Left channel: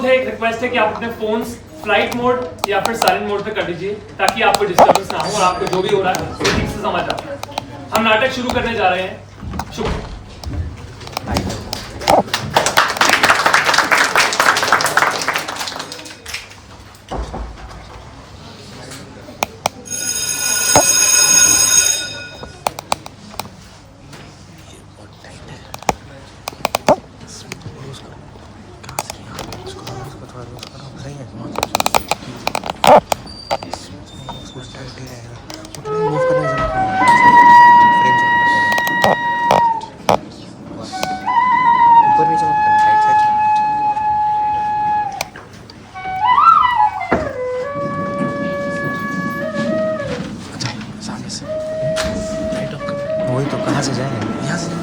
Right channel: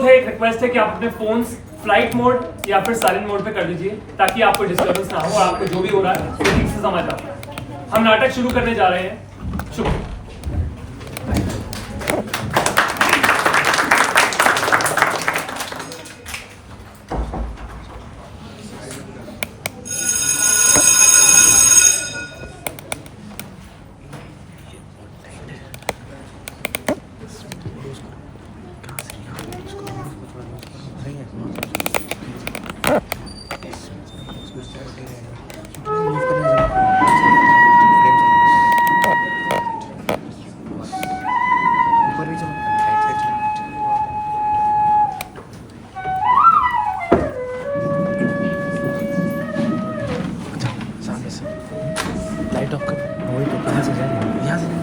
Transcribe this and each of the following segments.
अनुरोध है, एक रिक्वेस्ट है कि आप अपने फोन्स फ्लाइट मोड या फिर साइलेंट मोड पे कर लीजिए ताकि आपको डिस्टर्बेंस ना हो और आपको जो भी हो रहा है वो ठीक से समझ आओ। हम नाटक शुरू करने जा रहे हैं। शुक्रिया। लाइट ऑफ कर। वही तो, कहाँ से जाएंगे? यहाँ से।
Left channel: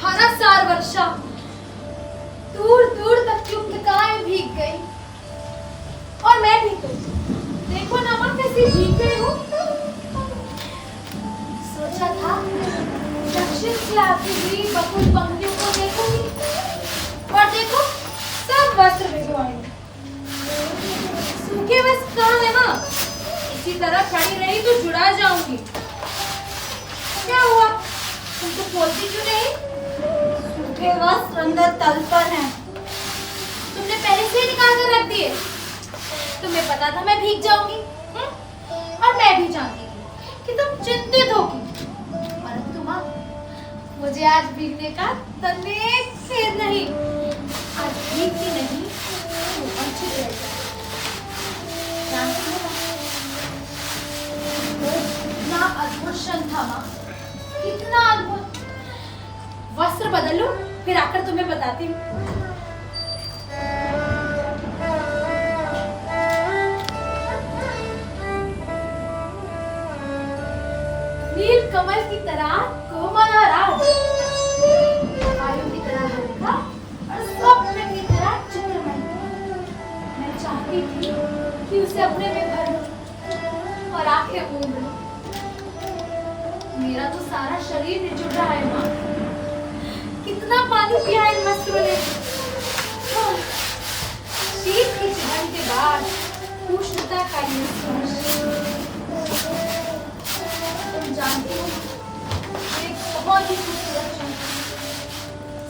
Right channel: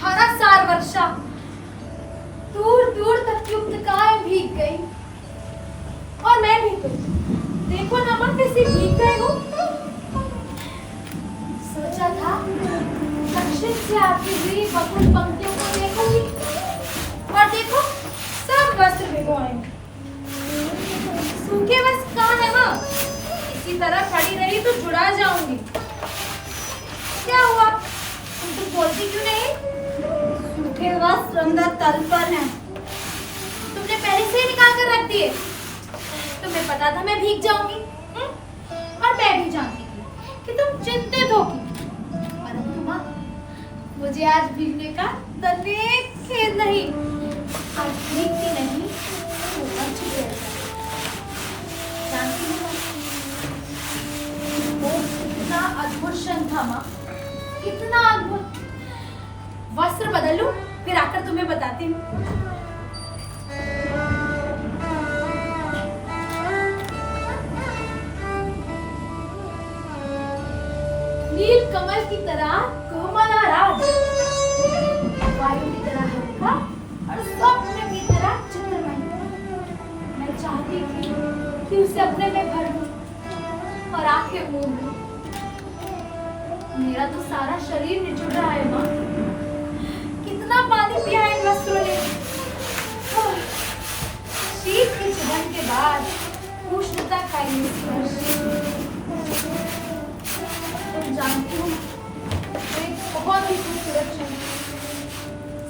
धारासार वर्षा, दूर दूर तक की उपलताएं भीग गई। और मैं भी तो देखो ना माँ, गई हूँ। सोचा था दक्षिण से आती हुई बकुल पंक्तियों को देखूंगी, और देखो सब वस्त्र भिगोए हैं। सूखे वस्त्र कहाँ है माँ? इसी तरह खड़ी रही तो जुड़ा जाऊंगी। क्या हुआ, तुम तो बोलती क्यों नहीं? सूखे वस्त्र अंदर तल पर हैं। तुमने पहले से ही निकाल कर रख दिए। तुम्हें पता था मैं भीग जाऊंगी, और मैं भी जानती थी कि तुम चिंतित होगी, परंतु माँ मुझे आज भीगने का तनिक खेद नहीं। आज भीगती नहीं तो अच्छी देर तक। जानती हो वो कितना अद्भुत क्षण था माँ, कितना अद्भुत। वस्त्र बदल लूं, फिर आकर तुम्हें बताती हूँ। नील कमल की तरह कोमल और राज, वायु की तरह हल्का और स्वप्न की तरह चित्रमय। मैं चाहती थी कि उसे अपने में भर लूं और आंखें मूंद लूं। मेरा तो सारा शरीर निचुड़ रहा है माँ। कितना पानी पिया इन वस्त्रों ने। शीत की चुभन के बाद उष्णता का ये स्पर्श। तुम जानती हो एक बहुत ही खूबसूरत क्षण,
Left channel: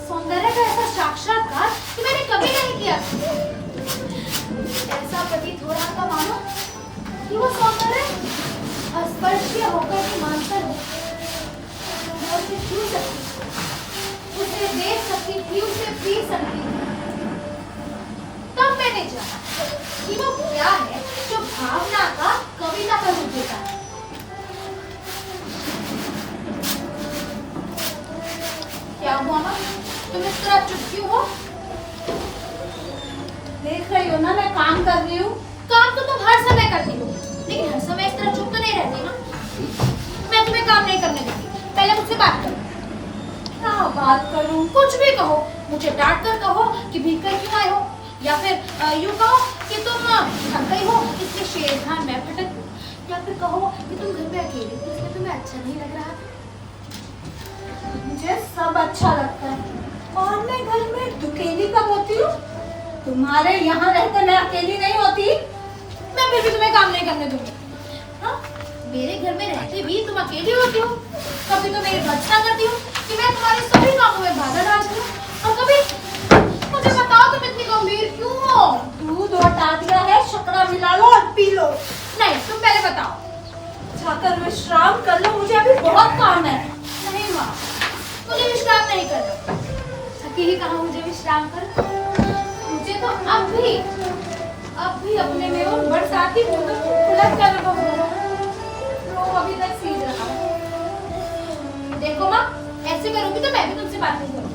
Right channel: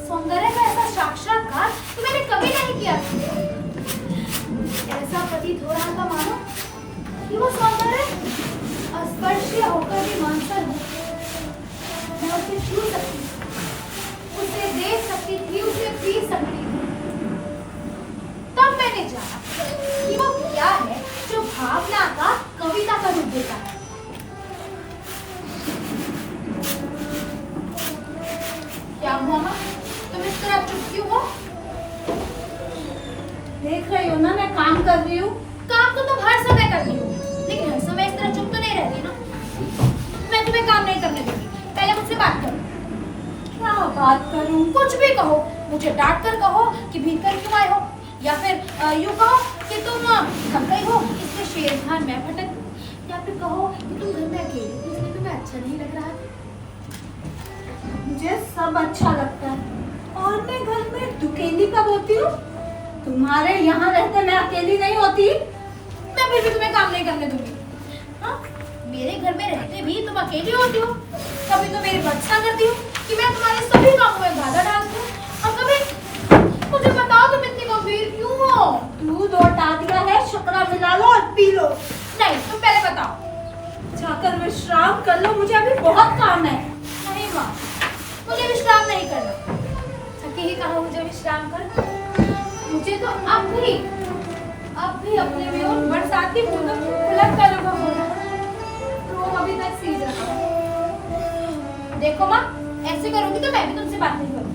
सौंदर्य का ऐसा साक्षात्कार तो मैंने कभी नहीं किया। ऐसा प्रतीत हो रहा था मानो कि वो सौंदर्य स्पर्शीय होकर भी मानसर हो। मैं उसे छू सकती थी, उसे देख सकती थी, उसे पी सकती थी। तब मैंने जाना कि वो क्या है जो भावना का कविता का रूप देता है। क्या हुआ माँ, तुम इस तरह चुप क्यों हो? देख रही हो ना मैं काम कर रही हूँ। काम तो तुम हर समय करती हो, लेकिन हर समय इस तरह चुप तो नहीं रहती ना। मैं तुम्हें काम नहीं करने दूंगी, पहले मुझसे बात करो। क्या बात करूँ? कुछ भी कहो, मुझे डांट कर कहो कि भीग कर क्यों आए हो, या फिर यूं कहो कि तुम थक गई हो इसलिए शेरखान मैं भटक हूँ, या फिर कहो कि तुम घर में अकेले थे इसलिए तुम्हें अच्छा नहीं लग रहा है। मुझे सब अच्छा लगता है, और मैं घर में दुकेली कब होती हूँ? तुम्हारे यहाँ रहते मैं अकेली नहीं होती। मैं फिर भी तुम्हें काम नहीं करने दूंगी। हाँ, मेरे घर में रहते भी तुम अकेली होती हो। कभी तो मेरी भर्त्सना करती हो कि मैं तुम्हारे सभी कामों में बाधा डालती हूँ, और कभी मुझे बताओ तुम इतनी गंभीर क्यों हो? दूध और टाटिया है, शकरा मिला लो और पी लो। नहीं, तुम पहले बताओ। जाकर विश्राम कर लो, मुझे अभी बहुत काम है। नहीं माँ, मुझे विश्राम नहीं करना। थकी ही कहा मुझे विश्राम कर। मुझे तो अब भी अपने में उन बरसाती बूंदों की खुलक का अनुभव हो रहा है। रोम अभी तक सीज रहा है। देखो माँ, ऐसे करोगी तो मैं भी तुमसे बात नहीं करूँगी।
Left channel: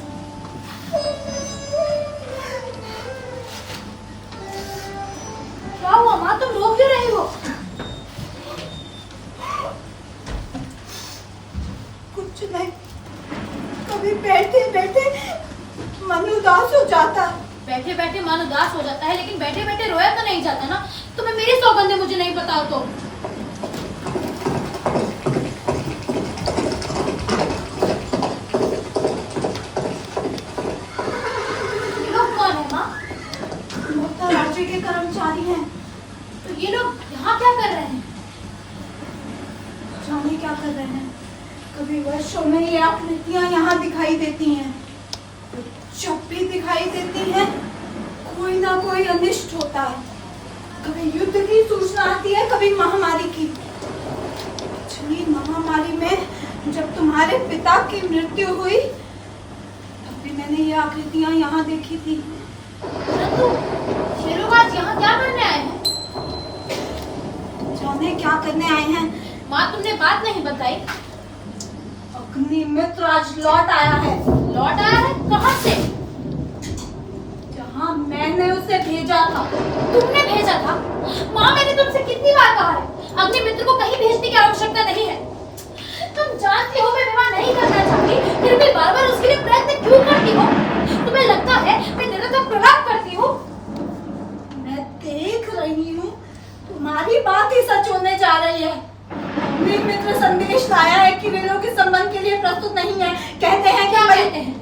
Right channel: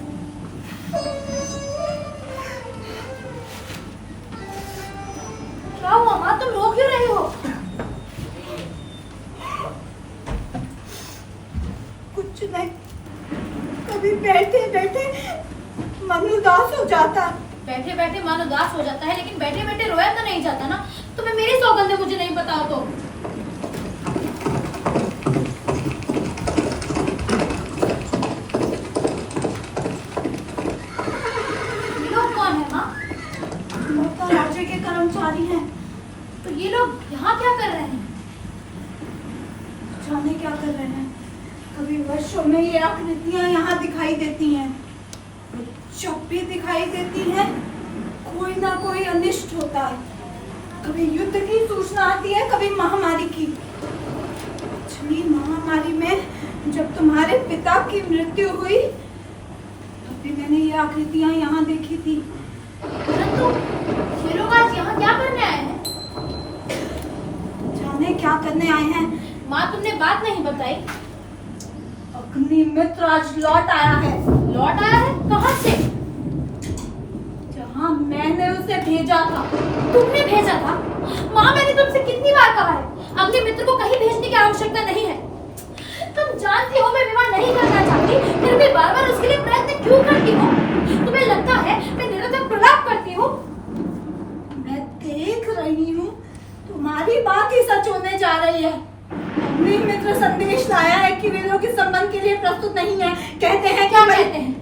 क्या हुआ माँ, तुम रो क्यों रही हो? कुछ नहीं, कभी बैठे बैठे मन उदास हो जाता। बैठे बैठे मन उदास हो जाता है, लेकिन बैठे बैठे रोया तो नहीं जाता ना। तुम्हें मेरी सौगंधें मुझे नहीं पता तो। ये लोग कौन है माँ? मोहता राज्य के कर्मचारी हैं। तो ये लोग यहाँ क्या कर रहे हैं? जाने क्या कर रहे हैं। कभी वर्षों में ये आकृतियां यहाँ दिखाई देती हैं, जब भी दिखाई देती है कोई ना कोई अनिष्ट होता है। कभी युद्ध की सूचना आती है, कभी महामारी की। पिछली महामारी में जब तुम्हारे पिता की मृत्यु हुई तब भी मैंने ये आकृतियां यहाँ देखी थी। परंतु ये लोग आज यहाँ क्या करने आए हैं? जाने क्या करने आए हैं। माँ, तुमने बात नहीं बताई। अग्निमित्र आज लौट आया है। लौट आया है? कहाँ से? जहाँ मैंने उसे भेजा था। तुमने भेजा था? माँ, मैंने तुमसे कितनी बार कहा है अग्निमित्र को कहीं भेजने की आवश्यकता नहीं है। तुम जानती हो मैं विवाह नहीं करना चाहती, फिर भी बार बार उसके लिए प्रयत्न क्यों करती हो? तुम्हें लगता है मैं निरंतर प्रलाप करती हूँ? मैं देख रही हूँ तुम्हारी बात ही सच होने जा रही है। वीर मित्र संदेश लाया है कि वे लोग इस संबंध के लिए प्रस्तुत नहीं है। कहते हैं क्या कि कहते हैं?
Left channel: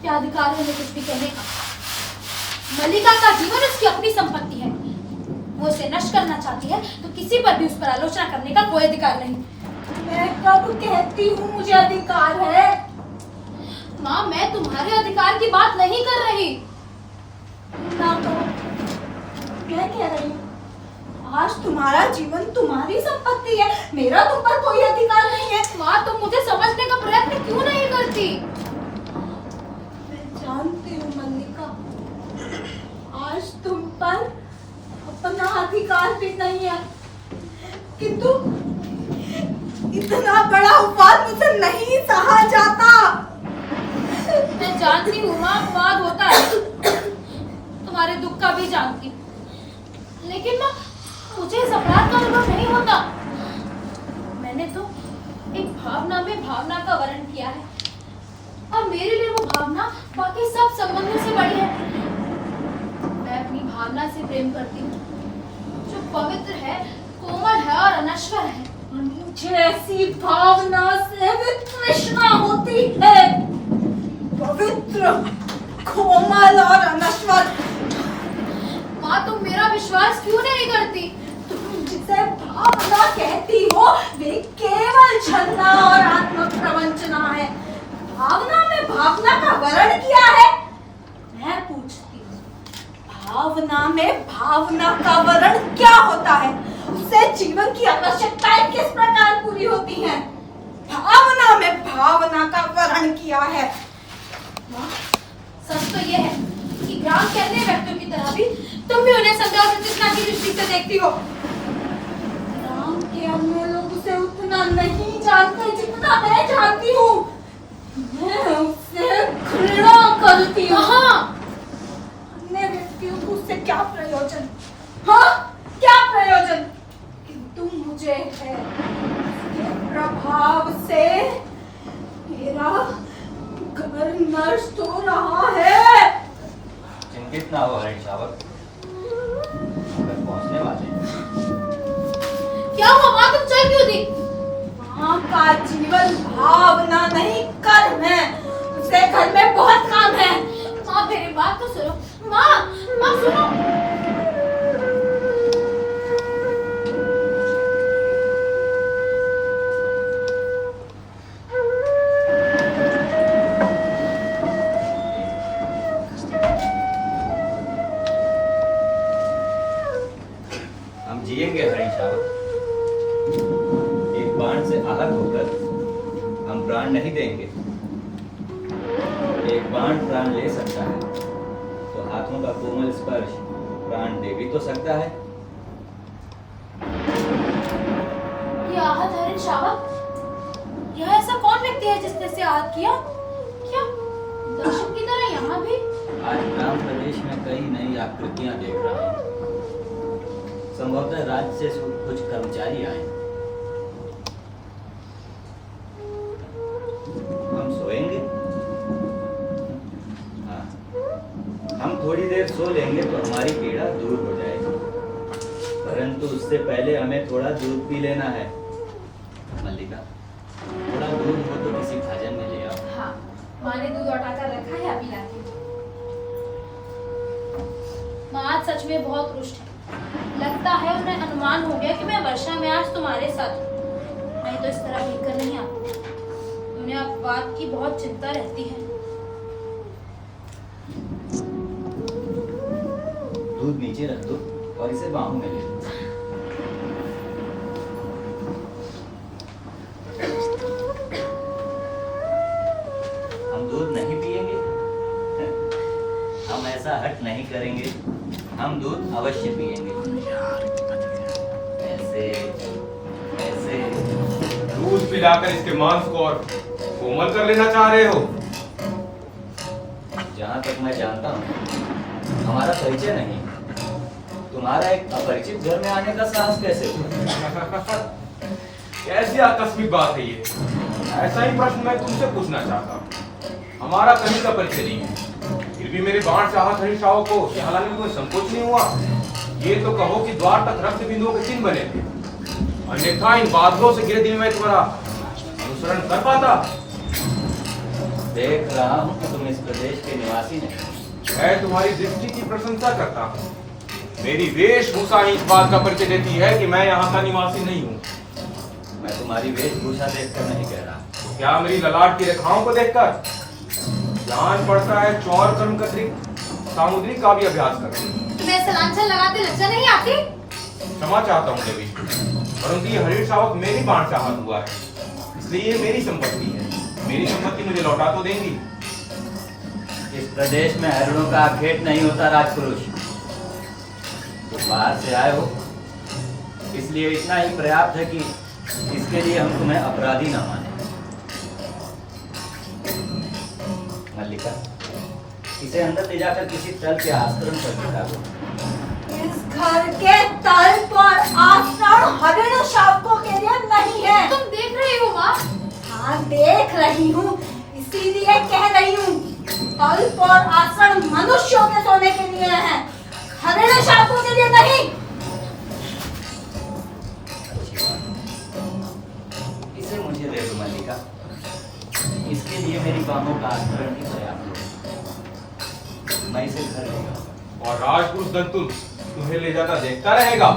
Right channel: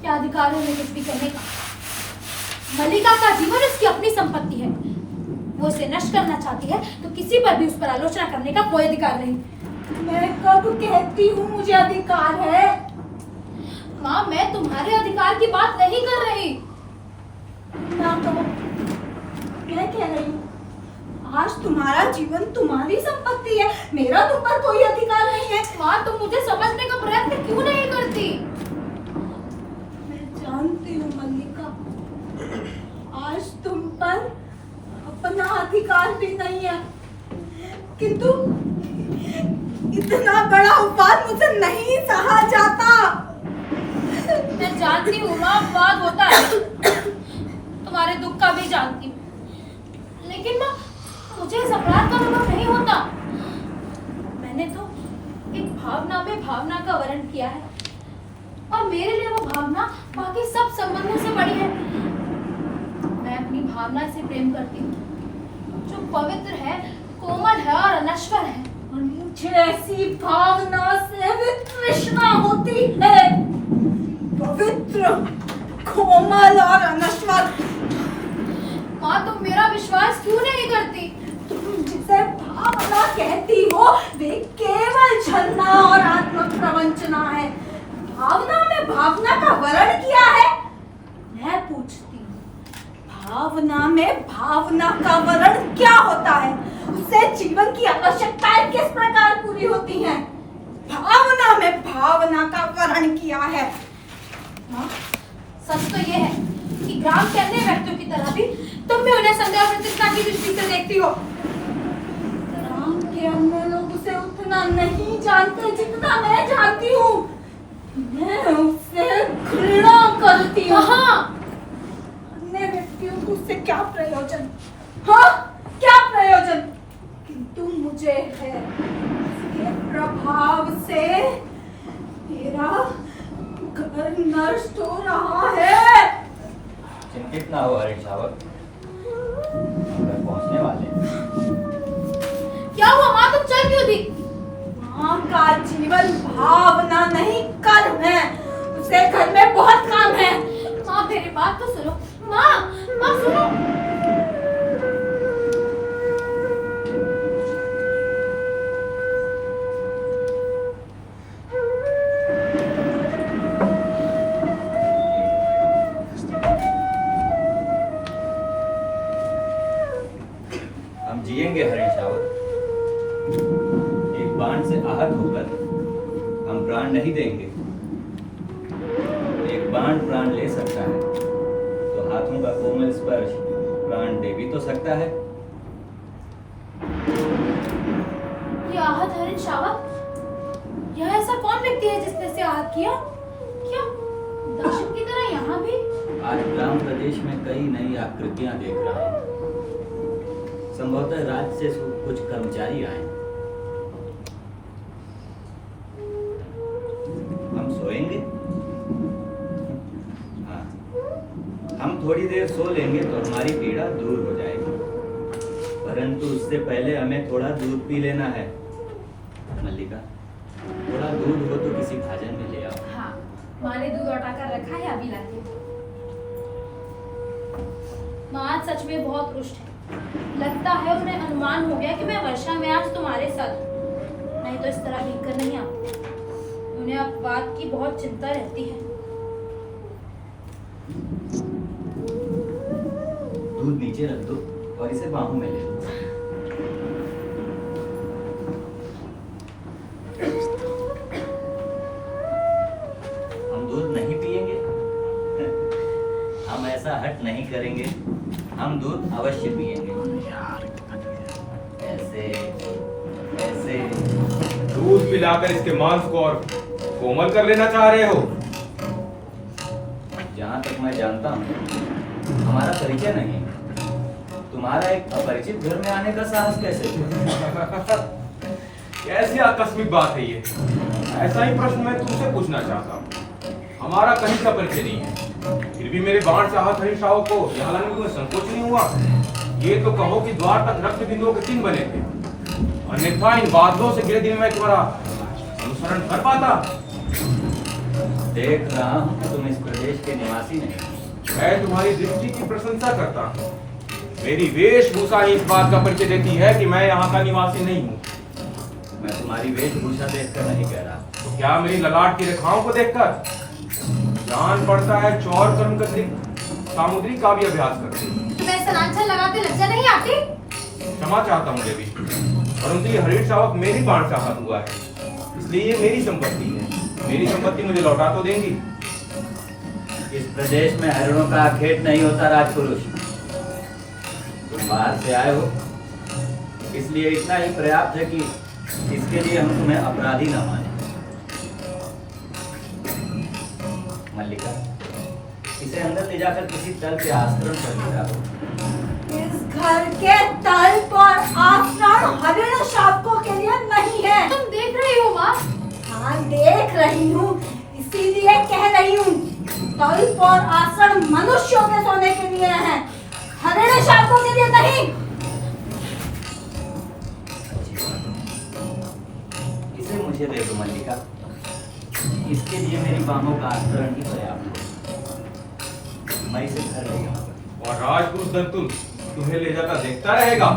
क्या अधिकार है उन्हें कुछ भी कहने का? मल्लिका का जीवन उसकी अपनी संपत्ति है। वो इसे नष्ट करना चाहती है तो किसी पर भी उस पर आलोचना करने का कोई अधिकार नहीं। मैं कब कहती हूँ मुझे अधिकार है? माँ, मैं तुम्हारे अधिकार की बात नहीं कर रही। ना कहो, मैं कह रही हूँ आज तुम्हारा जीवन तुम्हारी संपत्ति है, मेरा तुम पर कोई अधिकार नहीं है। माँ, तुम मुझे समझने का प्रयत्न क्यों नहीं करती? मैं जानती हूँ मल्लिका, आज तुम पर अपना अधिकार भी नहीं है, किंतु इतना बड़ा उपवाद मुझसे नहीं सहा जाता। मैं जानती हूँ माँ, अपवाद होता है, तुम्हारे दुख का भी जानती हूँ, लेकिन माँ मुझे इस अपराध का अनुभव नहीं होता। मैंने तो एक भावना में भावना का वर्णन किया है और मेरे लिए वो भावना बाकी सब संबंधों से बड़ी है। मैं अपनी भावना से प्रेम करती हूँ जो पवित्र है, कोमल है और अनश्वर है। और मुझे ऐसी भावना से तृष्णा होती है, पवित्र, कोमल और अनश्वर। माँ, तुम मेरा विश्वास क्यों नहीं करती? तुम जिसे भावना कहती हो वे केवल छलना और आत्म प्रवंचना है। भावना में भावना का वर्ण किया है। मैं पूछती हूँ, भावना में भावना का वर्ण क्या होता है? उससे जीवन की आवश्यकताएं किस प्रकार पूरी होती हैं? भावना में भावना का वर्ण किया है। माँ, सच तो ये है कि ग्राम के अन्य व्यक्तियों की तरह भी तुम भी उन्हें संदेह और प्रतिष्ठा की दृष्टि से देखती हो। ग्राम के अन्य लोग उसे उतना नहीं जानते जितना मैं जानती हूँ। मैं उससे घृणा करती हूँ। हाँ, अन्य व्यक्तियों को उससे क्या प्रयोजन? हाँ, क्या प्रयोजन? किंतु मुझे है, उसके प्रभाव से मेरा घर नष्ट हो रहा है। चिंतित ना हो हरीश शावक, घर पहुंचने वाले हैं। क्या हुआ माँ, तुम चल क्यों दी? माँ का जीवन भावना नहीं कर्म है, उसे घर में बहुत काम है। माँ, मेरी बात तो सुनो। माँ, माँ सुनो। हम जिएंगे हरीश शावक, एक बाण से आहत होकर हम प्राण नहीं देंगे। एक बाण प्राण ले सकता है तो हाथों का कोमल स्पर्श प्राण दे भी तो सकता है। ये आहत हरिण शावक, यह ऐसा कौन व्यक्ति है जिसने इसे आहत किया? क्या दर्शक की तरह यहाँ भी? आज ग्राम प्रदेश में कई नई आकृतियां देख रहा हूँ। संभवतः राज्य से कुछ कर्मचारी आए। हम सोएंगे? हाँ, हम थोड़ी देर सो लेंगे तो हमारी पीड़ा दूर हो जाएगी, परंतु उससे पहले हमें थोड़ा दूध पी लेना है। मल्लिका, थोड़ा दूध हो तो किसी भाजन में ले आओ। हाँ, माँ ने दूध उठाकर रखा है, अभी लाती हूँ। माँ आज सच में बहुत रुष्ट है। लगता है उन्हें अनुमान हो गया कि मैं वर्षा में आज तुम्हारे साथ हूँ। मैं तो इस तरह भीग कर नहीं आती। उन्हें अपवाद की बहुत चिंता रहती है। दूध नीचे रख दो और इसे बाहों में ले लो। हम दूध नहीं पिएंगे, हम ऐसा हट नहीं करेंगे, हम दूध अवश्य पिएंगे। ऐसे ऐसे दूध पिलाकर इसके मांस को और कोमल कर लेना चाह रहे हो? जहां तक मैं जानता हूँ हमारा परिचय नहीं। तुम्हारा एक अपरिचित घर में आने का साहस कैसे हुआ? कैसी आकस्मिक बात है ये? ऐसा ही प्रश्न मैं तुमसे पूछना चाहता हूँ। हमारा कहीं का परिचय नहीं है, फिर भी मेरे बाण से आहत हरीश शावक को यहाँ लाने में कोई संकोच नहीं हुआ। ये तो कहो कि द्वार तक रक्त बिंदुओं के चिन्ह बने थे। अन्यथा इन बादलों से घिरे दिन में तुम्हारा अनुसरण कर पाता। देख रहा हूँ कि तुम इस प्रदेश के निवासी नहीं। मैं तुम्हारी दृष्टि की प्रशंसा करता हूँ। मेरी वेशभूषा ही इस बात का परिचय देती है कि मैं यहाँ का निवासी नहीं हूँ। मैं तुम्हारी वेशभूषा देखकर नहीं कह रहा। तो क्या मेरी ललाट की रेखाओं को देखकर जान पड़ता है चौर कर्म का अतिरिक्त सामुद्रिक का भी अभ्यास करते हो। तुम्हें ऐसा लांछन लगाते लज्जा नहीं आती? क्षमा चाहता हूँ देवी, परंतु ये हरीश शावक मेरी बाण से आहत हुआ है, इसलिए ये मेरी संपत्ति है। मेरी संपत्ति मुझे लौटा तो देंगी। इस प्रदेश में हरिणों का आखेट नहीं होता राजपुरुष। तुम बाहर से आए हो, इसलिए इतना ही पर्याप्त है कि इसके लिए हम तुम्हें अपराधी न माने। मल्लिका, इसे अंदर ले जाकर किसी तल के आश्रम पर गिरा दो। इस घर के तल पर आश्रम हरिण शावकों के लिए नहीं है। तुम देख रही हो माँ? हाँ, देख रही हूँ, इसीलिए कह रही हूँ। तल पर आश्रम मनुष्यों के सोने के लिए है, हरिण शावकों के लिए नहीं। अच्छी बात है, इसे मुझे दे दो मल्लिका। इसके लिए मेरी बाहों का आस्तरण ही पर्याप्त होगा। मैं इसे घर ले जाऊंगा। और राजपुरुष दंतुल तुम्हें ले जाता देखता रहेगा।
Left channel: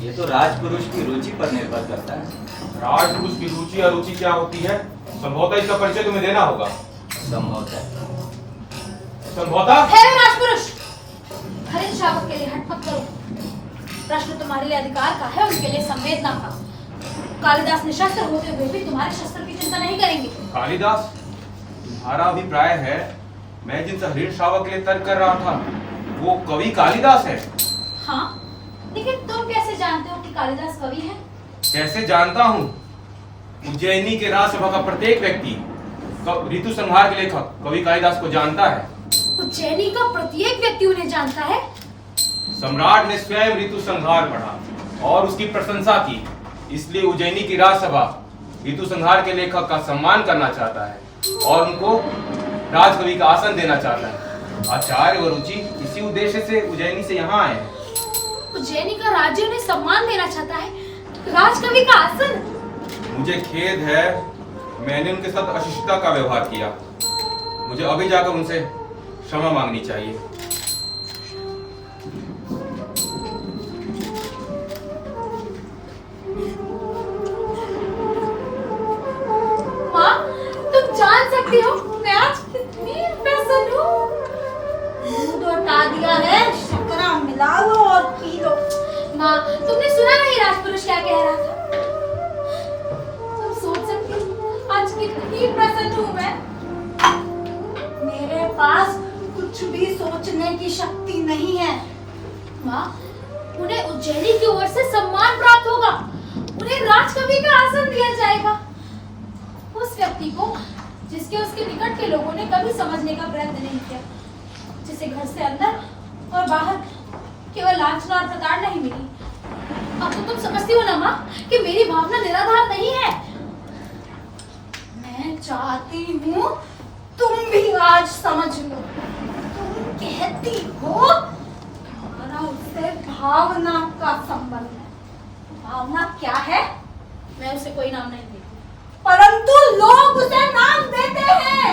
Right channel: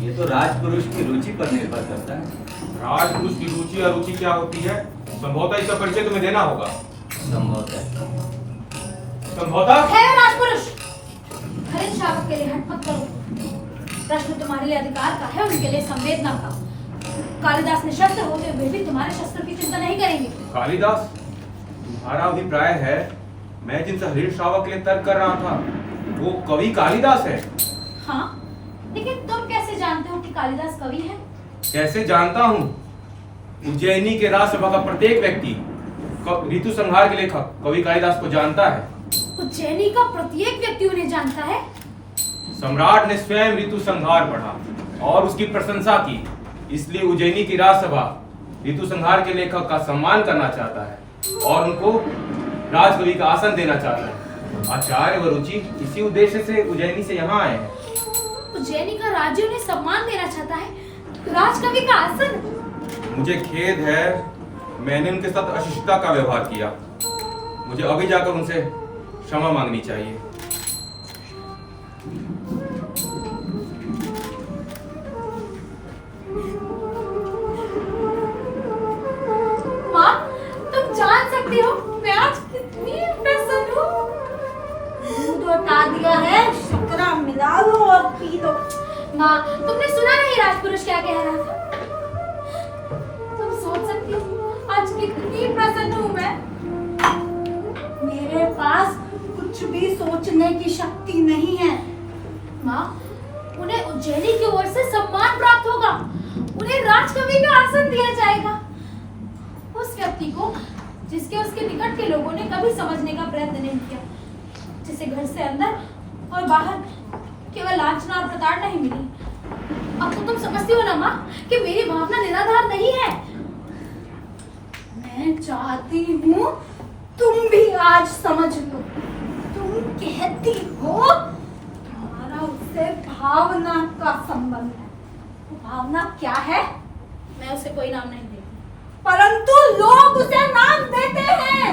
ये तो राजपुरुष की रुचि पर निर्भर करता है। राजपुरुष की रुचि और रुचि क्या होती है, संभवतः इसका परिचय तुम्हें देना होगा। संभवतः संभवतः है राजपुरुष, हरिण शावक के लिए हट मत करो। प्रश्न तुम्हारे लिए अधिकार का है, उनके लिए संवेदना का। कालिदास निशस्त्र होते हुए भी तुम्हारे शस्त्र की चिंता नहीं करेंगे। कालिदास, तुम्हारा अभिप्राय है मैं जिनसे हरीण शावक के लिए तर्क कर रहा था वो कवि कालिदास है? हाँ, लेकिन तुम कैसे जानते हो कि कालिदास कवि है? कैसे जानता हूँ? उज्जैनी के राजसभा का प्रत्येक व्यक्ति ऋतु संहार के लेखक कवि कालिदास को जानता है। उज्जैनी का प्रत्येक व्यक्ति उन्हें जानता है? सम्राट ने स्वयं ऋतु संहार पढ़ा और उसकी प्रशंसा की, इसलिए उज्जैनी की राजसभा ऋतु संहार के लेखक का सम्मान करना चाहता है और उनको राजकवि का आसन देना चाहता है। आचार्य व रुचि इसी उद्देश्य से उज्जैनी से यहाँ आए हैं। उज्जैनी का राज्य उन्हें सम्मान देना चाहता है, राजकवि का आसन? मुझे खेद है, मैंने उनके साथ अशिष्टता का व्यवहार किया। मुझे अभी जाकर उनसे क्षमा मांगनी चाहिए। माँ, तुम जान सकती हो मैं आज कितनी प्रसन्न हूँ। दूध हटा दिया है, शक्कर मिला लो और पी लो। माँ, तुमने सुना नहीं राजपुरुष क्या कह रहा था? तुम सोच सकती हो आज कितनी प्रसन्न हूँ मैं। मेरे पास कुछ भी सोचने की शक्ति नहीं है। माँ, उन्हें उज्जैनी की ओर से सम्मान प्राप्त होगा, उन्हें राजकवि का आसन दिया जाएगा। उस व्यक्ति को जिसके उसके निकट के लोगों ने कभी समझने का प्रयत्न नहीं किया, जिसे घर से अंदर और बाहर केवल लांछना और प्रताड़ना ही मिली। अब तो तुम समझती हो ना माँ कि मेरी भावना निराधार नहीं है। मैं चाहती हूँ तुम भी आज समझ लो। तुम कहती हो हमारा उससे भावना का संबंध है। तो भावना क्या है? मैं उसे कोई नाम नहीं देती। परंतु लोग उसे नाम देते हैं।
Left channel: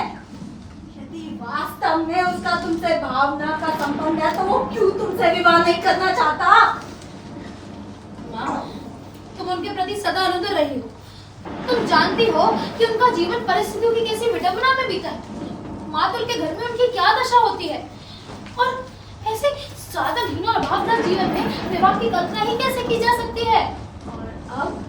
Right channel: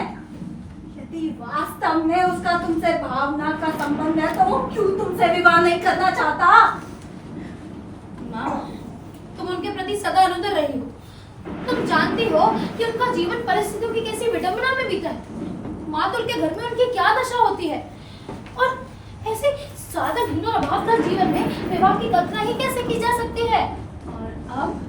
यदि वास्तव में उसका तुमसे भावना का संबंध है तो वो क्यों तुमसे विवाह नहीं करना चाहता? माँ, तुम उनके प्रति सदा अनुदर रही हो। तुम जानती हो कि उनका जीवन परिस्थितियों की कैसी विडंबना में बीता है। मातुल के घर में उनकी क्या दशा होती है, और ऐसे साधनहीन और अभावग्रस्त जीवन में विवाह की कल्पना ही कैसे की जा सकती है? और अब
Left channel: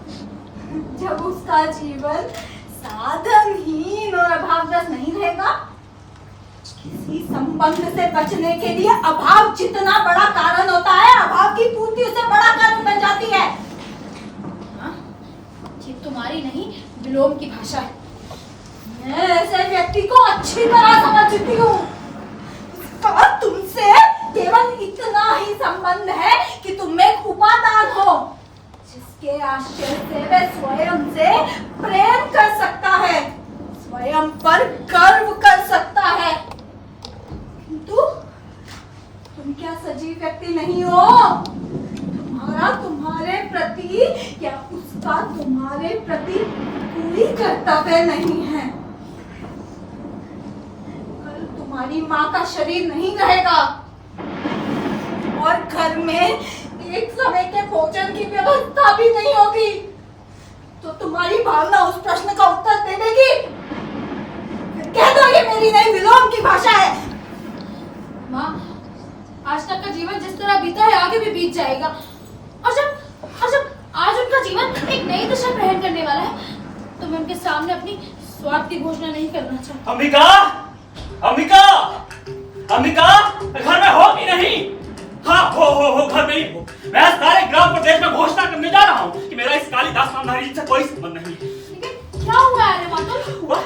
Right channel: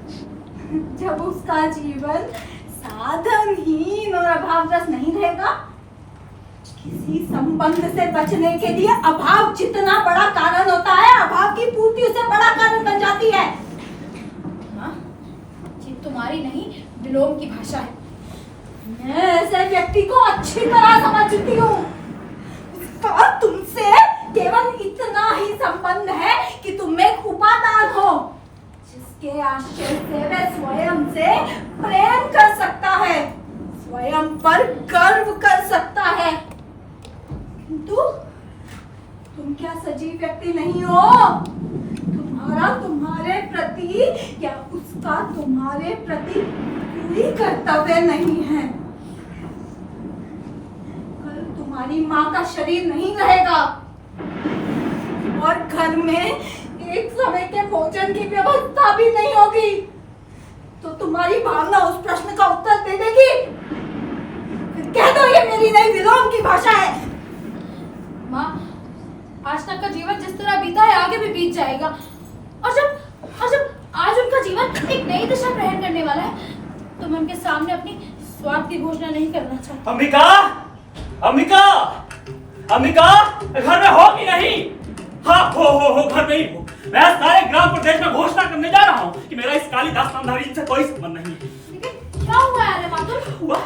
जब उसका जीवन साधनहीन और अभावग्रस्त नहीं रहेगा, किसी संबंध से बचने के लिए अभाव जितना बड़ा कारण होता है, अभाव की पूर्ति उससे बड़ा कारण बन जाती है। माँ, ये तुम्हारी नहीं विलोम की भाषा है। मैं ऐसे व्यक्ति को अच्छी तरह समझती हूँ। इसका तुमसे केवल इतना ही संबंध है कि तुम एक उपादान हो, जिसके आश्रय से वह स्वयं से प्रेम कर सकता है, स्वयं पर गर्व कर सकता है। किंतु तुम क्या सजीव व्यक्ति नहीं हो? तुम्हारा तुम्हारे प्रति या उसका तुम्हारे प्रति कोई कर्तव्य नहीं है। कल तुम्हारी माँ का शरीर नहीं रहेगा और घर में एक समय के भोजन की व्यवस्था भी नहीं होगी, तो तुम्हारी भावना उस प्रश्न का उत्तर दे देगी? फिर कह दो ये मेरी नई विलोम की भाषा है। माँ, आज तक का जीवन जिस तरह बीता है आगे भी बीत जाएगा, और जब आज उनका जीवन एक नई दिशा ग्रहण करने वाला है, तो मैं उनके सामने अपनी स्वार्थ की घोषणा नहीं करना चाहती। अंबिका, अंबिका, अंबिका, घर में हो कि नहीं? हाँ, हो घर में ही हो। मैं सारे ग्राम प्रदेश में घोषणा करने जा रहा हूँ कि मेरा इस कालिदास नामधारी से कोई संबंध नहीं है। लेकिन क्या हुआ है मातुल? हुआ?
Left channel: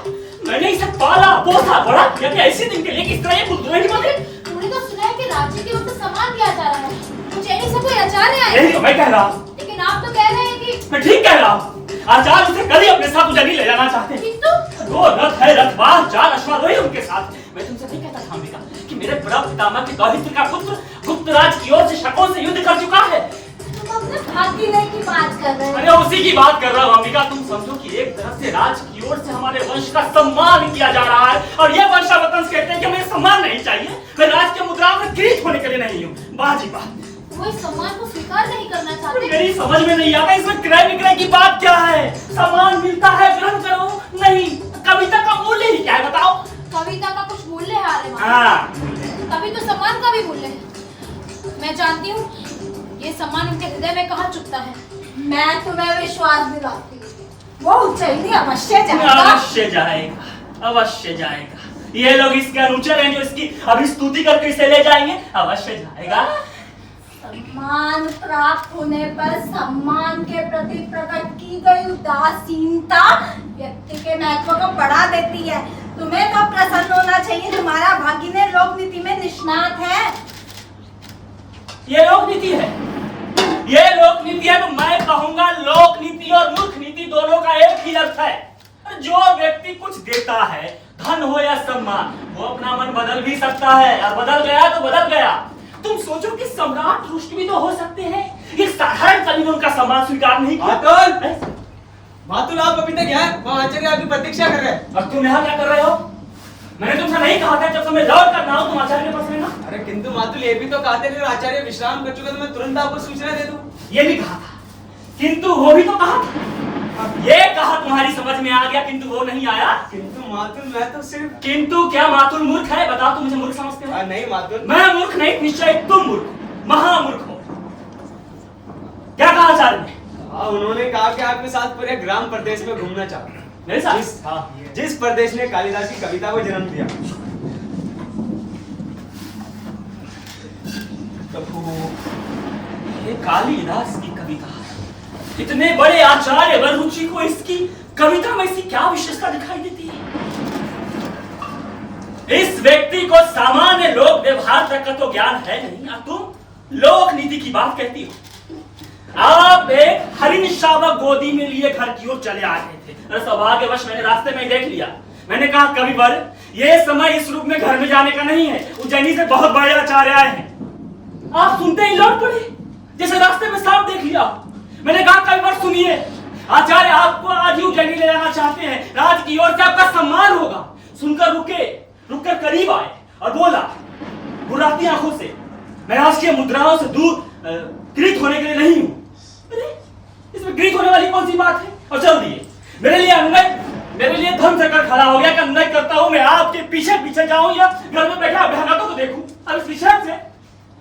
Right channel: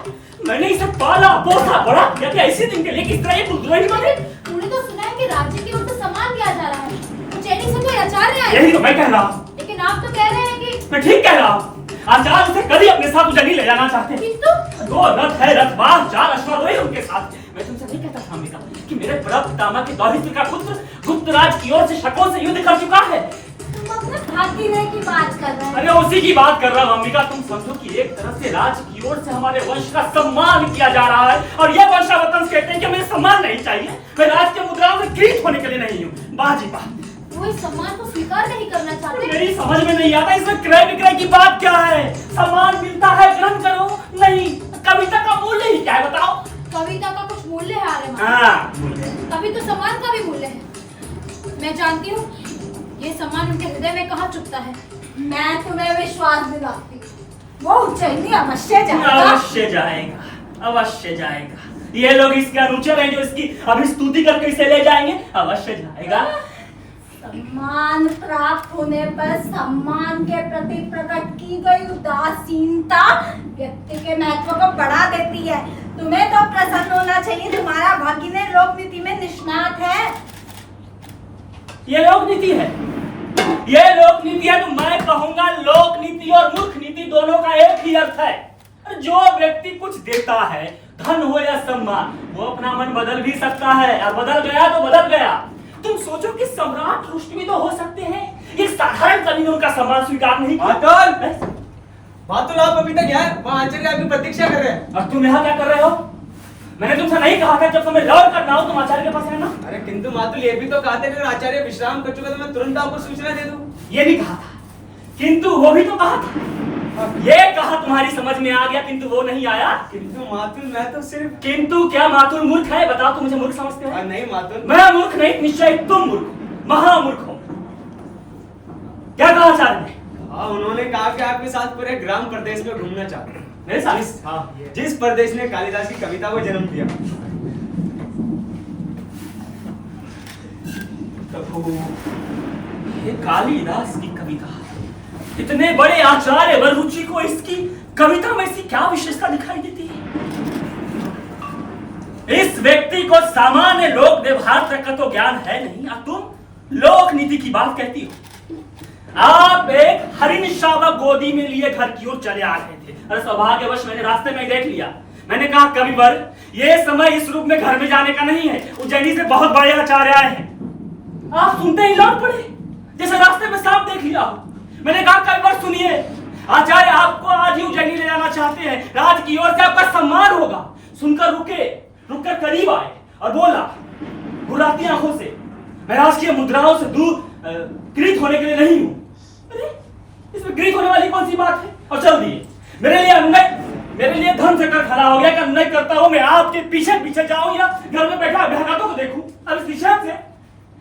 मैंने इसे पाला, पोसा, बड़ा किया कि ऐसे दिन के लिए किस तरह ये कुलद्रोही बने? तूने तो सुना है कि राज्य के लोग सम्मान किया जा रहा है, उज्जैनी से कोई आचार्य आए। यही तो मैं कह रहा हूँ। लेकिन आप तो कह रहे हैं कि मैं ठीक कह रहा हूँ। आचार्य उसे कल ही अपने साथ उज्जैनी ले जाना चाहते हैं। किंतु 2 रथ है, रथवाह 4 अश्वारोही उनके साथ। मैं तुमसे नहीं कहता था अंबिका कि मेरे प्रपितामह के दौहित्र का पुत्र गुप्तराज की ओर से शकों से युद्ध कर चुका है। तुम अपने भागीने की बात कर रहे हो। अरे उसी की बात कर रहा हूँ अंबिका। तुम समझो कि एक तरफ से राज की ओर से हमारे वंश का सम्मान किया जा रहा है, और ये वंशावतंस कहते हैं कि मुझे सम्मान नहीं चाहिए। मैं राज के मुद्राओं में किरीट होने के लिए नहीं हूँ। वाह जी वाह। वो इस सम्मान को स्वीकार नहीं करना चाहते। मेरी समझ में नहीं आता इसमें क्रय विक्रय की बात क्या है? सम्मान मिलता है, ग्रहण करो। नहीं, कविता का मूल्य ही क्या है बताओ? कविता का कुछ मूल्य है आर्यमान। हाँ, मूल्य। तभी तो सम्मान का भी मूल्य है। मैं जानती हूँ ये सम्मान उनके हृदय में कहाँ चुभता है। मैं तुम्हें विश्वास दिलाती हूँ, वो उज्जैनी अवश्य जाएगा। अवश्य जाएगा, अवश्य जाएगा। ये लोग इसके अनुचर हैं जो इसकी अभिस्तुति करके इसे ले जाएंगे। अवश्य जाएगा। सम्मान प्राप्त होने पर सम्मान के प्रति प्रकट की गई उदासीनता व्यक्ति के महत्व को बढ़ा देती है। तुम्हें तो प्रसन्न होना चाहिए, तुम्हारा भागिने लोक नीति में निष्णात है। ये लोक नीति है, ये लोक नीति है, तो मैं कहूंगा लोक नीति और मूर्ख नीति दोनों का एक ही अर्थ है। जो व्यक्ति कुछ देता है, धन हो या सम्मान, वो अपना मन बदल भी सकता है, और बदल गया तो बदल गया। तुम सोचो कि सम्राट रुष्ट भी तो हो सकते हैं। एक साधारण कवि ने उनका सम्मान स्वीकार नहीं किया। मातुल आप अभी तक यहाँ वहाँ आचार्य आपकी प्रतीक्षा कर रहे हैं। और तुम यहाँ क्या कर रहे हो? मैंने तुमसे नहीं कहा था जब तुम्हें लौट करना हो तुम आचार्य के पास रहना? अरे किंतु मातुल ये भी तो कहा था कि अगर आचार्य विश्राम कर चुका तो मैं तुरंत आपको सूचना दे दूं। ये भी कहा था, किंतु वो भी तो कहा था। ये कहा तुम्हारी समझ में आ गया, किंतु वो नहीं आया। किंतु मातुल मैं तो सिर्फ किंतु क्या मातुल मूर्ख है? बताओ, तुम मुझे मूर्ख समझते हो? नहीं मातुल, मैं मूर्ख नहीं, निश्चय तुम मूर्ख, महामूर्ख हो। क्या कहा आचार्य ने? हाँ उन्होंने कहा कि आपके साथ पूरे ग्राम प्रदेश में घूमना चाहते हैं। मेरे साथ? जिस प्रदेश ने कालिदास की कविता को जन्म दिया। ये कालिदास की कविता, इतने बड़े आचार्य वररुचि को इसकी कविता में इसकी क्या विशेषता दिखाई देती है? इस व्यक्ति को सामान्य लोक व्यवहार तक का तो ज्ञान है नहीं, और तुम लोक नीति की बात कहती हो। आप एक हरिण शावक गोदी में लिए घर की ओर चले आ रहे थे, और सौभाग्यवश मैंने रास्ते में देख लिया। मैंने कहा कविवर, ये समय इस रूप में घर में जाने का नहीं है, उज्जैनी से बहुत बड़े आचार्य आए हैं। आप सुनते ही लौट पड़े, जैसे रास्ते में सांप देख लिया। मैंने कहा कविवर सुनिए, आचार्य आपको आज ही उज्जैनी ले जाना चाहते हैं, राज की ओर से आपका सम्मान होगा। सुनकर रुककर करीब आए और बोला बुराती आंखों से, मैं राजकीय मुद्राओं से दूर गृहित होने के लिए नहीं हूं। इसमें गृहित होने वाली कौन सी बात है? और चल दिए। मेरे लिए धन से कर खड़ा हो गया कि अनुनय करता हूं मैं आपके पीछे पीछे जाऊं या घर में बैठा अभ्यागतों को देखूं। अब इस विषय से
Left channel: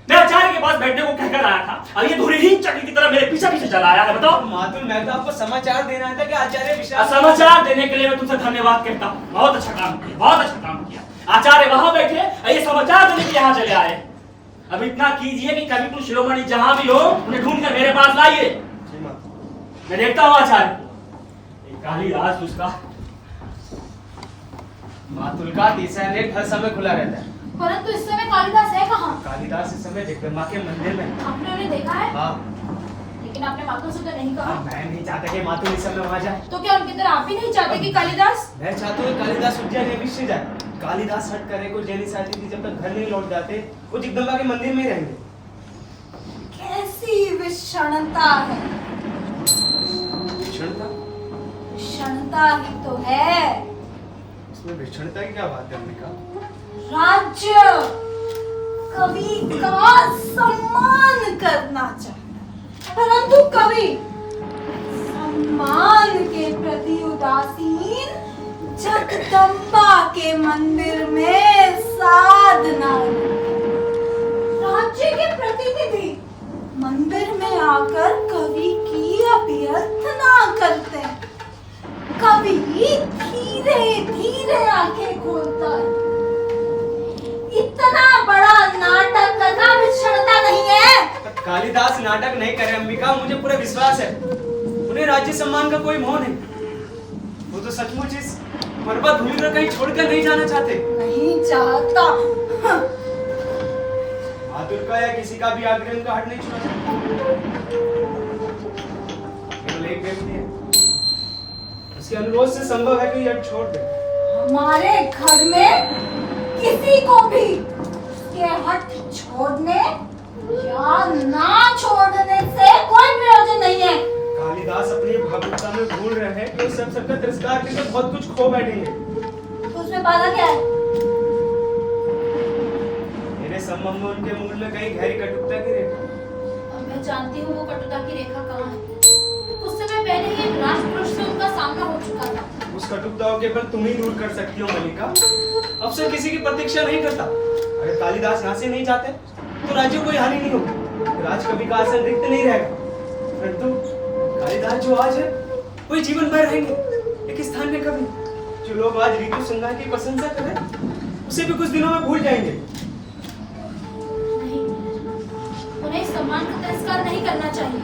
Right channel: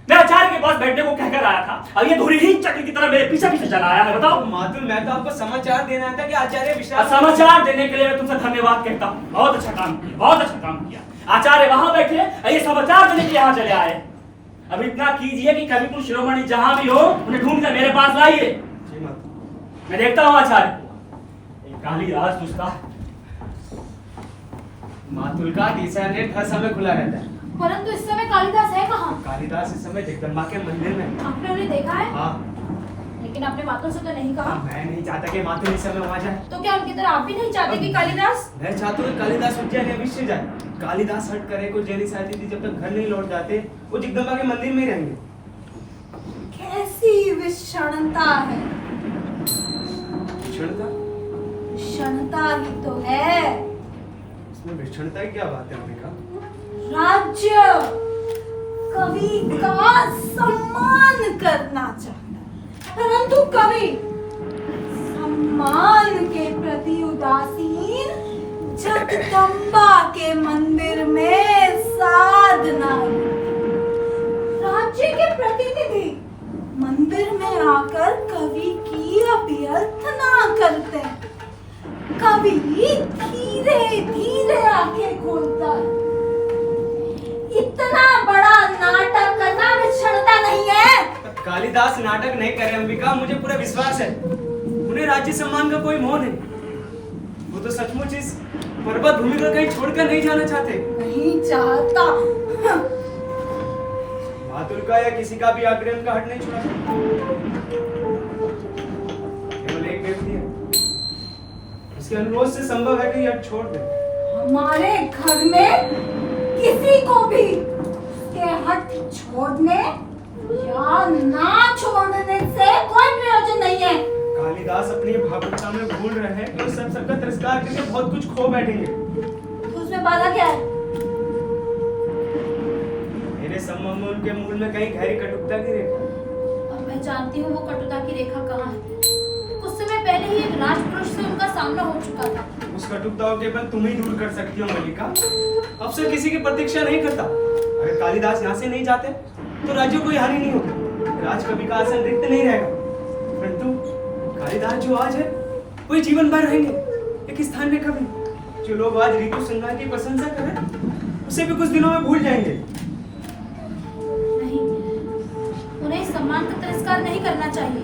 मैं आचार्य के पास बैठने को कहकर आया था, अब ये धुरीहीन चक्र की तरह मेरे पीछे पीछे चला आया है। बताओ मातुल मैं तो आपको समाचार देना था कि आचार्य विश्राम। समाचार देने के लिए मैं तुमसे धन्यवाद कहता हूँ। बहुत अच्छा काम किया, बहुत अच्छा काम किया। आचार्य वहां बैठे, ये समाचार देने के लिए यहाँ चले आए। अब इतना कीजिए कि कभी कुछ शिरोमणि जहां भी हो उन्हें ढूंढ कर मेरे पास लाइए। मैं देखता हूँ आचार्य को। कालिदास उसका मातुल का तीसरा नेत्र हर समय खुला रहता है, परंतु इस समय कालिदास है कहाँ? कालिदास इस समय जगदम्बा के मंदिर में। आपने उन्हें देखा है? हाँ। लेकिन आपने मातुल से तो नहीं कहा। मैं नहीं चाहता कि मातुल इस समय वहां जाए। तो क्या उनकी तरह आप भी नहीं चाहते कि कालिदास? मैं चाहता हूँ कालिदास उज्जैन अवश्य जाए। कालिदास हट करे को उज्जैनी साथी थी, जब तक घर नहीं लौट जाते वो जगदम्बा के मंदिर में ही रहेंगे। कैसी विषणता है। विषणता? विषणता ही तो है। इसमें विषणता की क्या बात है अंबिका? राज्य कवि का सम्मान करना चाहता है, परंतु कवि सम्मान के प्रति उदासीन जगदम्बा के मंदिर में साधना। राज्य के प्रतिनिधि मंदिर में आकर कवि की अभ्यर्थना करते हैं। कवि धीरे धीरे आंखें खोलता है। इतना बड़ा नाटक करना विषणता नहीं है। कालिदास नाटक नहीं करे अंबिका, मुझे पूरा विश्वास है। उन्हें राज्य सम्मान का कोई मोह नहीं। वो तो सचमुच इस पर्वत भूमि को कहीं छोड़कर नहीं जाना चाहते। नहीं चाहता। मातुल का या किसी का भी आग्रह उनका हट नहीं छुड़ा सकता। केवल एक व्यक्ति है, उसके अनुरोध से संभव है कि हट छोड़ दे। हमारे घर में किसी को भी उसके हट छोड़ने या ना छोड़ने से कोई प्रयोजन नहीं है। कालिदास अपनी भावुकता में भूल रहे हैं कि सब सबका तिरस्कार करके बहुत कुछ खो बैठेंगे। तो उसमें बाधा क्या है? मेरे संबंध में उनके मूल में कहीं गहरी कटुता की रेखा। अब मैं जानती हूँ वो कटुता की रेखा कहाँ है। कुछ समय पहले ही एक राजपुरुष से उनका सामना हो चुका था। उस कटुता को केवल तुम ही दूर कर सकती हो मल्लिका। अब से किसी की प्रतीक्षा नहीं करता। अगर कालिदास यहाँ से नहीं जाते तो राज्य को कोई हानि नहीं होगी। राज कवि का आसन रिक्त नहीं रहेगा। परंतु कालिदास जो आज है वही जीवन भर रहेंगे एक स्थान में कवि। जो लोग आज ऋतु संहार की प्रशंसा करें उसे भी कुछ दिनों में भूल जाएंगे। नहीं, उन्हें इस सम्मान का तिरस्कार नहीं करना चाहिए।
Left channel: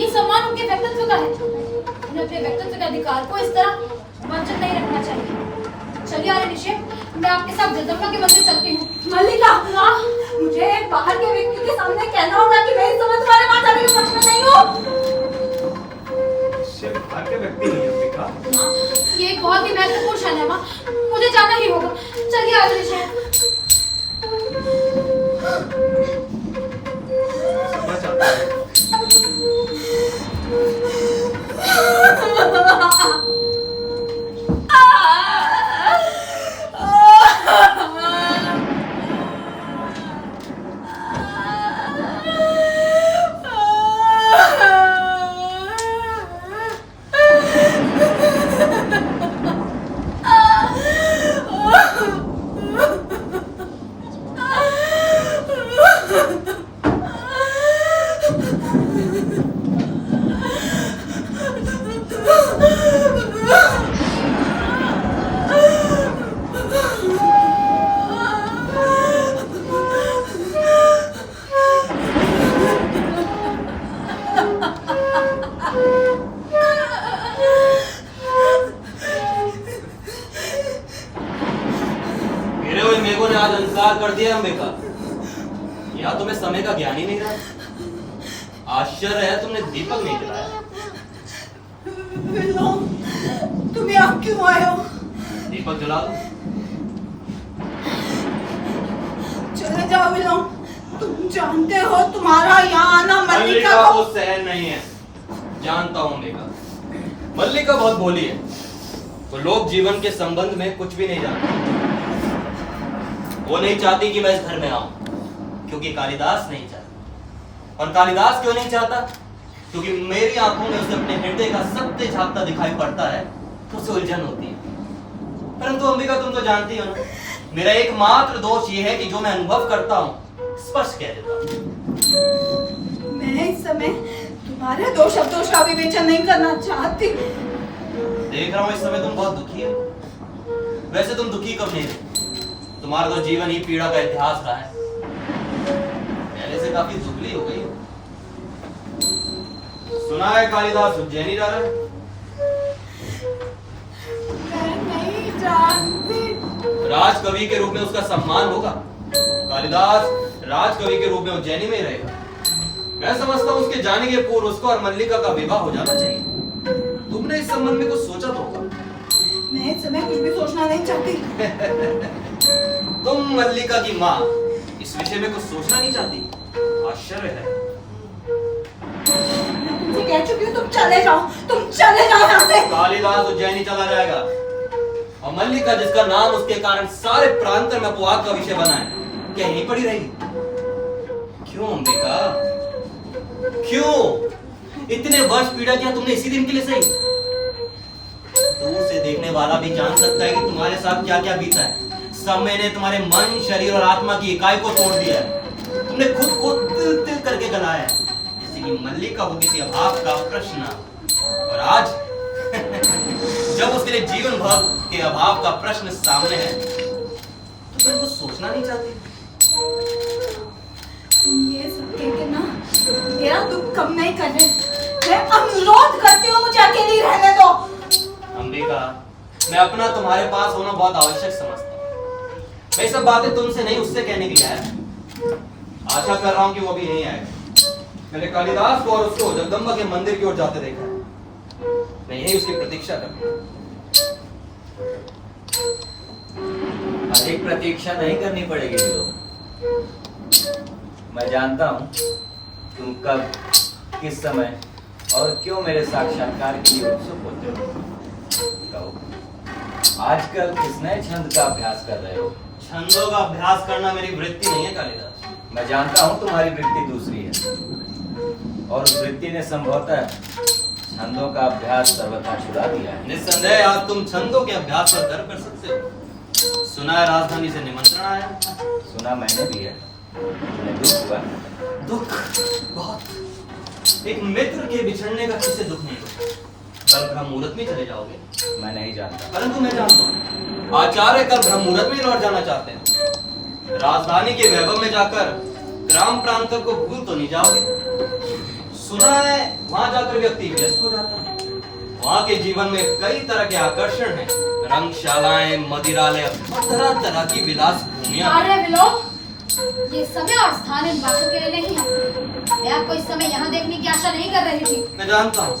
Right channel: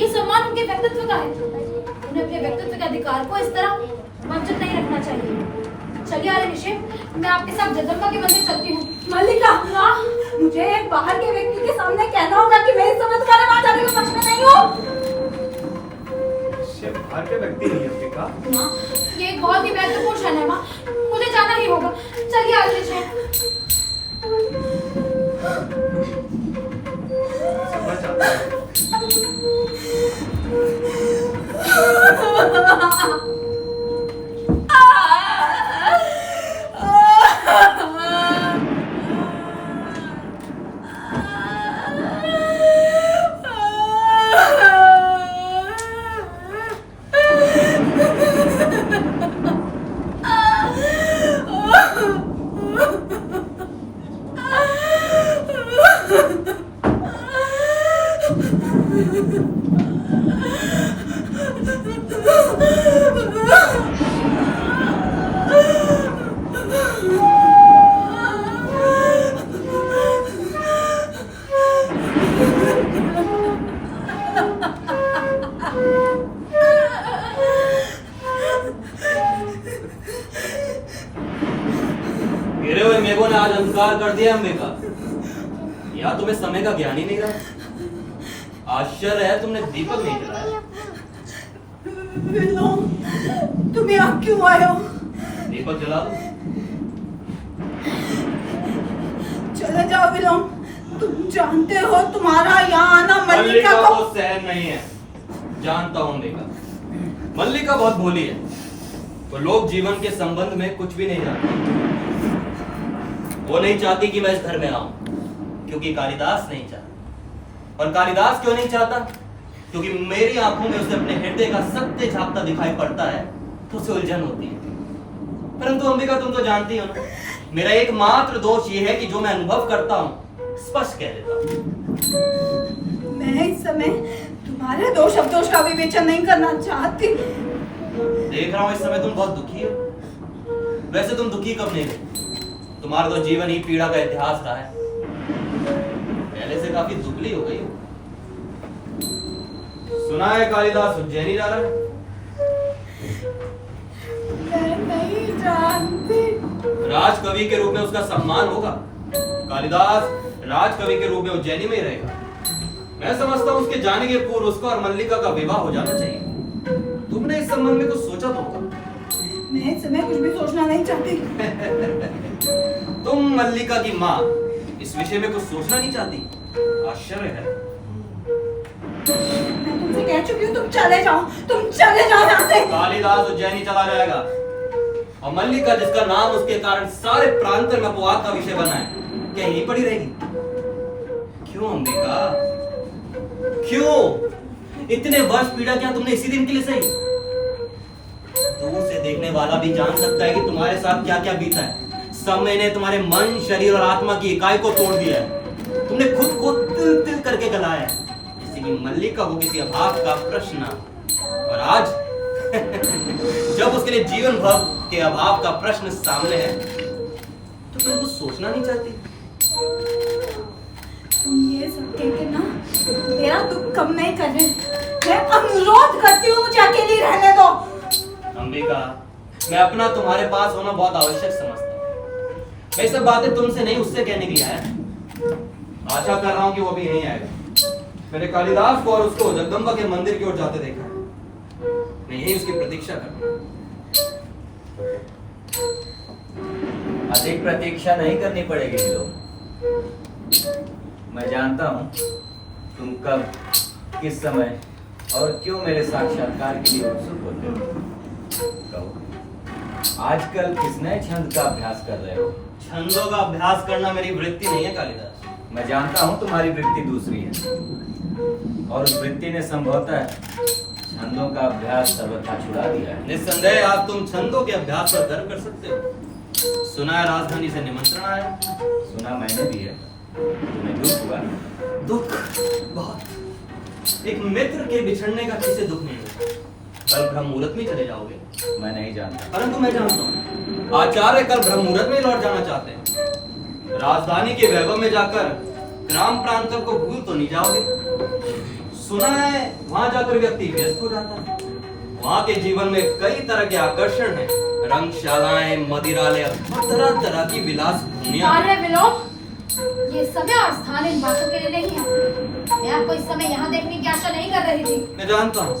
ये सम्मान उनके व्यक्तित्व का है। उन्हें अपने व्यक्तित्व के अधिकार को इस तरह वंचित नहीं रखना चाहिए। चलिए आर्य निषेध, मैं आपके साथ जगदम्बा के मंदिर चलती हूँ। मल्लिका, मुझे एक बाहर के व्यक्ति के सामने कहना होगा कि मैं इस समय तुम्हारे वहां जाने के पक्ष में नहीं हूँ। सिर्फ बाहर के व्यक्ति नहीं अंबिका। माँ, ये एक बहुत ही महत्वपूर्ण क्षण है माँ, मुझे जाना ही होगा। चलिए आर्य निषेध। समझ आता है। कर दिया अंबिका, या तुम्हें समय का ज्ञान ही नहीं रहा। आश्चर्य है तुमने दीपक नहीं जलाया। तुम यहाँ क्यों आए हो? दीपक जला दो। चले जाओ विलोम। तुम जानते हो तुम्हारा यहाँ आना मल्लिका को सहन नहीं है। जानता हूँ अंबिका, मल्लिका बहुत भोली है। वो लोग जीवन के संबंध में कुछ भी नहीं जानते। वो नहीं चाहती कि मैं इस घर में आऊं, क्योंकि कालिदास नहीं चाहता। और कालिदास क्यों नहीं चाहता? क्योंकि मेरी आंखों में उसे अपने हृदय का सत्य झांकता दिखाई पड़ता है तो उसे उलझन होती है। परंतु अंबिका, तुम तो जानती हो ना, मेरा एकमात्र दोष ये है कि जो मैं अनुभव करता हूं स्पष्ट कह देता हूं। मैं इस समय तुम्हारे दोष अवदोष का विवेचन नहीं करना चाहती। देख रहा हूं इस समय तुम बहुत दुखी हो। वैसे तुम दुखी कब नहीं थे? तुम्हारा तो जीवन ही पीड़ा का इतिहास रहा है। पहले से काफी दुबली हो गई हो। सुना है कालिदास उज्जैनी जा रहा है। मैं नहीं जानती। राजकवि के रूप में उसका सम्मान होगा। कालिदास राजकवि के रूप में उज्जैनी में ही रहेगा। मैं समझता हूँ उसके जाने के पूर्व उसका और मल्लिका का विवाह हो जाना चाहिए। तुमने इस संबंध में कुछ सोचा तो होगा। मैं इस समय कुछ भी सोचना नहीं चाहती। तुम मल्लिका की माँ इस विषय में कुछ सोचना नहीं चाहती? आश्चर्य है। मैं तुमसे कह चुकी हूँ तुम चले जाओ यहाँ से। कालिदास उज्जैनी चला जाएगा और मल्लिका, जिसका नाम उसके कारण सारे प्रांत में अपवाद का विषय बना है, क्या यहीं पड़ी रहेगी? क्यों अंबिका, क्यों इतने वर्ष पीड़ा किया तुमने इसी दिन के लिए? सही, दूर से देखने वाला भी जान सकता है कि तुम्हारे साथ क्या क्या बीता है। समय ने तुम्हारे मन, शरीर और आत्मा की इकाई को तोड़ दिया है। तुमने खुद को तिल तिल करके गलाया है, जैसे कि मल्लिका हो किसी अभाव का प्रश्न। और आज जब उसके लिए जीवन भर के अभाव का प्रश्न सामने है, तो तुम कुछ सोचना नहीं चाहती? तुम ये सब कह के ना मेरा दुख कम नहीं कर रहे। मैं अनुरोध करती हूँ, मुझे अकेली रहने दो। अंबिका, मैं अपना तुम्हारे पास होना बहुत आवश्यक समझता हूँ। मैं ये सब बातें तुमसे नहीं, उससे कहने के लिए आया। आशा कर रहा हूँ कि वो भी यहीं आएगा। मैंने कालिदास को और उसको जगदम्बा के मंदिर की ओर जाते देखा है। मैं यही उसकी प्रतीक्षा कर रहा हूँ। अधिक प्रतीक्षा नहीं करनी पड़ेगी विलोम। मैं जानता हूँ तुम कब, किस समय और क्यों मेरे साक्षात्कार के लिए उत्सुक होते हो। कहो, आजकल किस नए छंद का अभ्यास कर रहे हो? छंदों का अभ्यास करना मेरी वृत्ति नहीं है कालिदास। मैं जानता हूँ तुम्हारी वृत्ति दूसरी है, और उस वृत्ति ने संभवतः छंदों का अभ्यास सर्वथा छुड़ा दिया है। निस्संदेह आज तुम छंदों के अभ्यास पर गर्व कर सकते हो। सुना है राजधानी से निमंत्रण आया। सुना मैंने भी है। तुम्हें दुख हुआ? दुख बहुत। एक मित्र के बिछड़ने का किसे दुख नहीं होता। कल ब्रह्म मुहूर्त में चले जाओगे? मैं नहीं जानता, परंतु मैं जानता हूँ आचार्य कल ब्रह्म मुहूर्त में लौट जाना चाहते हैं। राजधानी के वैभव में जाकर ग्राम प्रांतों को भूल तो नहीं जाओगे? सुना है वहां जाकर व्यक्ति व्यस्त हो जाता है। वहां के जीवन में कई तरह के आकर्षण हैं, रंगशालाएं, मदिरालय और तरह तरह की विलास भूमियां। अरे विलोम, ये समय और स्थान इन बातों के लिए नहीं है। मैं आपको इस समय यहाँ देखने की आशा नहीं कर रही थी। मैं जानता हूँ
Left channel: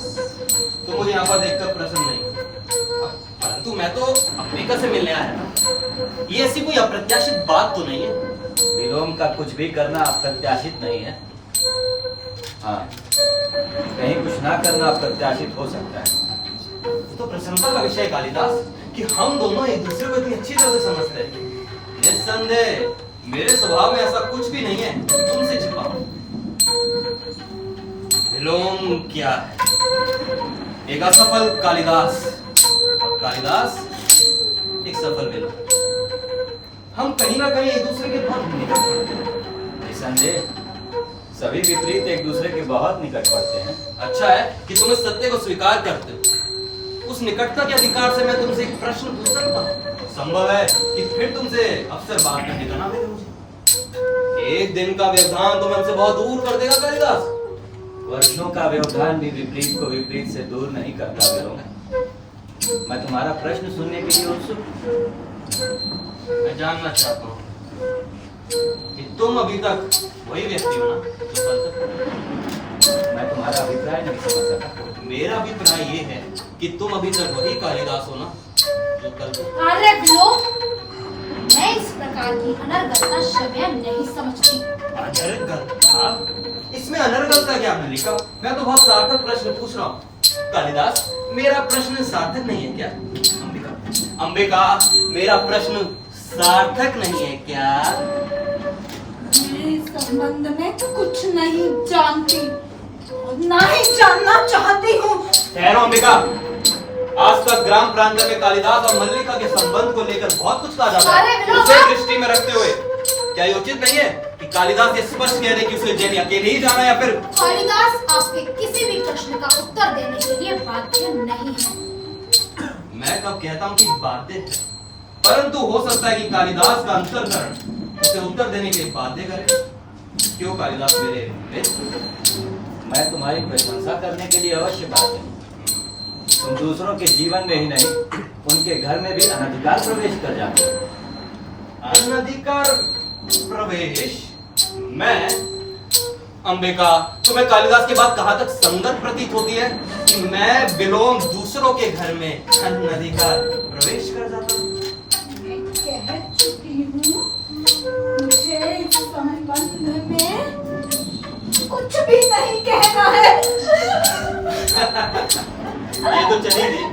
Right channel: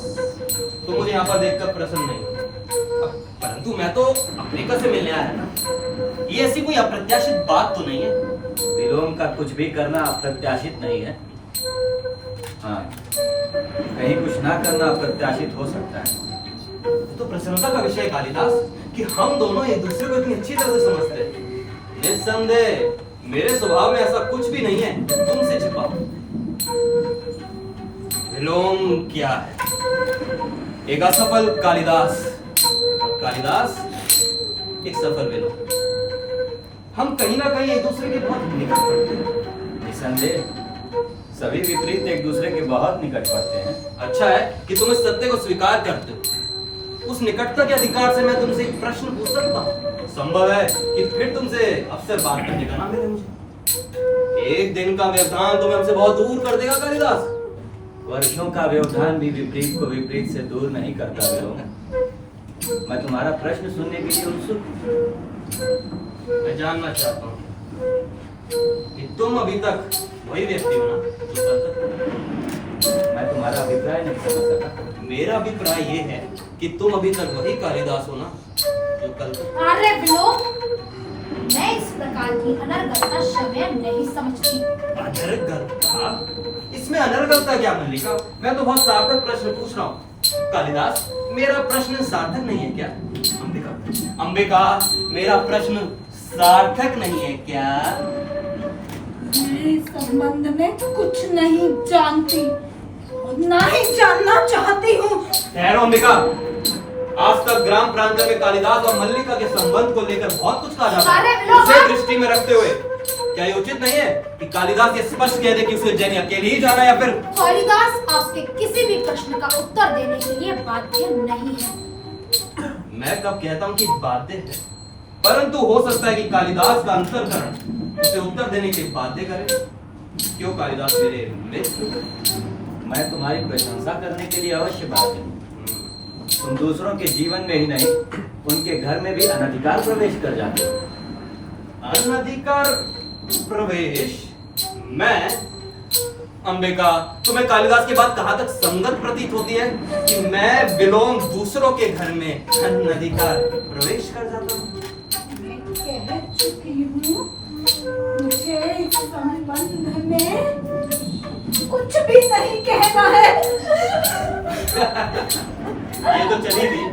तुम मुझे यहाँ पर देखकर प्रसन्न नहीं, परंतु मैं तो अफ्रीका से मिलने आया था। ये ऐसी कोई अप्रत्याशित बात तो नहीं है। विलोम का कुछ भी करना अप्रत्याशित नहीं है। हाँ, कहीं कुछ ना करना अप्रत्याशित हो सकता है। ये तो प्रसन्नता का विषय है कालिदास कि हम दोनों एक दूसरे को इतनी अच्छी तरह से समझते हैं। निस्संदेह मेरे स्वभाव में ऐसा कुछ भी नहीं है तुमसे छिपा। विलोम क्या है? एक असफल कालिदास, और कालिदास एक सफल विलोम। हम कहीं ना कहीं एक दूसरे के बहुत निकट पड़ते हैं। निसंदेह सभी विपरीत एक दूसरे के बहुत निकट पड़ते हैं। अच्छा है कि तुम इस सत्य को स्वीकार करते हो। उस निकटता के अधिकार से मैं तुमसे एक प्रश्न पूछ सकता हूँ। संभव है कि फिर तुमसे अवसर बात करने का ना मिले मुझे। एक दिन का व्यवधान तुम्हें हमसे बहुत दूर कर देगा कालिदास। वर्षों का व्यवधान भी विपरीत को विपरीत से दूर नहीं करता विलोम। मैं तुम्हारा प्रश्न सुनने के लिए उत्सुक हूं। मैं जानना चाहता हूँ कि तुम अभी तक वही व्यक्ति हो ना जो कल तक? मैं तुम्हारा अभिप्राय नहीं समझ सका। मेरा अभिप्राय ये है कि तुम अभी तक वही कालिदास हो ना जो कल तक? अरे विलोम, मैं इस प्रकार की अनर्गलता समय नहीं समझती। अनर्गलता? इसमें अनर्गलता क्या मल्लिका? मैं तो बहुत सार्थक प्रश्न पूछ रहा हूँ। कालिदास, मेरा प्रश्न सार्थक नहीं है क्या? अंबिका, अंबिका, मेरा प्रश्न सार्थक नहीं है क्या? मैं इस संबंध में कुछ नहीं जानती और ना ही जानना चाहती हूँ। ठहरो अंबिका, आज तक ग्राम प्रांत में कालिदास और मल्लिका के संबंध को लेकर बहुत कुछ कहा जाता अरे है। विलोम, उसे दृष्टि में रखते हुए क्या ये उचित नहीं है कि कालिदास ये स्पष्ट कह दे कि उसे उज्जैन अकेले ही जाना या फिर? कालिदास आपके किसी भी प्रश्न का उत्तर देने के लिए बाध्य नहीं है। मैं कब कहता हूँ कि बाध्य है, परंतु हो सकता है कि कालिदास का अंतर्करण उसे उत्तर देने के लिए बाध्य करे। क्यों कालिदास मेरे मित्र? मैं तुम्हारी प्रशंसा करने के लिए अवश्य बात है। तुम दूसरों के जीवन में ही नहीं, उनके घर में भी अनधिकार प्रवेश कर जाते हो। अनधिकार प्रवेश? मैं? अंबिका, तुम्हें कालिदास की बात कहाँ तक संगत प्रतीत होती है कि मैं विलोम दूसरों के घर में अनधिकार प्रवेश कर जाता हूँ? मैं कह चुकी हूँ, मुझे इस संबंध में कुछ भी नहीं कहना है। ये तो चलेगी।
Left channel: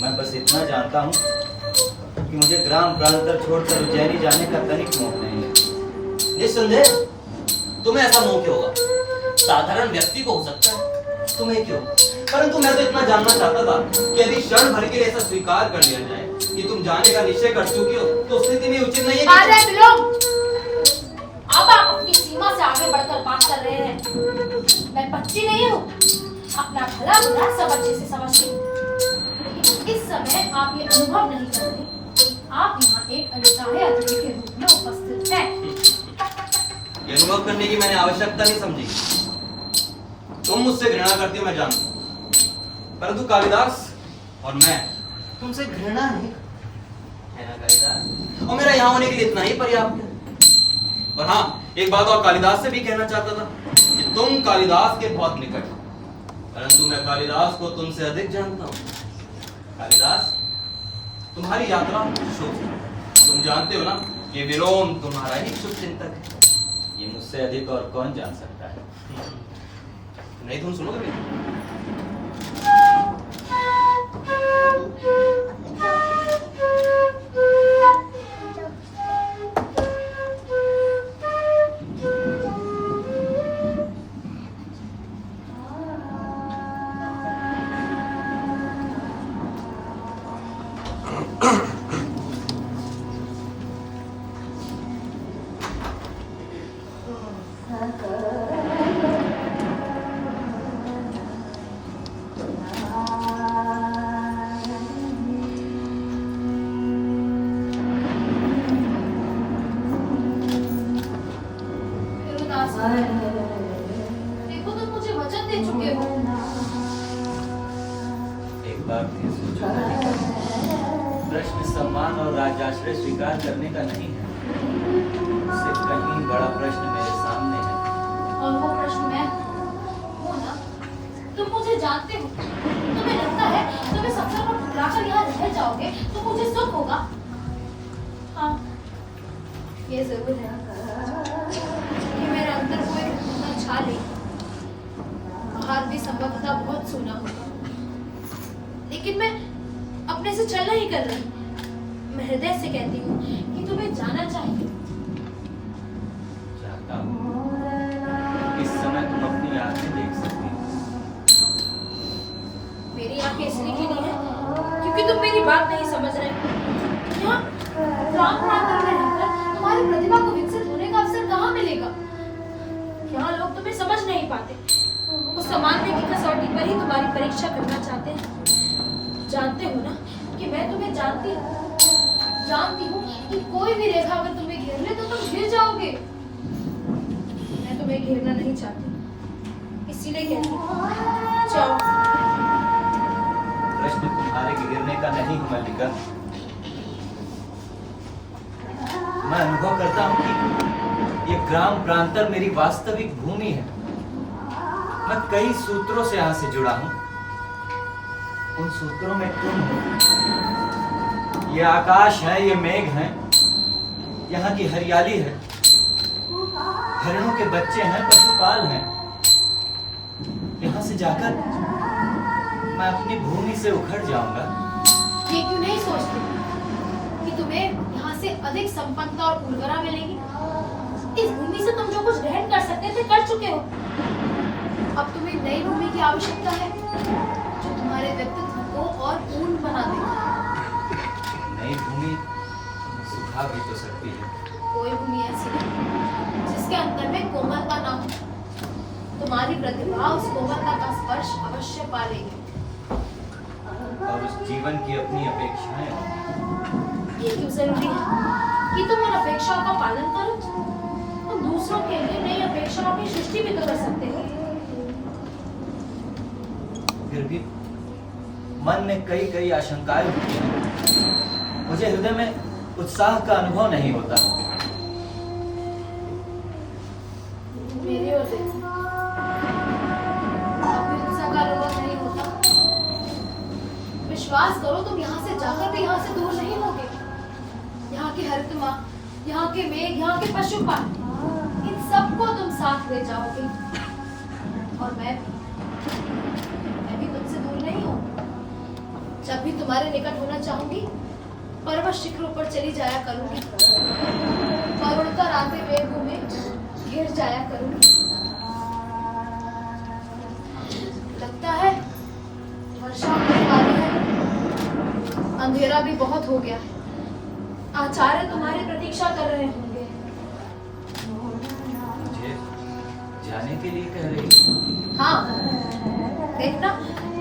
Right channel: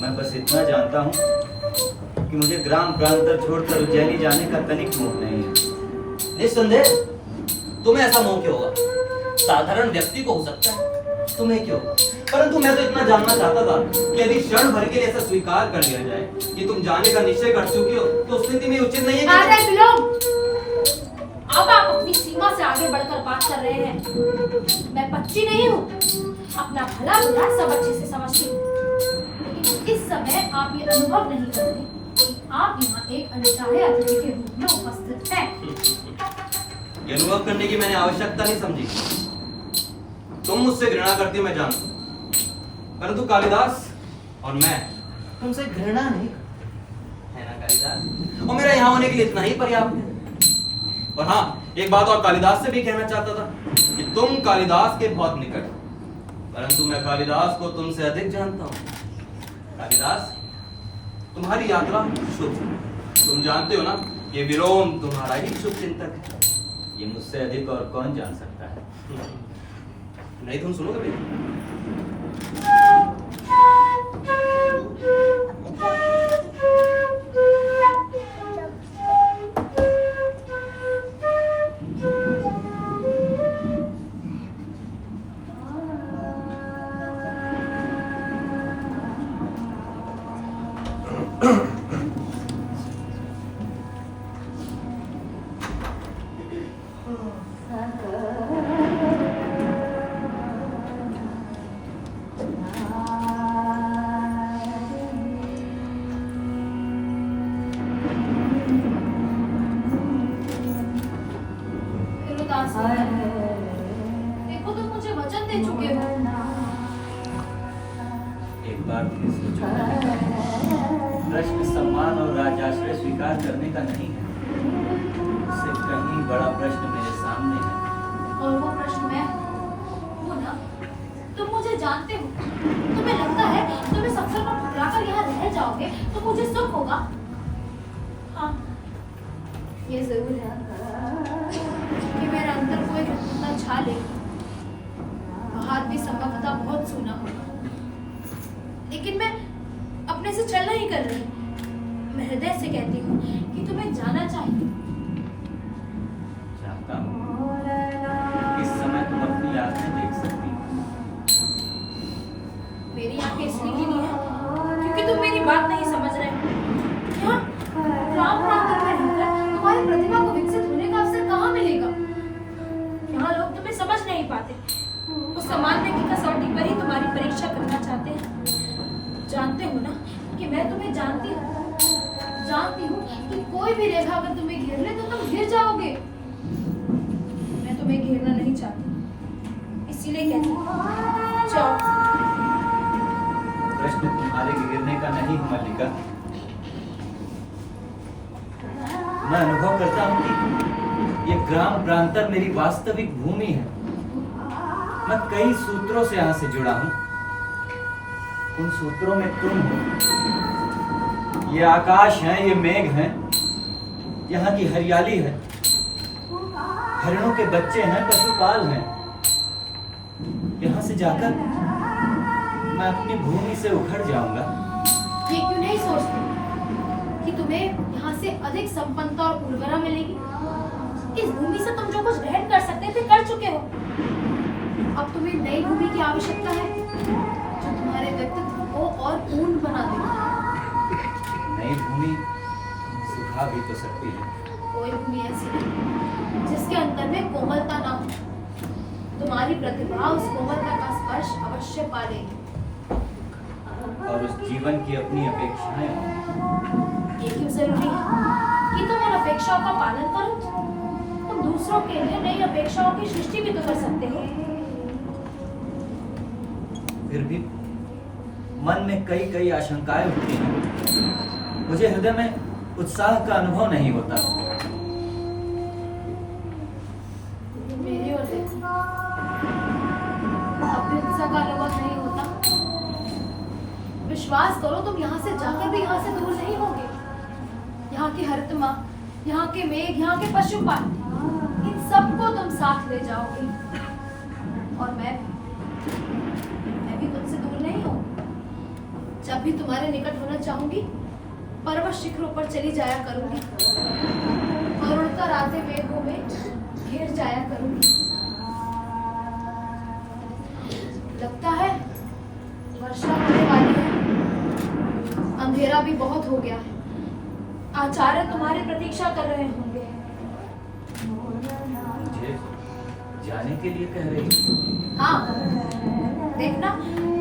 मैं बस इतना जानता हूँ कि मुझे ग्राम प्रांतर छोड़कर उज्जैनी जाने का तनिक मोह नहीं है। निस्संदेह तुम्हें ऐसा मोह क्यों होगा? साधारण व्यक्ति को हो सकता है, तुम्हें क्यों? परंतु मैं तो इतना जानना चाहता था कि यदि क्षण भर के लिए ऐसा स्वीकार कर लिया जाए कि तुम जाने का निश्चय कर चुकी हो, तो उस स्थिति में उचित नहीं है अरे बिलोंग, अब आप अपनी सीमा से आगे बढ़कर बात कर रहे हैं। मैं बच्ची नहीं हूँ, अपना भला बुरा सब अच्छे से समझती हूँ। लेकिन इस समय आप ये अनुभव नहीं कर रहे कि आप यहाँ एक अनचाहे अतिथि के रूप में उपस्थित हैं। ये अनुभव करने की मैंने आवश्यकता नहीं समझी। तुम मुझसे घृणा करती हो, मैं जानता हूं, परंतु कालिदास और मैं तुमसे घृणा नहीं करता, है ना कालिदास? और मेरा यहाँ होने के लिए इतना ही पर्याप्त है। और हाँ, एक बात और कालिदास से भी कहना चाहता था कि तुम कालिदास के बहुत निकट हो, परंतु मैं कालिदास को तुमसे अधिक जानता हूँ। कालिदास, तुम्हारी यात्रा शुभ। तुम जानते हो ना कि विलोम तुम्हारा ही शुभ चिंतक है। ये मुझसे अधिक और कौन जान सकता है? नहीं, तुम सुनोगे मेरी? देखो, तुम मुझे वचन दे चुके हो। एक बार फिर सोचो मल्लिका, प्रश्न सम्मान और राज्याश्रय स्वीकार करने का नहीं है। इससे कहीं बड़ा प्रश्न मेरे सामने है। और वो प्रश्न मैं हूँ ना? तुम मुझे जानते हो। तुम्हें लगता है तुम इस अवसर पर ठुकराकर यहाँ रह जाओगे तो मुझे सुख होगा? हाँ, ये जरूर है कि मेरे अंदर कोई कृतज्ञता छा लेगी। बाहर भी संभवतः बहुत सूना होगा, लेकिन मैं अपने से छल नहीं कर रही। मैं हृदय से कहती हूँ कि तुम्हें जाना चाहिए। चाहता हूँ इस समय तुम अपनी आंखें देख सकती हो। मेरी आंखें इसलिए की नहीं है क्योंकि तुम मेरी बात नहीं समझ रहे हो। यहाँ ग्राम प्रांत में रहकर तुम्हारी प्रतिभा को विकसित होने का अवसर कहाँ मिलेगा? यहाँ लोग तुम्हें समझ नहीं पाते। उस सामान्य की कसौटी पर ही तुम्हारी परीक्षा करना चाहते हैं। जानते हो ना कि मैं तुम्हें जानती हूँ कि कोई भी रेखा अगर तुम्हें घेर ले तो तुम गिर जाओगे। मैं तुम्हें घेरना नहीं चाहती, इसीलिए कहती हूँ जाओ। प्रश्न तुम्हारे गिरने का नहीं है मल्लिका। मैं अनुभव करता हूँ कि ये ग्राम प्रांतर मेरी वास्तविक भूमि है। मैं कई सूत्रों से यहाँ से जुड़ा हूँ। उन सूत्रों में तुम हो। ये आकाश है, ये मेघ है, यहाँ की हरियाली है, हरिणों के बच्चे हैं, पशुपाल हैं। यहाँ से जाकर मैं अपनी भूमि से उखड़ जाऊंगा। ये क्यों नहीं सोचते कि तुम्हें यहाँ से अधिक संपन्नता और उर्वरा मिलेगी? इस भूमि से तुम जो कुछ ग्रहण कर सकते थे कर चुके हो। अब तुम्हें नई भूमि की आवश्यकता है जो तुम्हारे व्यक्तित्व को और पूर्ण बना देगी। नई भूमि सुखा भी तो सकती है। कोई भूमि ऐसी नहीं जिसके अंदर में कोमलता ना हो। तुम्हारी प्रतिभा उस कोमलता का स्पर्श अवश्य पा लेगी। और उस जीवन की अपनी अपेक्षाएं होंगी। ये क्यों जरूरी है कि तुम उन अपेक्षाओं का पालन करो? तुम दूसरों के लिए नई अपेक्षाओं की सृष्टि भी तो कर सकते हो। फिर भी मन में कई कई आशंकाएं उठती हैं। मुझे हृदय में उत्साह का अनुभव नहीं होता। मेरी ओर देखो, अब भी उत्साह का अनुभव नहीं होता। विश्वास करो, तुम यहाँ से जाकर भी यहाँ से दूर नहीं होगे। यहाँ की हरितमा, यहाँ के मेघ, यहाँ के पशुपाल, इन सबको तुम साथ ले जाओगे और मैं भी तुमसे दूर नहीं हूँ। जब भी तुम्हारे निकट होना चाहूंगी पर्वत शिखरों पर चली जाया करूंगी और उड़कर आते मेघों में घेर जाया करूंगी। लगता है वर्षा होने वाली है, अंधेरा भी बहुत हो गया है। आचार्य तुम्हारी प्रतीक्षा कर रहे होंगे। मुझे जाने के लिए कह रही? हाँ, देखना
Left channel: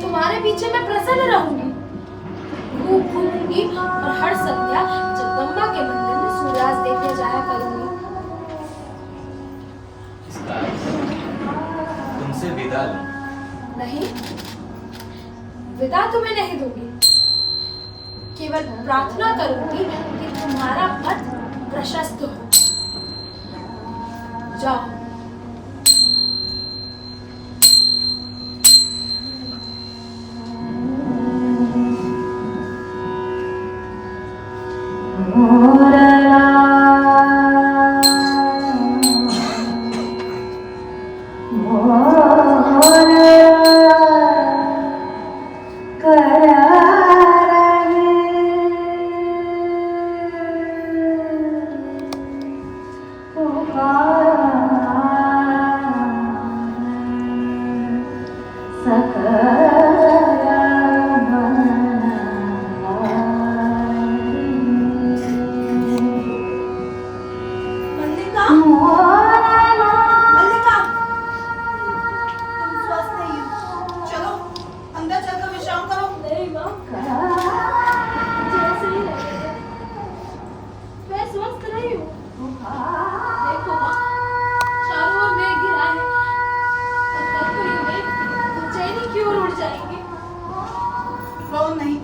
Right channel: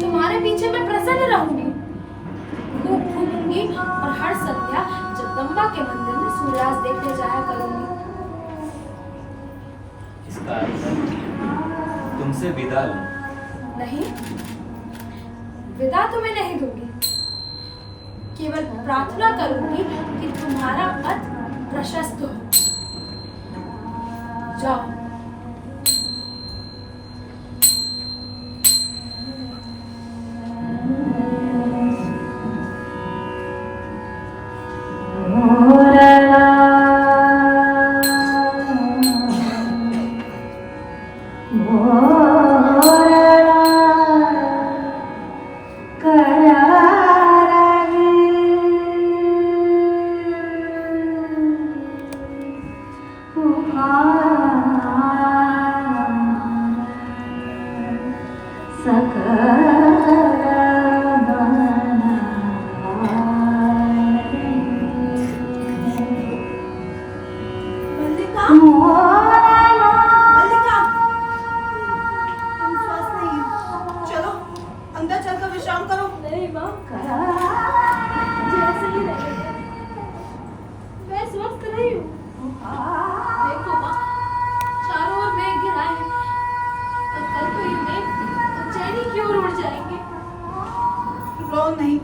तुम्हारे पीछे मैं प्रसन्न रहूंगी, खूब घूमूंगी और हर संध्या जगदम्बा के मंदिर में सूर्यास्त देखने जाया करूंगी। इसका अर्थ है तुमसे विदा लूं? नहीं, विदा तुम्हें नहीं दूंगी, केवल प्रार्थना करूंगी कि तुम्हारा पथ प्रशस्त हो। जाओ। मल्लिका, मल्लिका, तुम स्वस्थ नहीं हो। चलो अंदर चलकर विश्राम करो। नहीं माँ, जैसे ही रहे मैं स्वस्थ नहीं हूँ। देखो माँ, चारों ओर मेघ घिरा है और कल को ये मेघ उज्जैनी की ओर उड़ जाएंगे। रो नहीं,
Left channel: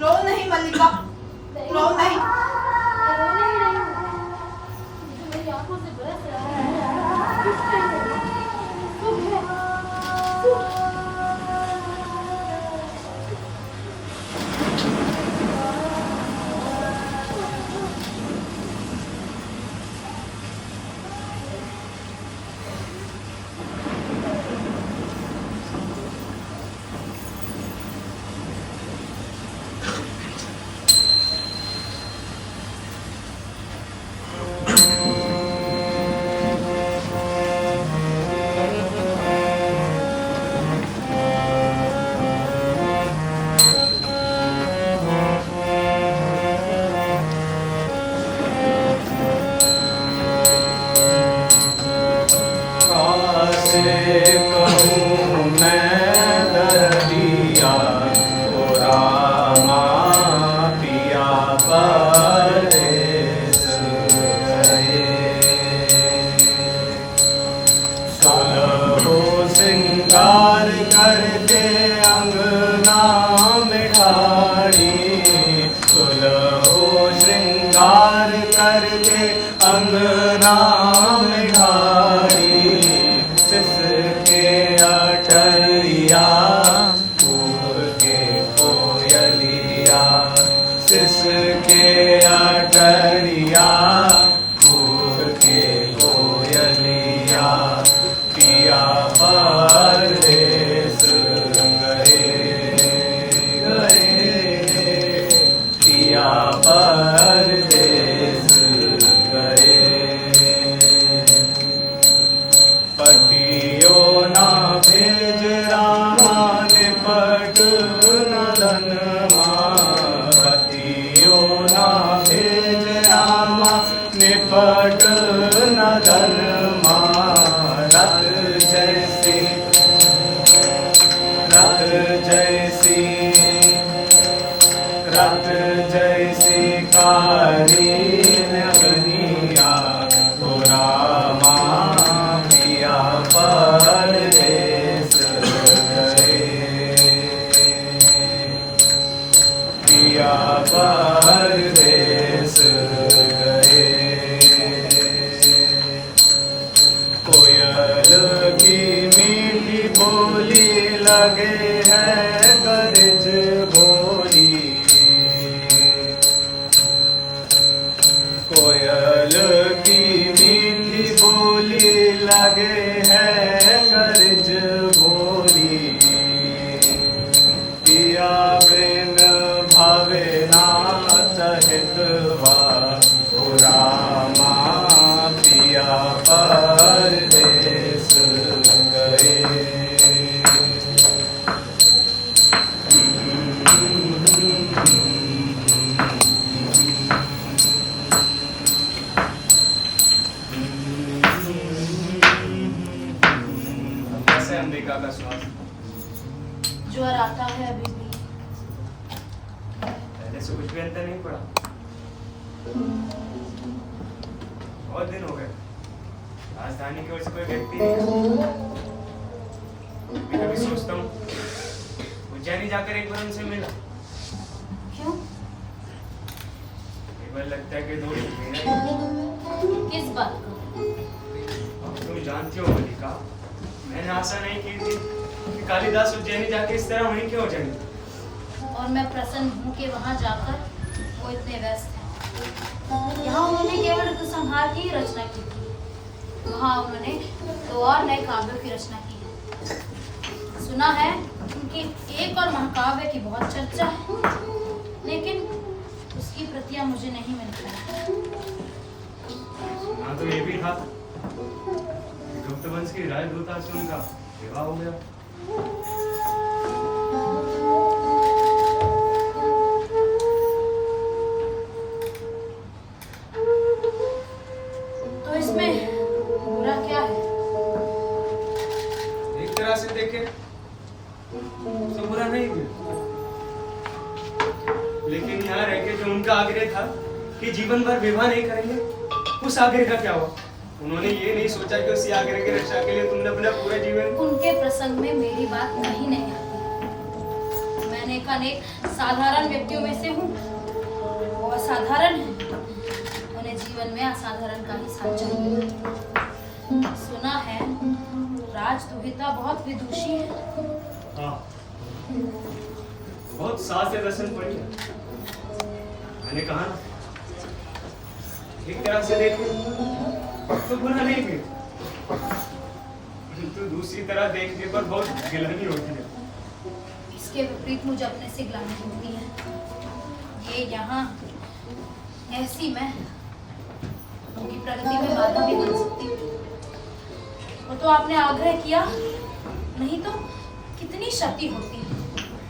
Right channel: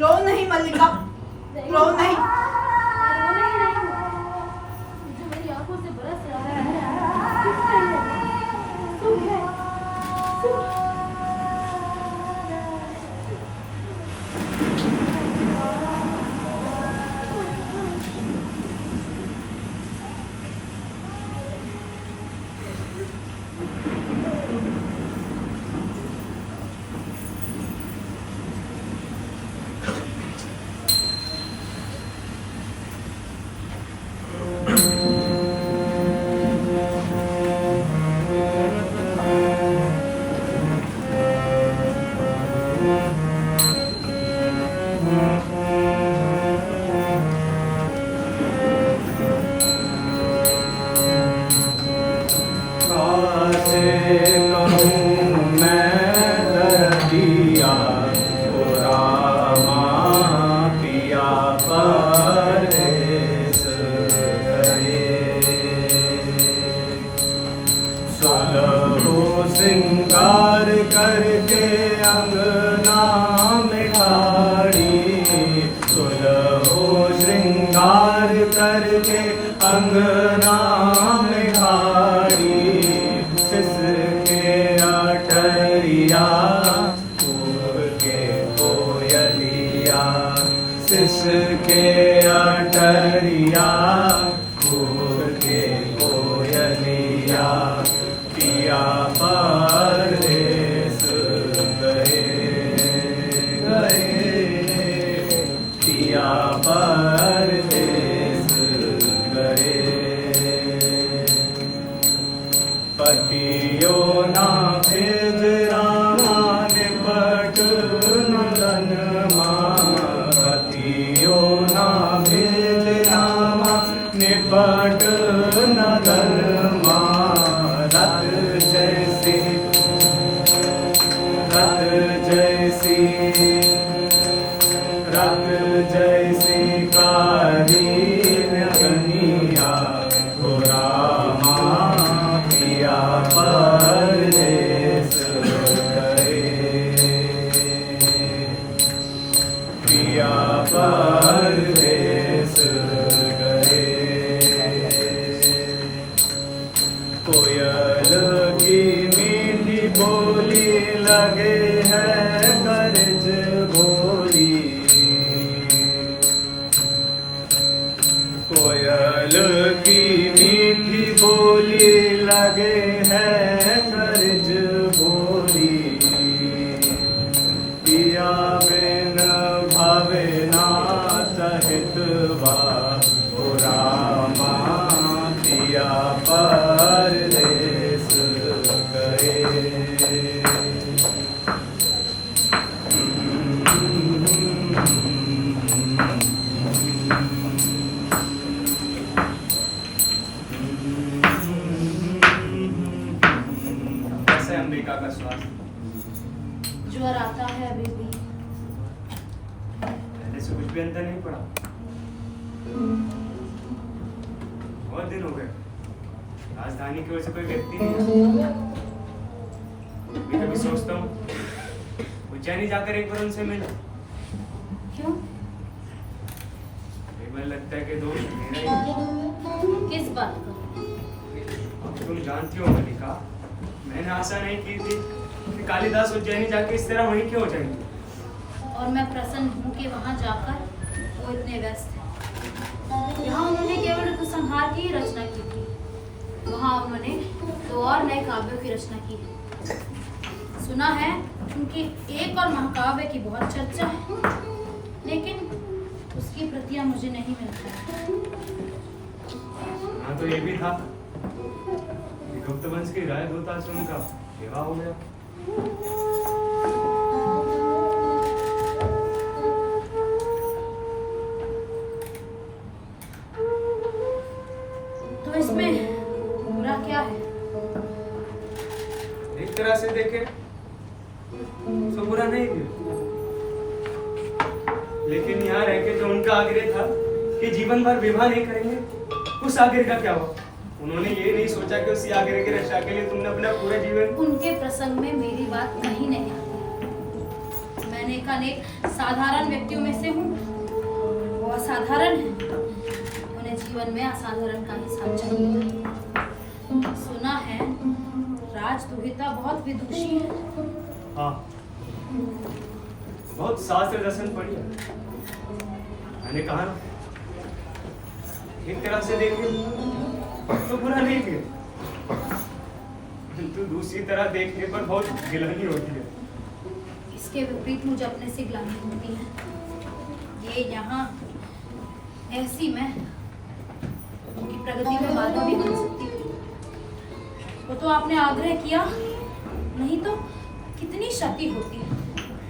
रो नहीं मल्लिका, रो नहीं। मैं रो नहीं रही हूँ, मुझे मेरी आंखों से बरस रहा है। कुछ नहीं होगा, सुख है, सुख। श्रृंगार करके अंगना में ठाड़ी, सुलहो श्रृंगार करके अंगना में ठाड़ी, सिसके अटरिया फूल के कोयलिया, सिसके अटरिया फूल के कोयलिया, पिया बारे बोली पिया बिन भावे नाथ हितवा रामा पिया परदेस गए। कैसे अंबिका का स्वास्थ्य? ज्वर आता है अभी भी। पहले से कुछ भी अंतर नहीं पड़ा? बहुत दिन हो गए, राजधानी की ओर से कोई व्यक्ति नहीं आया। कभी कभी सोचता हूँ उज्जैनी जाकर एक बार उनसे मिला। क्यों? कई बार लगता है कि दोस्त मेरा ही है। किस बात को? अब तुम जानती हो मलिका, मैंने आशा नहीं की थी कि कालिदास उज्जैनी जाके इस तरह वहीं क्यों हो जाएंगे। और मैं प्रसन्न हूँ कि वहाँ जाकर वो इतने व्यस्त हैं। यहाँ उन्होंने केवल ऋतुसंहार की ही रचना की थी, वहाँ उन्होंने 2 और नए काव्यों की रचना की। सुना है उनके एक और महाकाव्य की बहुत चर्चा है, लेकिन उसकी प्रतियां मुझे नहीं मिल पाई। हाँ, तो ये भी था कि गुप्त वंश की राजदूता से उनका विवाह हो गया। तो इसमें बुरा क्या है? एक तरह से देखे तो बुरा नहीं किया, लेकिन यहाँ रह के जो उनका आग्रह था कि जीवन भर विवाह नहीं करेंगे, उस आग्रह का क्या हुआ? उन्होंने ये नहीं सोचा कि उसी आग्रह की रक्षा के लिए तुमने अपना पूरा जीवन। उनके प्रसंग में मेरी बात कहीं नहीं आती। मैंने एक अनेक साधारण व्यक्तियों में से हूँ, वो असाधारण है, उन्हें जीवन में असाधारण का ही साथ चाहिए। सुना है राजदुहिता बहुत विदुषी है। हाँ, बहुत शास्त्र दर्शन पढ़ी है। मैंने कहा एक तरह से देखे तो बुरा नहीं किया, किंतु दूसरी तरह देखने पर बहुत गिलानी होती है। इसके विपरीत मुझे अपने से ग्लानि होती है। ये यहाँ ऐसी मैं उनकी प्रगति में बाधा भी बन सकती हूँ। वो तो आपने आग्रह किया, नहीं तो कितनी क्षति होती है।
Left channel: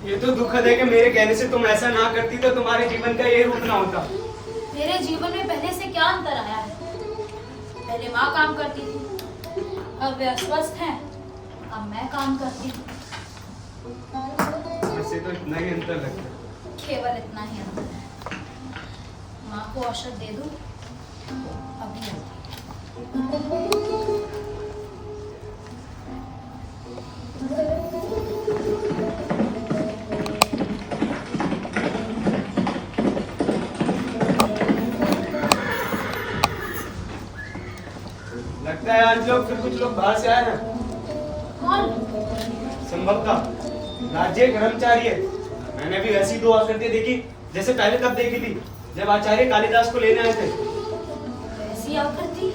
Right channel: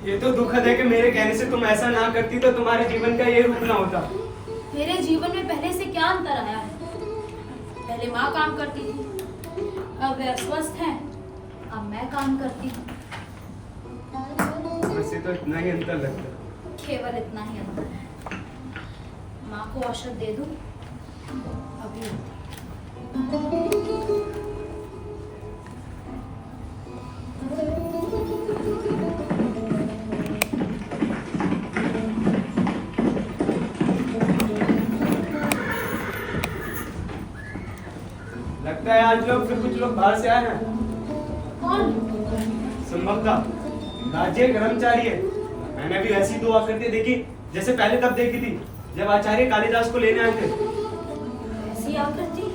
ये तो दुखद है कि मेरे कहने से तुम ऐसा ना करती तो तुम्हारे जीवन का ये रूप ना होता। मेरे जीवन में पहले से क्या अंतर आया है? पहले माँ काम करती थी, अब वे अस्वस्थ हैं, अब मैं काम करती हूँ। मुझसे तो इतना ही अंतर लगता है। केवल इतना ही अंतर है। माँ को औषध दे दूँ अभी आती। लगता है आज लोग फिर कुछ लोग बाहर से आए हैं। कौन? संभवतः राज्य कर्मचारी है। मैंने भी ऐसी 2 आकृति देखी जैसे पहले तब देखी थी जब आचार्य कालिदास को लेने आए थे। ऐसी आकृति?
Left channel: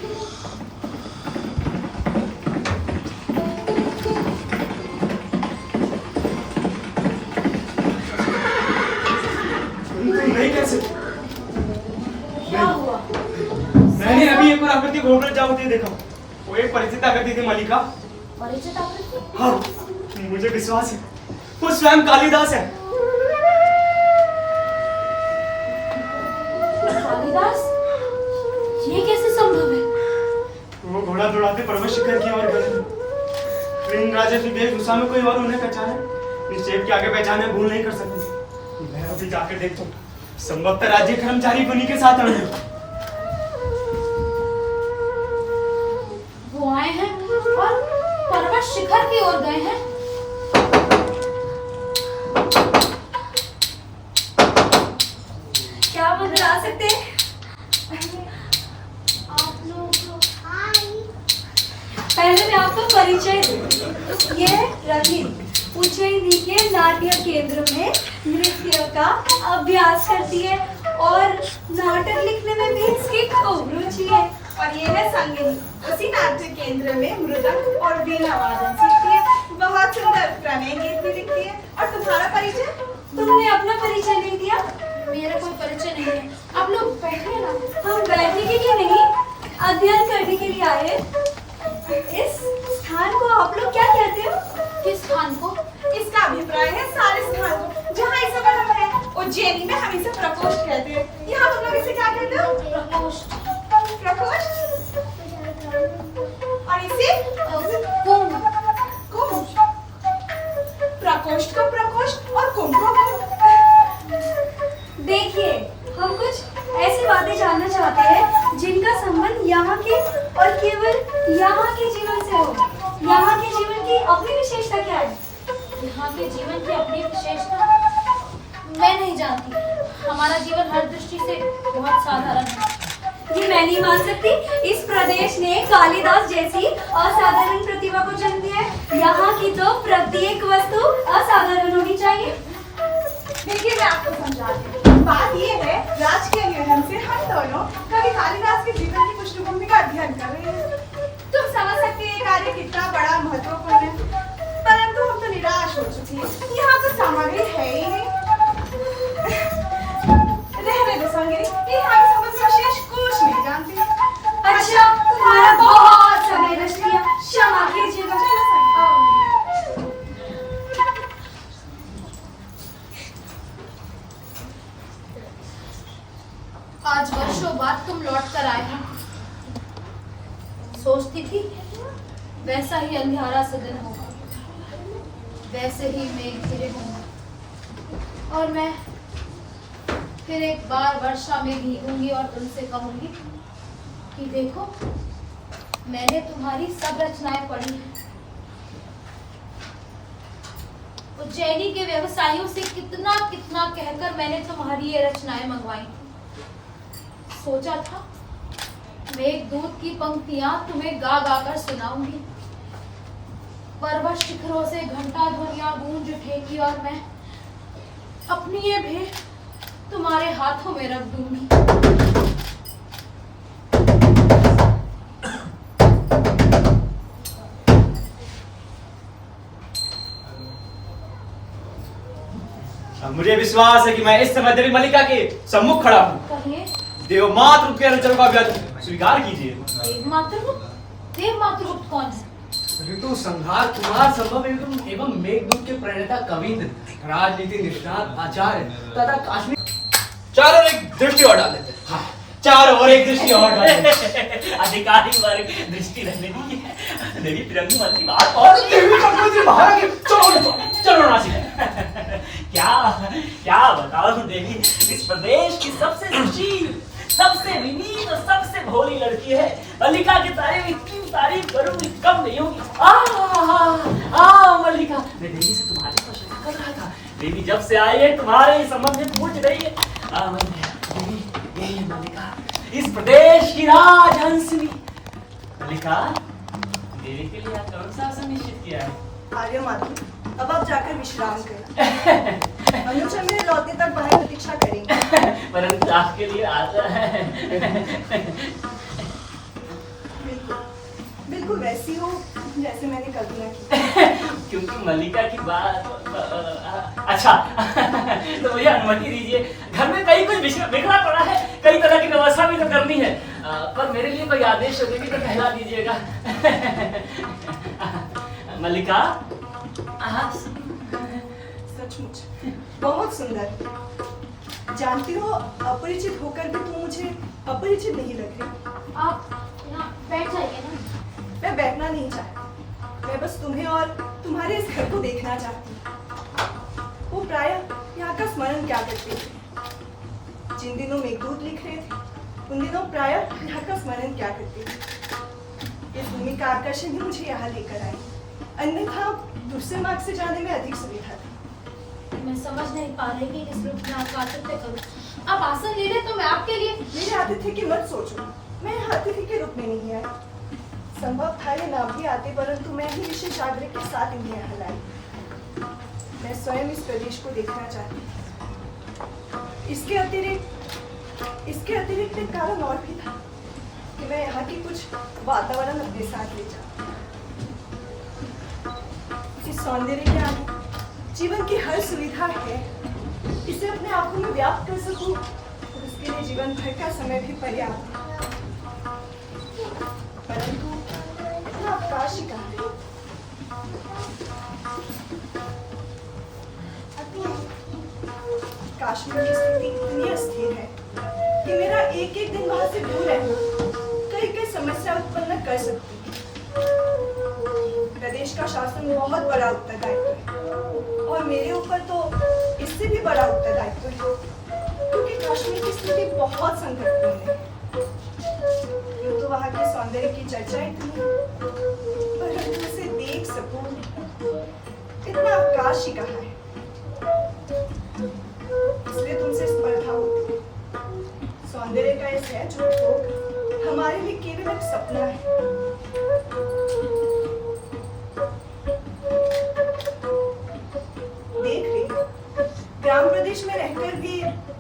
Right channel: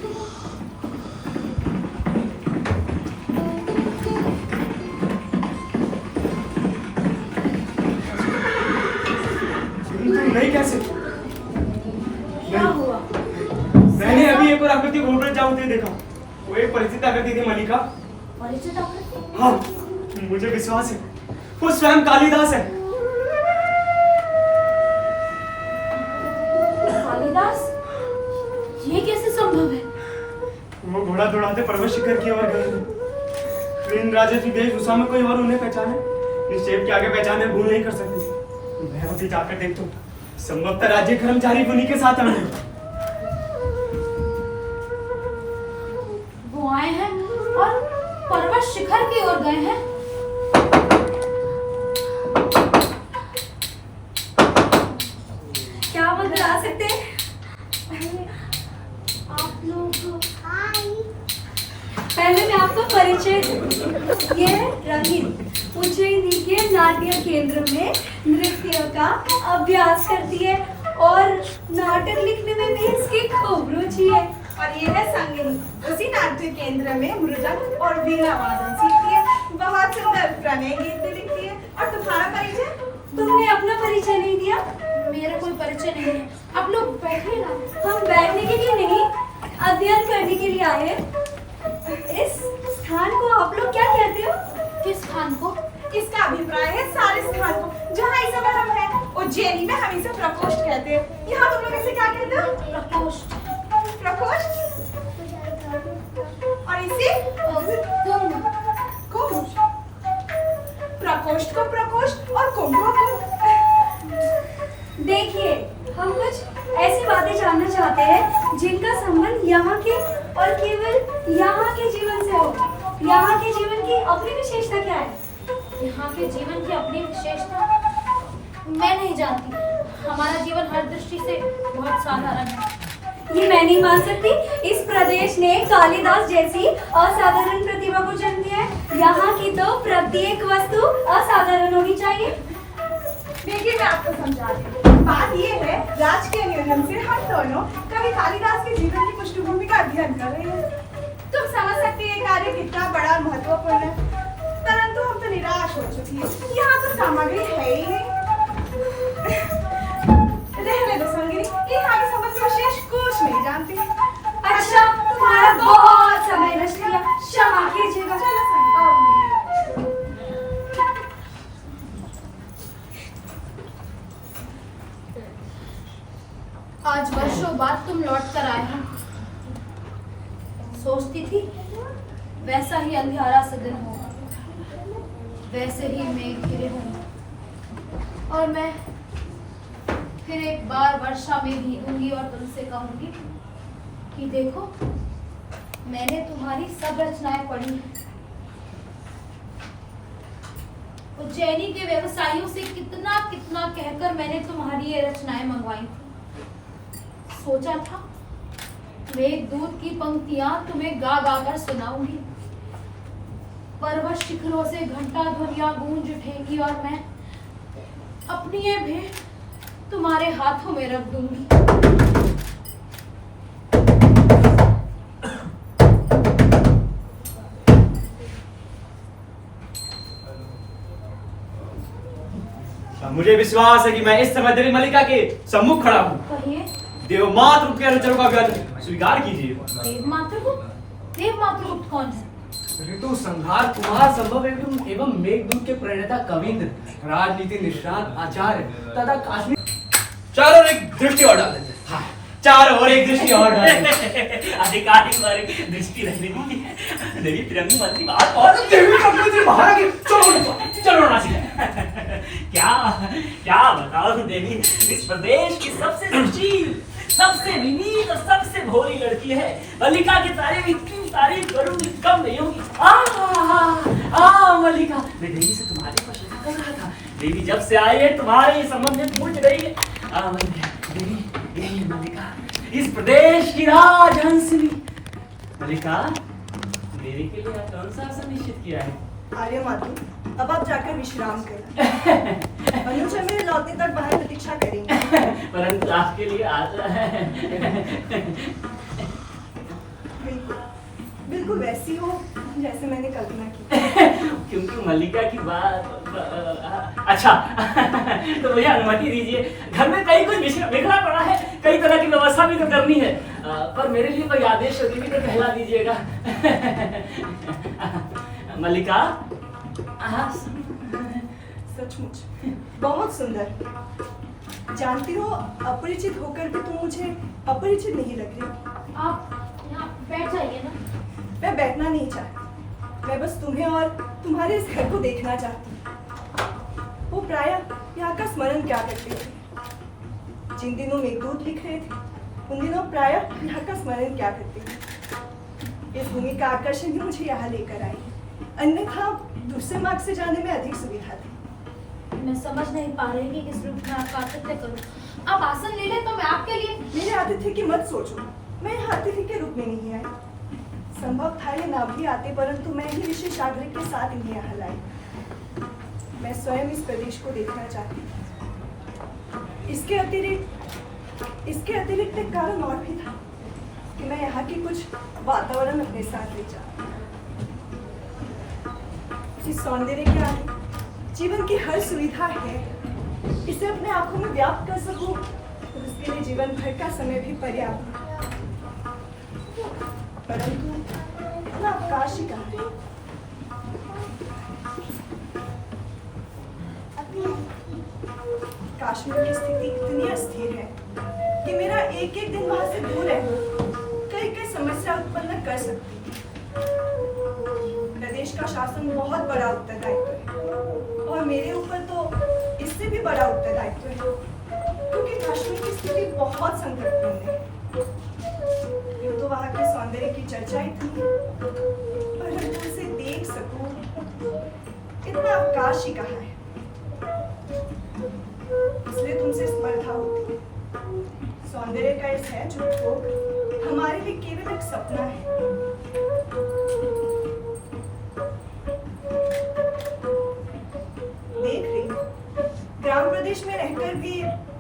नहीं कैसे? क्या हुआ? मैंने अभी एक और आकृति घूमकर जाते देखा। वो एक परिचित आकृति थी मलिका। परिचित आकृति? हाँ, मुझे विश्वास है वो स्वयं कालिदास है। कालिदास? ये कैसे संभव है? वो घोड़ा दौड़ाते पर्वत शिखर की ओर गए। ट्रेन राजा की वेशभूषा में कोई और उन्हें पहचाने, निश्चय के आगे पहचाने भूल नहीं कर सकती। मैं अभी जाकर देखता हूँ, संभवतः राज्य कर्मचारी उन्हीं के साथ आए हैं। वो आए हैं और पर्वत शिखर की ओर गए हैं। क्या मदद आ सकते हैं? आप लोग पहले मैं आपको परिचय दूं। ये रवि उज्जैनी के नाट्य केंद्र में नृत्य का अभ्यास करती है और नाटक लिखने में भी इसकी खूब रुचि है। और ये है संगिनी, उसी नाट्य केंद्र में मृदंग और वीणा वादन सीखती है। नए गीत भी लिखती है। और तुम्हारा परिचय? तुमने अपना परिचय नहीं दिया। मेरा कोई परिचय नहीं है। आप लोग बैठिए ना। हम बैठने के लिए नहीं, अध्ययन करने के लिए आए। इस स्थान को आप लोग क्या कहते हो? किस स्थान को? इसका अभिप्राय है सारे स्थान को जहाँ इस समय हम हैं। उज्जैनी में हम इसे प्रकोष्ठ कहते हैं। यहाँ तुम लोग इसे क्या कहते हो? प्रकोष्ठ। प्रकोष्ठ। और इसे कुंभ। कुंभ। प्रकोष्ठ को प्रकोष्ठ और कुंभ को कुंभ। देखिए, हम कुछ ऐसी बातें जानना चाहते हैं जिनका संबंध यहाँ के और केवल यहाँ के जीवन से हो। यहाँ के जीवन की अपनी विशेषता क्या है? यहाँ के जीवन की अपनी विशेषता मैं नहीं जानती। हमारा जीवन हर दृष्टि से बहुत साधारण है। ये मैं नहीं मान सकती। इस प्रदेश ने कालिदास जैसी असाधारण प्रतिभा को जन्म दिया है। यहाँ की तो प्रत्येक वस्तु असाधारण होनी चाहिए। देखिए, मैं आपको समझाती हूँ। बात ये है, राजकीय नियोजन से हम दोनों कभी कालिदास के जीवन की पृष्ठभूमि का अध्ययन कर रहे हैं। तुम समझ सकते हैं ये कार्य कितना बड़ा और महत्वपूर्ण है। परंतु हम तो निराश हो चुकी हैं। यहाँ तो सामग्री है ही नहीं। रहने दो संगिनी, यहाँ के संबंध में विशेष कुछ नहीं जानती। अच्छा, तुम्हारा बहुत समय नष्ट किया। क्षमा कीजिएगा। चलो संगिनी। आज वर्षों बाद तुम लौट कर आए हो। सोचती थी वैसा ही अंधियारा सा दिन होगा, वैसे ही मेघ घिरे होंगे और मैं फिर एक बार वर्षा में भीगूंगी और तुमसे कहूंगी कि देखो, मैंने तुम्हारी सब रचनाएं पढ़ी हैं। उज्जैनी के व्यवसायियों से कितना कितना कहकर मैंने तुम्हारी ये रचनाएं मंगवाई थी। सोचा था मेघदूत की पंक्तियां तुम्हें गा गा कर सुनाऊंगी। पर्वत शिखरों से घंटा ध्वनियां गूंज उठेगी और मैं अपनी ये भेंट तुम्हारे हाथों में रख दूंगी। मुझे विश्वास है कि मैं इस समय देवी मल्लिका के सम्मुख खड़ा हूँ। कहिए। देवमातृ के अनुचरों का व्याज स्वीकार कीजिए। देवमातृगुप्त कौन है? ऋतु संहार कुमार संभव एवं मेघदूत के प्रणेता कविंद्र, राजनीति निष्णात आचार्य तथा काश्मीर। चारों एक दृष्टि और डाल देते। हाँ, चारों और एक दृष्टि और डाल देते। अधिकारी वर्ग दृष्टि रखने की देवी तिरंगी मंत्री बात और देवी मंत्री बाहर आके चलो नाची। क्या बताऊं देवी, इस प्रदेश की सबसे सुशील, सबसे विनीत और सबसे भोली लड़की है। मल्लिका की तारीफ इतनी तारीफ करूं कम नहीं होगी। मल्लिका, मैं देवी से तुम्हारे पर शंका कर रहा था। देवी जब से आए हैं तुम्हारे संबंध में पूछ रही है। देवी, यही मल्लिका, इस प्रदेश की राजहंसिनी। मल्लिका, देवी के लिए आप कौन सा आसन निश्चित किया है? आर्य माधु, अब आप जाकर विश्राम करें। अनुजा मेरे लौटने तक बाहर प्रतीक्षा करेंगे। परंतु आपके लिए आता है। बिल्कुल वैसी हो जैसे मैंने कल्पना की। क्योंकि मल्लिका की बात। अच्छा, तो मुझे अनुमति दीजिए। घर में कई कुछ बिखरा पड़ा है, कई तरह की व्यवस्था भी तो करनी है। पर मेरे लिए कोई आदेश होगी भी तो कहला दीजिएगा। मल्लिका, सचमुच बहुत सुंदर। जानती हो, अपरिचित होकर भी तुम मुझे अपरिचित नहीं लग रही। आप यहाँ बैठ जाइए ना। मैं बैठना नहीं चाहती। मैं बस तुम्हें और तुम्हारे इस घर को देखना चाहती हूँ। वो प्रायः यहाँ का स्मरण क्या करते थे? जिन दिनों मेघदूत लिख रहे थे, उन दिनों प्रायः यहाँ का स्मरण क्या करते थे? इस भूमि का आकर्षण ही मुझे यहाँ लेकर आई। अन्यथा दूसरे मार्ग से जाने में अधिक सुविधा थी। मैं समझ नहीं पा रही कि किस रूप में आपका आतिथ्य करूं। आप आसन ले लें तो मैं आपके लिए। मेरे आतिथ्य की मत सोचो। मैं यहाँ अतिथि के रूप में नहीं आई। संभव था ये ना भी आते, परंतु मैं ही विशेष आग्रह के साथ इन्हें यहाँ लाई। मैं स्वयं इस प्रदेश को देखना चाहती हूँ। इसके अतिरिक्त एक कारण और भी था कि मैं यहाँ की कुछ वातावरण अपने साथ ले जाऊँ। इस सौंदर्य के आगे जीवन की हर सुविधा है। इसे अपने आंखों में व्याप्त कर सकूं और उसके लिए जीवन भर का समय भी पर्याप्त है। परंतु इतना अवकाश ही कहाँ है। काश्मीर की स्थिति इतनी अस्थिर है कि मेरा एक एक दिन वहां से दूर रहना कई कई समस्या उत्पन्न कर सकती है। प्रदेश का शासन बहुत बड़ा उत्तरदायित्व है और मेरे ऊपर तो इससे भी बड़ा उत्तरदायित्व है, क्योंकि कश्मीर की स्थिति बहुत संकटपूर्ण है। यूं तो वहां के सौंदर्य की चर्चा इतनी है, परंतु उसे देख सकूं इतना अवकाश ही कहाँ है। इसलिए तुमसे स्पर्धा होती है। सौंदर्य का ये सहज उपभोग हमारे लिए केवल एक सपना है। देख रही हूं, ग्राम प्रदेश में रहकर भी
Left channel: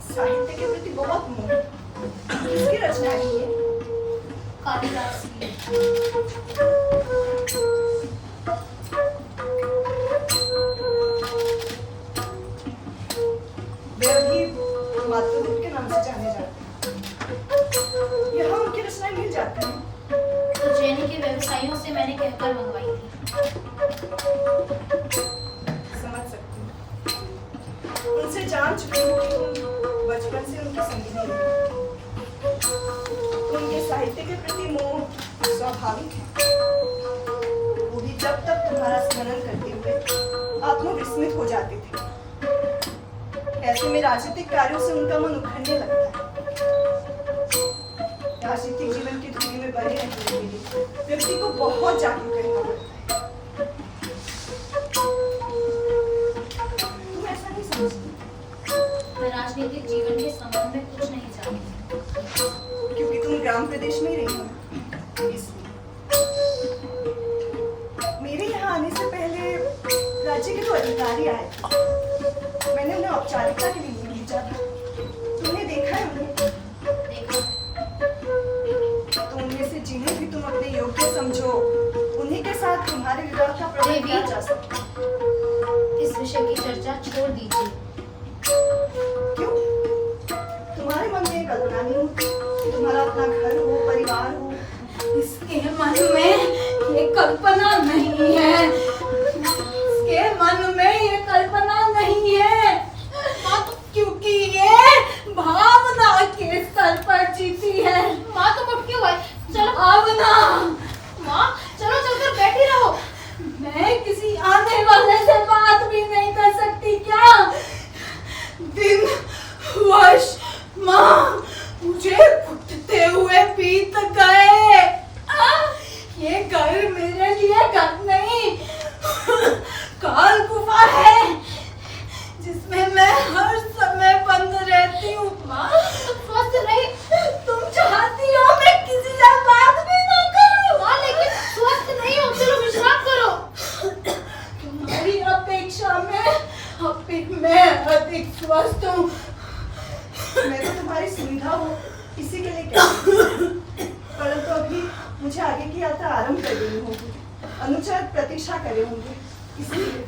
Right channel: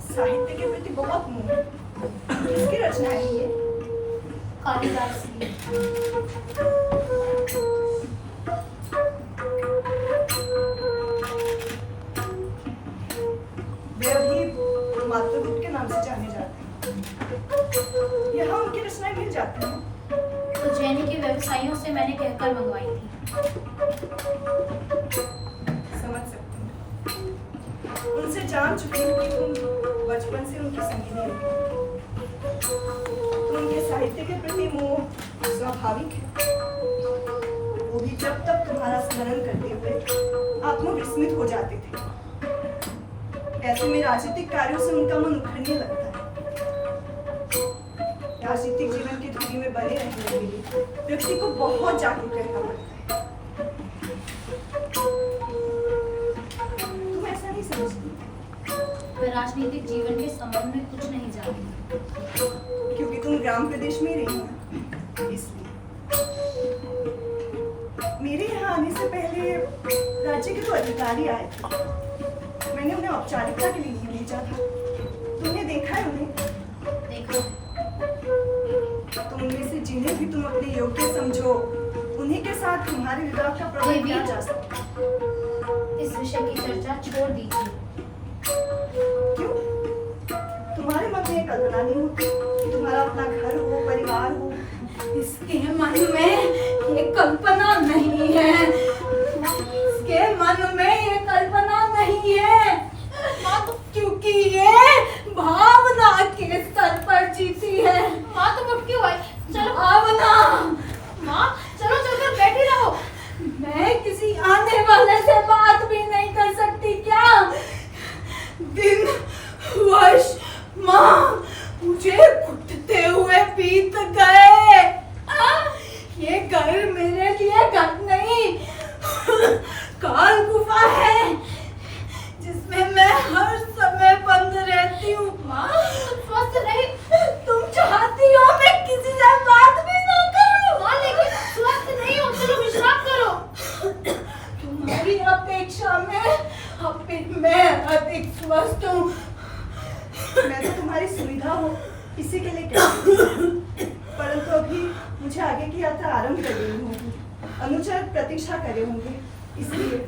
साहित्य के प्रति बहुत मोह। किसकी रचना है ये? कालिदास की। वे अभी मातृगुप्त के नाम से जाने जाते हैं। यहाँ उनकी रचनाएं मिल जाती हैं। उज्जैन के व्यवसायियों से मैंने कहकर मंगवाई थी। समझ सकती हूँ। उनसे जान चुकी हूँ कि तुम बचपन से उनकी संगिनी हो। तो उनके साहित्य के प्रति मोह स्वाभाविक है। वो भी जब तक तुम्हारा स्मरण करते हुए आत्मविस्मित हो जाते थे। ऐसे में राजनीतिक कार्यों से उनका मन उखड़ने लगता है। राजनीतिक जीवन की धुरी में बने रहने के लिए व्यक्ति को बहुत जागरूक रहना पड़ता है। तुम ऐसा नहीं समझती? मैं राजनीतिक जीवन के संबंध में कुछ नहीं जानती, क्योंकि तुम ग्राम प्रदेश में ही रही हो ना, इसलिए। मेरे यहाँ आने से पहले राज्य के तो अधिकारी आए थे। मैंने उन्हें औपचारिकता के लिए भेजा था। तुमने देखा है उन्हें? देखा। तो उनमें से जिन्हें भी तुम अपने योग्य समझो, उन्हीं के साथ तुम्हारे विवाह का प्रबंध किया जा सकता है। इस विषय की चर्चा छोड़ दीजिए। क्यों? तुम्हारे मन में ये कल्पना नहीं होती कि तुम्हारा अपना घर हो, परिवार हो? इसके मन में ये कल्पना नहीं है। इसके मन में ये कल्पना नहीं है, क्योंकि ये भावना के स्तर पर जीती है। माँ तुम उठ क्यों आई? चलो भावना। माँ चलो चलकर बैठी रहो। मैं किसी आने वाले से बात भी नहीं कर सकती क्या? दिन वर्ष माँ मुझे घुटते हुए बीत गए। ये घर मेरे लिए घर नहीं, काल गुफा है जिसमें मैं हर समय बंद रहती हूँ। माँ तुम स्वस्थ नहीं। तुम चाहती हो मैं किसी से बात भी ना करूं? माँ लेकिन स्वस्थ नहीं हो, चलो विश्राम करो। तुम्हारी अपेक्षा में मैं अधिक स्वस्थ हूँ। मैं तो तुम्हारी सुविधा हो इसी के लिए कहती हूँ। परंतु अभी मुझे आगे की यात्रा आरंभ कर देनी होगी। अनुचर प्रतीक्षा करे होंगे, इसलिए।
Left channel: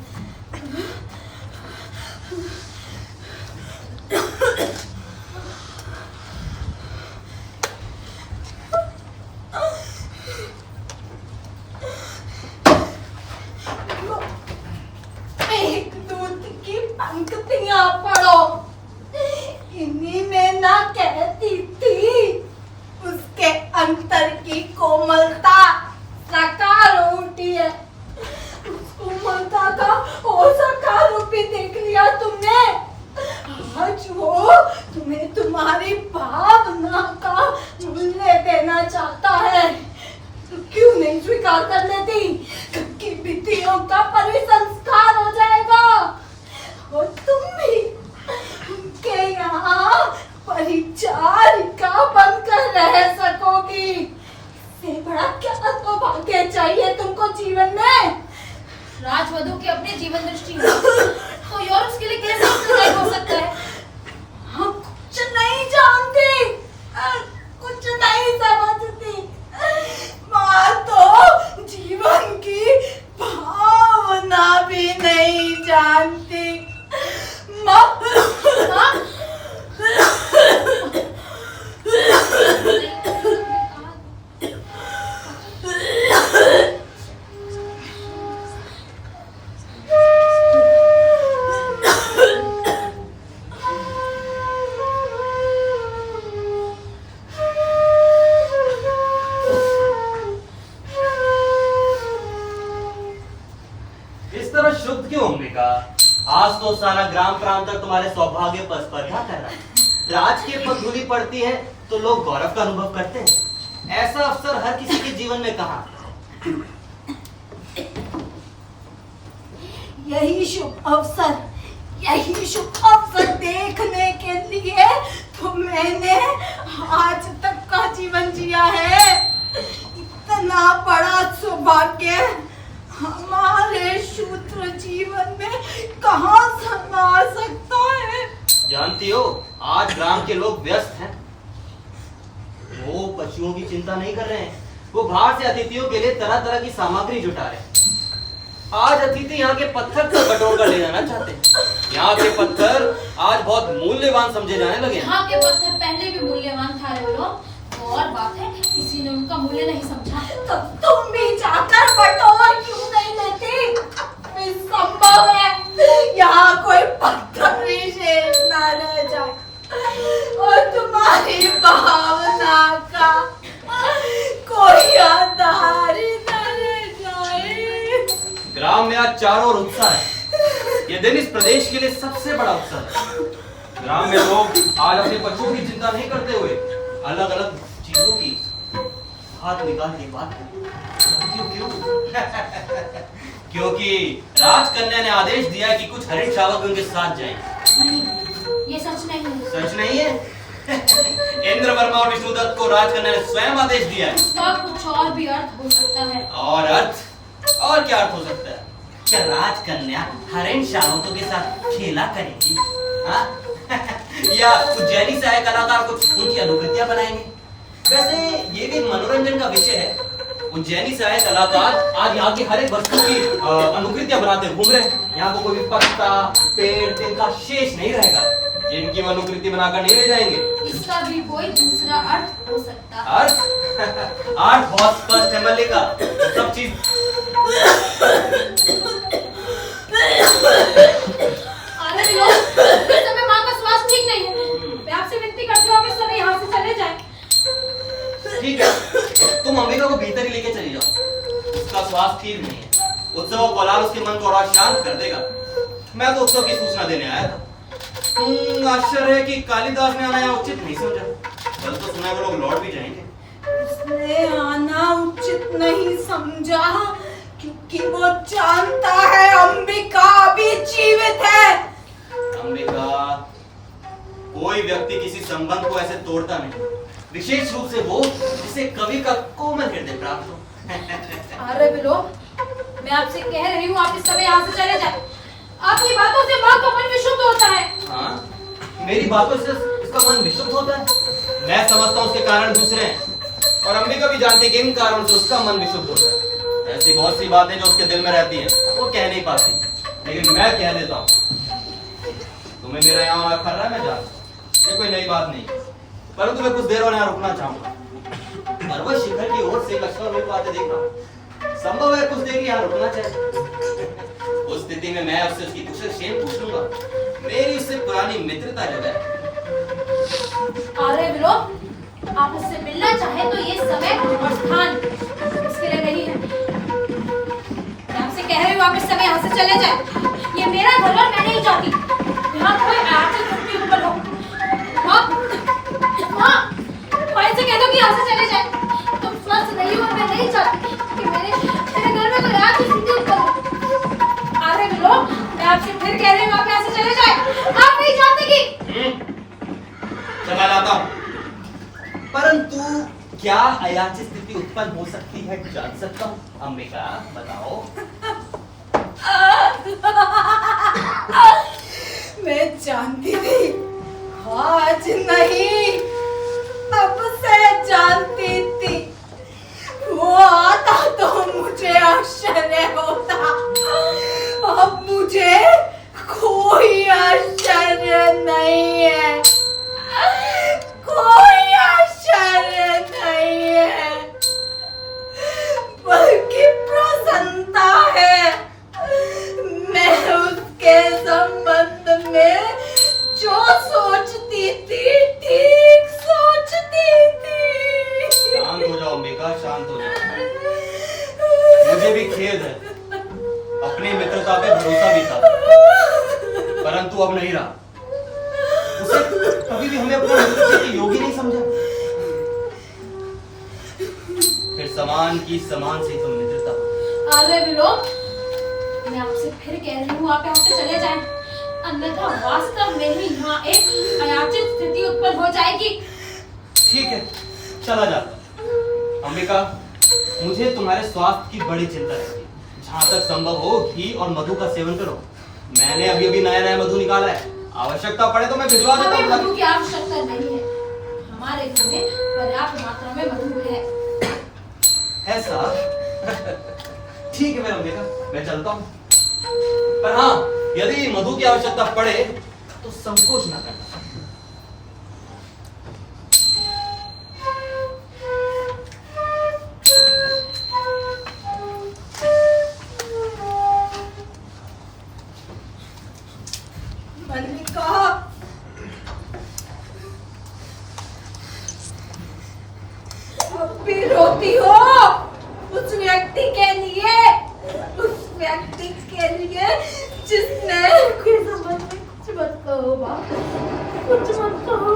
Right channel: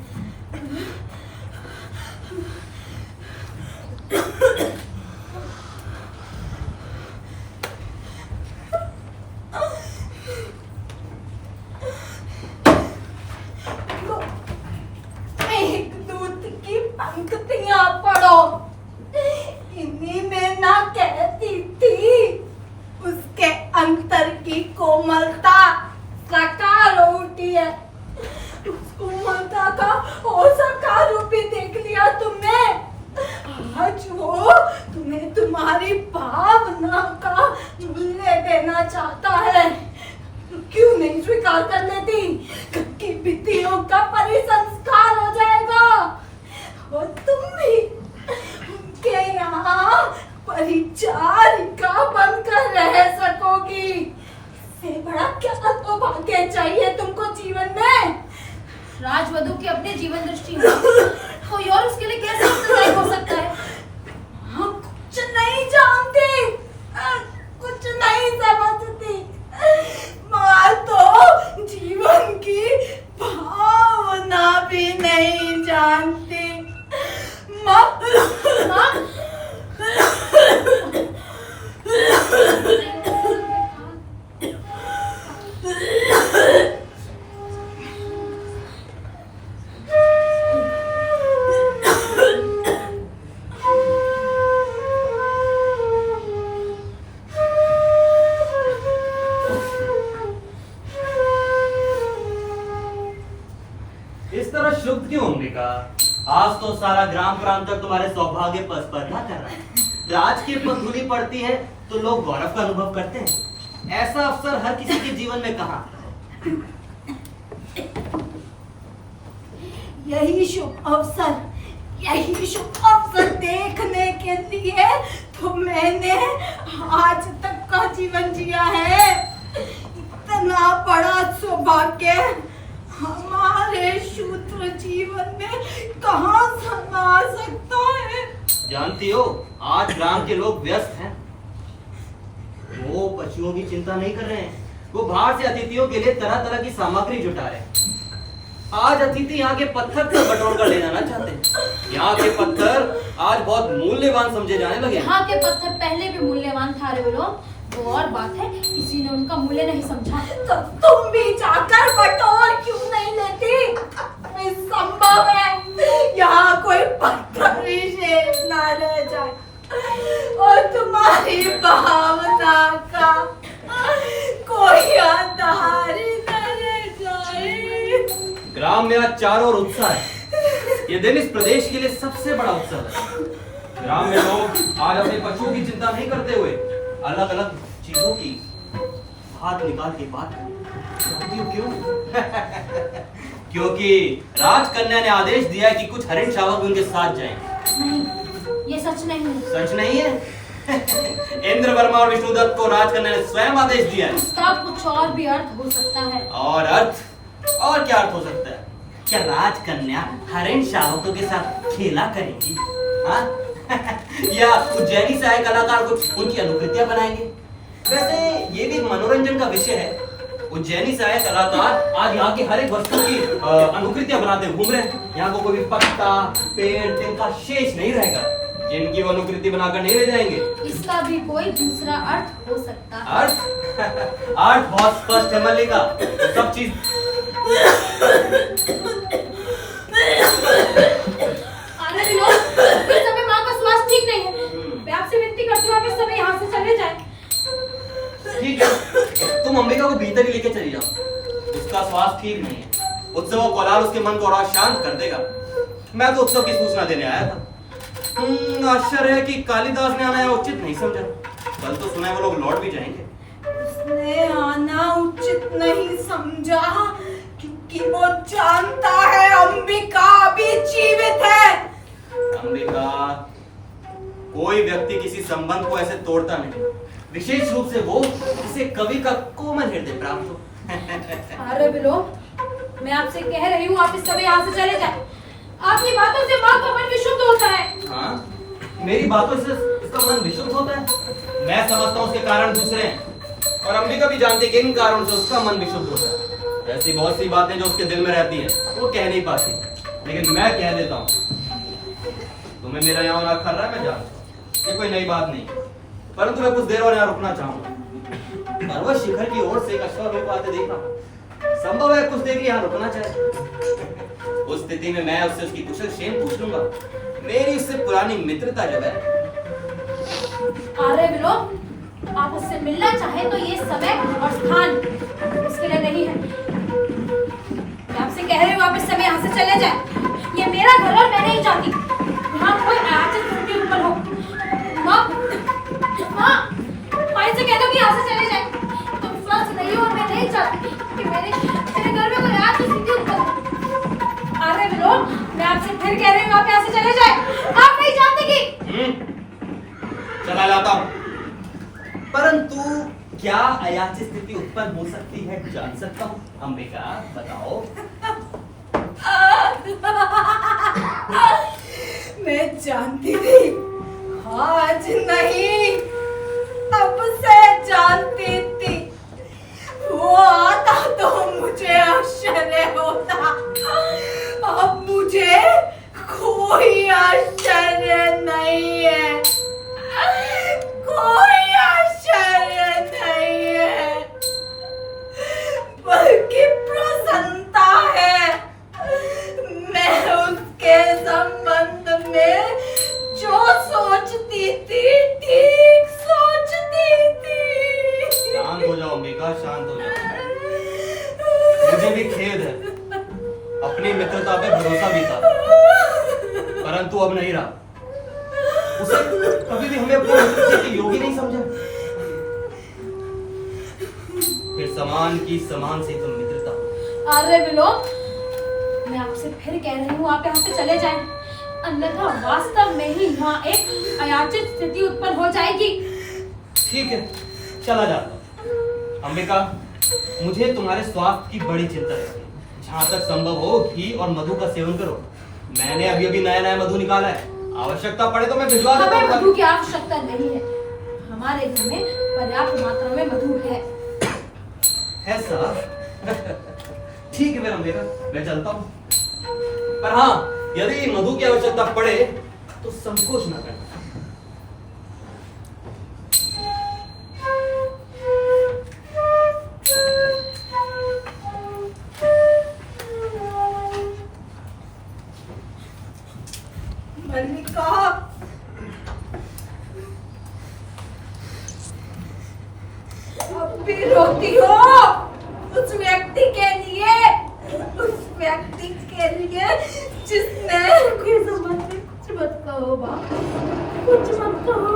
एक दूध की पंक्तियां पढ़ो। इन्हीं में ना कहती थी उसके अंतर की कोमलता साकार हो उठी है। उस कोमलता का और साकार रूप भी देख लिया तुमने। आज वो तुम्हें तुम्हारी भावना का मूल्य देना चाहता है, तो क्यों नहीं स्वीकार कर लेती? की भित्तियों का परिसंस्कार हो जाएगा और तुम भी के यहाँ परिचारिका बनकर रह सकोगी। इससे बड़ा क्या सौभाग्य चाहिए तुमको जीवन में? राजवधु की अपने जीवन दृष्टि है, कोई और उसके लिए कैसे उत्तरदायी हो सकता है? हम कुछ नहीं जानती, कुछ नहीं समझती। माँ तो जीवन की भावना भावना भी नहीं जानती। माँ इस तरह शुद्ध क्यों अंबिका? आज तो सारा ग्राम प्रांत तुम्हारे सौभाग्य पर स्पर्धा कर रहा है। राजकीय पर धूली पड़ती है तो लोग गौरव का अनुभव करते हैं। ऐसा अवसर हर किसी के जीवन में कहाँ? यही शुभ अवसर देखने के लिए तो मैंने आज तक का जीवन जिया है। इतना बड़ा सौभाग्य हमारे शूद्र जीवन में कहाँ समा सकता है? जानती हो, आज ग्राम के लोग व्यस्त हैं। वो पशुओं की चिंता नहीं कर रहे हैं, वो बाहर से अतिथियों के लिए तरह तरह की सामग्री जुटा रहे हैं। आज अतिथि यहाँ के पत्थर को बटोर कर ले जाना चाहते हैं। यहाँ के पत्थर आज बहुत मूल्यवान समझे जाने लगे हैं। यहाँ के पत्थर पहले भी मूल्यवान था रे लोग, तो और बात है किसी ने उनका मूल्य नहीं समझा। तो तुम भी जाकर बटोर क्यों नहीं लेती? संभव है यहाँ कोई पत्थर विशेष न रह जाए और तुम्हारी भावना का कोई आधार ही न रह जाए। ग्राम में आज चारों ओर उत्साह है। ये दिन इस प्रदेश के लिए सबसे बड़ा उत्सव है। ग्राम में लोग आज अपने पशुओं की चिंता नहीं करते हुए अलग अलग चीजों की हाथ निकाल के बात करती हो। क्यों? क्योंकि राजकन्या ने आदेश दिया है कि कुछ हरिण शावक उनके साथ जाएं। नहीं, ये सच नहीं है। सच नहीं है? इंद्र वर्मा और विष्णुदत्त को राजकन्या ने स्वयं आदेश दिया है। उसका कुछ और भी अर्थ हो सकता है। और अर्थ? और क्या अर्थ हो सकता है? क्या राजकन्या हरिण शावकों के साथ खेला करेगी? हाँ? या उज्जैनी से आए कलाकार कुछ उनकी अनुकृतियां बनाएंगे? वैसे ये भी मनोरंजन का विषय है। उज्जैनी से आए कलाकार आज यहाँ की हर एक वस्तु की अनुकृतियां बनाते घूम रहे हैं। यहाँ को कोई भी पत्ता, पेड़, तिनका शेष नहीं रहेगा जिनकी अनुकृति बनाकर नहीं ले जाएंगे। इसका भी कोई दूसरा अर्थ हो सकता है। अर्थ? अर्थ बहुत स्पष्ट है मल्लिका। सब चीज आनंद लो, इस समय माँ का स्वास्थ्य ठीक नहीं है। मैं आपसे विनती करती हूँ आप इस समय यहाँ से चले जाएं। ठीक है, तुम अंबिका को भीतर ही लेके चली जाओ। उसका स्वास्थ्य ठीक नहीं है। उत्सव और कोलाहल उसके मन को और शांत कर देगा। मैं तो उत्सव की सूचना देने आया था। आश्चर्य है कि कालिदास ने आना उचित नहीं समझा। कल तो सुना है वो लोग लौट भी जाएंगे। उसने आना उचित नहीं समझा क्योंकि वो जानता है अंबिका अभी जीवित है। अंबिका, कोई व्यक्ति किसी संबंध को ऐसे तोड़ता नहीं, विशेष रूप से वो जिसे कवि का कोमल हृदय प्राप्त हो। अरे बिलो, मैं आपसे कह रही हूँ आप इस समय यहाँ से चले जाएं। आपकी बातों से माँ का मन विशुद्ध होता है। हाँ? मेरी बातों से इसका मन विशुद्ध होता है? मैं समझता हूँ उसके कारण दूसरे हैं और अंबिका भी जानती है कि इन कारणों से उसका मन विशुद्ध होता है। ऐसी बहुत सी बातें जो उसके दिल में रहती हैं वो कह नहीं पाती, लेकिन मैं कह देता हूँ। तुम्हें मेरा यहाँ आना खर्रा मैं जानता हूँ, ये कोई नई बात नहीं, परंतु मैं कुछ देर और यहाँ रुकना चाहूंगा। पर्वत शिखर की ओर से एक अश्वारोही को आते देखा। संभव है कुछ देर यहाँ रुकना चाहे। उस स्थिति में मैं उससे उसकी कुशल क्षेम पूछ लूंगा। मेरी उससे पुरानी मित्रता जब है। अरे बिलो, आप उससे मिलना चाहे तो ये समय और स्थान इसके लिए नहीं है। मैं आपसे कह रही हूँ आप इस समय यहाँ से चले जाएं। ये मेरा घर और मैं नहीं चाहती यहाँ कोई आयातित मृत्यु ऊपर हो। माँ इनसे कह दो कि यहाँ से चले जाएं। तुम स्वस्थ नहीं हो और मैं नहीं चाहती कि मेरे घर में कोई आयातित मृत्यु ऊपर हो। अरे बिलो, मैं आपसे फिर कह रही हूँ आप यहाँ से चले जाएं। आप नहीं चाहते कि चला लाता हूँ, परंतु क्या अयाचित स्थिति उत्पन्न हो सकती है जान सकता हूँ? अंबिका बताओ। मैं जानती थी, आज नहीं तब से जानती थी। वो आता तो मुझे आश्चर्य होता, परंतु अब नहीं रहा। उसे कभी भी हमने अपने मनुष्य के योग्य नहीं समझा। फिर समान की समान से तो मित्रता। अरे विलोम, मैं आपसे फिर कह रही हूँ आप यहाँ से चले जाएं, अन्यथा वास्तव में ही यहाँ एक अयाचित स्थिति उत्पन्न हो जाएगी। ठीक है, चला जाता। अंबिका, मुझे तुम्हारे स्वास्थ्य की बड़ी चिंता है। जहाँ तक संभव हो घी और मधु का सेवन करो। मैंने अभी अभी नया नया मधु निकाला है, आवश्यकता पड़े तो मैं भिजवा दूंगा। हमें मधु की आवश्यकता नहीं है, हमारे घर में पर्याप्त मात्रा में मधु है। ऐसा? ठीक है मेरा अंबिका, मैं चलता हूँ। पर हाँ, यदि मधु की आवश्यकता पड़े तो संकोच न करना। मल्लिका, अब भी रोती हो उस व्यक्ति के लिए, उस व्यक्ति के लिए जिसने के संबंध में कुछ मत कहो बाप, कुछ मत कहो।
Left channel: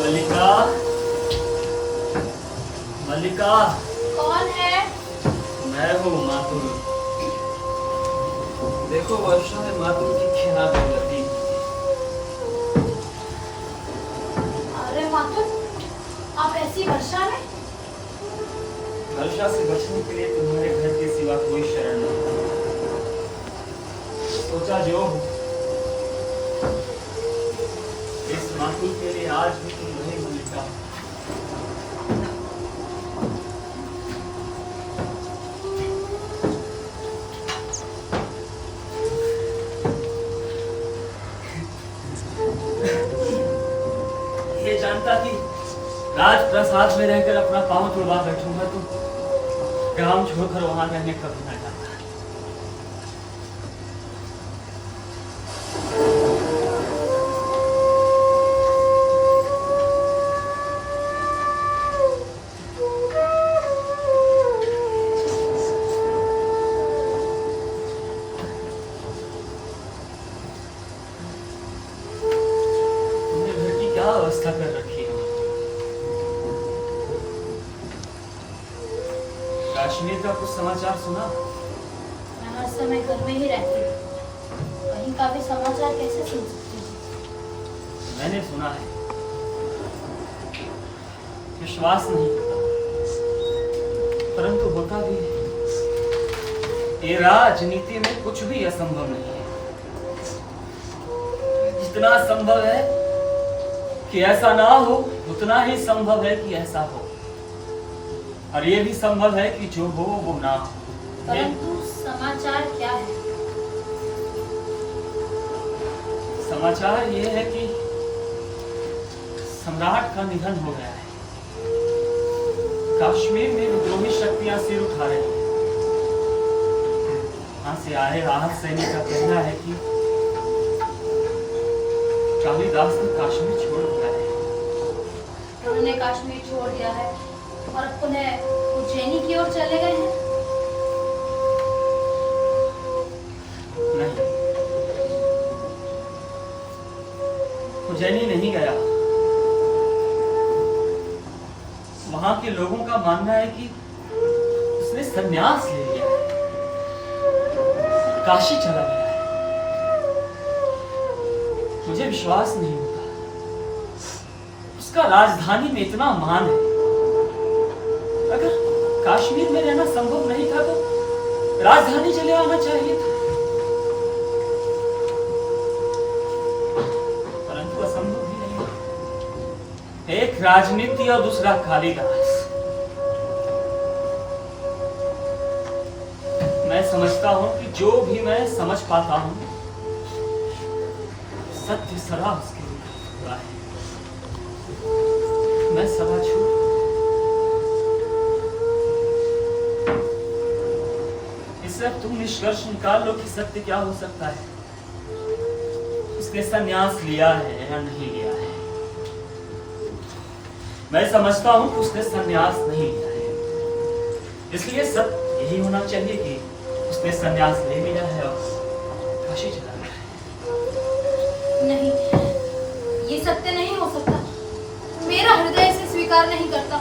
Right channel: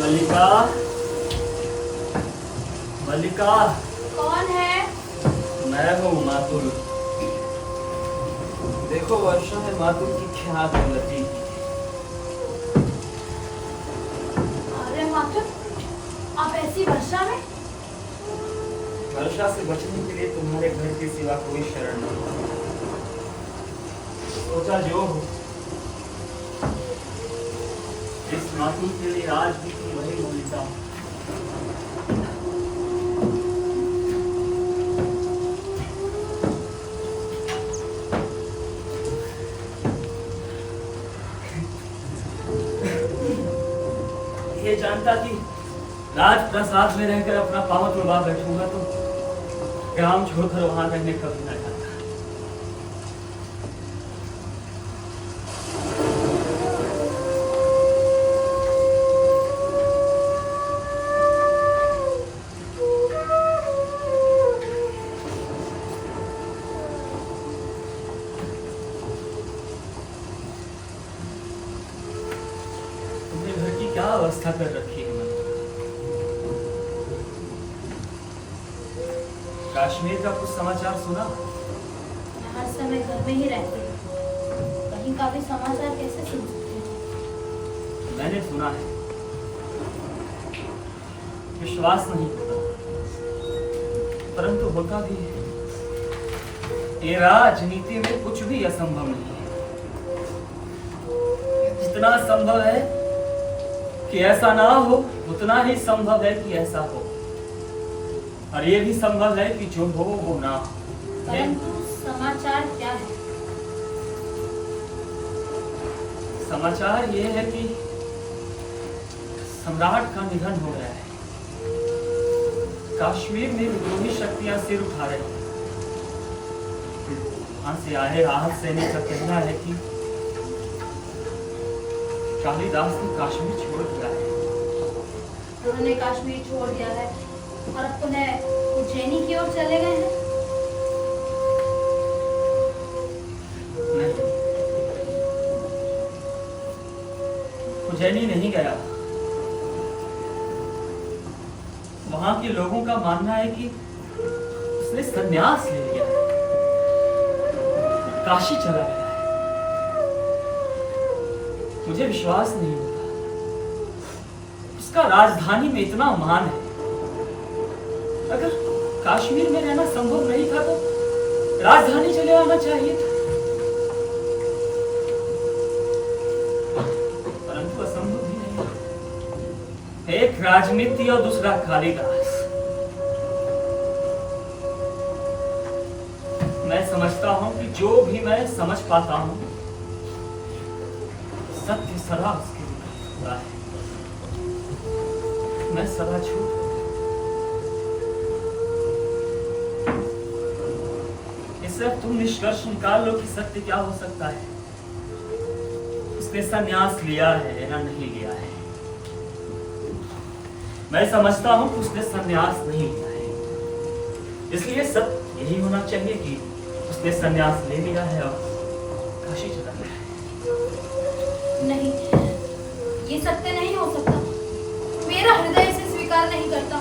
मल्लिका, मल्लिका, कौन है? मैं हूँ मातुल। देखो वर्षा है मातुल की क्या दौलती। अरे मातुल, आप ऐसी वर्षा में? वर्षा से बचने के लिए तुम्हारे घर के सिवा कोई शरण नहीं। सोचा जो हो, इस मातुल के लिए आज भी तुम वही मल्लिका। ये जानता कि राजप्रसाद में रहकर अपना पांव तुड़वा बैठूंगा तो ग्राम छोड़कर वहां रहने कभी ना जाता। तुमने घर की क्या अवस्था कर रखी है मल्लिका? कश्मीर का कुछ समाचार सुना? मैं हर समय घर में ही रहती हूँ, कहीं का भी समाचार कैसे सुन सकती हूँ? मैंने सुना है, विश्वास नहीं होता, परंतु होता भी है। ये राजनीति में कुछ भी असंभव नहीं है। जितना संभव है कि ऐसा ना हो, उतना ही संभव है कि ऐसा हो, और ये भी संभव है कि जो हो वो ना हो। परंतु समाचार क्या है? समाचार ये है कि सम्राट का निधन हो गया है। कश्मीर में विद्रोही शक्तियां सिर उठा रही हैं। वहां से आए राहत सैनिक का कहना है कि कालिदास ने कश्मीर छोड़ दिया है। उन्होंने कश्मीर छोड़ दिया है और अब पुनः उज्जैनी की ओर चले गए हैं। नहीं, उज्जैनी नहीं गया। वहां के लोगों का मानना है कि उसने संन्यास ले लिया है, काशी चला गया है। मुझे विश्वास नहीं होता। उसका राजधानी में इतना मान है। अगर कश्मीर में रहना संभव नहीं था तो राजधानी चले आना चाहिए था। परंतु असंभव भी नहीं है। एक राजनीति और दूसरा कालिदास। मैं समझता हूं कि जो भी मैं समझ पाता हूं, सत्य सदा उसके लिए होता है। मैं सदा झूठ। इससे अब तुम निष्कर्ष निकाल लो कि सत्य क्या हो सकता है। उसने संन्यास लिया है या नहीं लिया है। मैं समझता हूं कि उसने संन्यास नहीं लिया है, इसलिए सत्य यही होना चाहिए कि उसने संन्यास ले लिया है और काशी चला गया है। नहीं, ये सत्य नहीं हो सकता। मेरा हृदय इसे स्वीकार नहीं करता।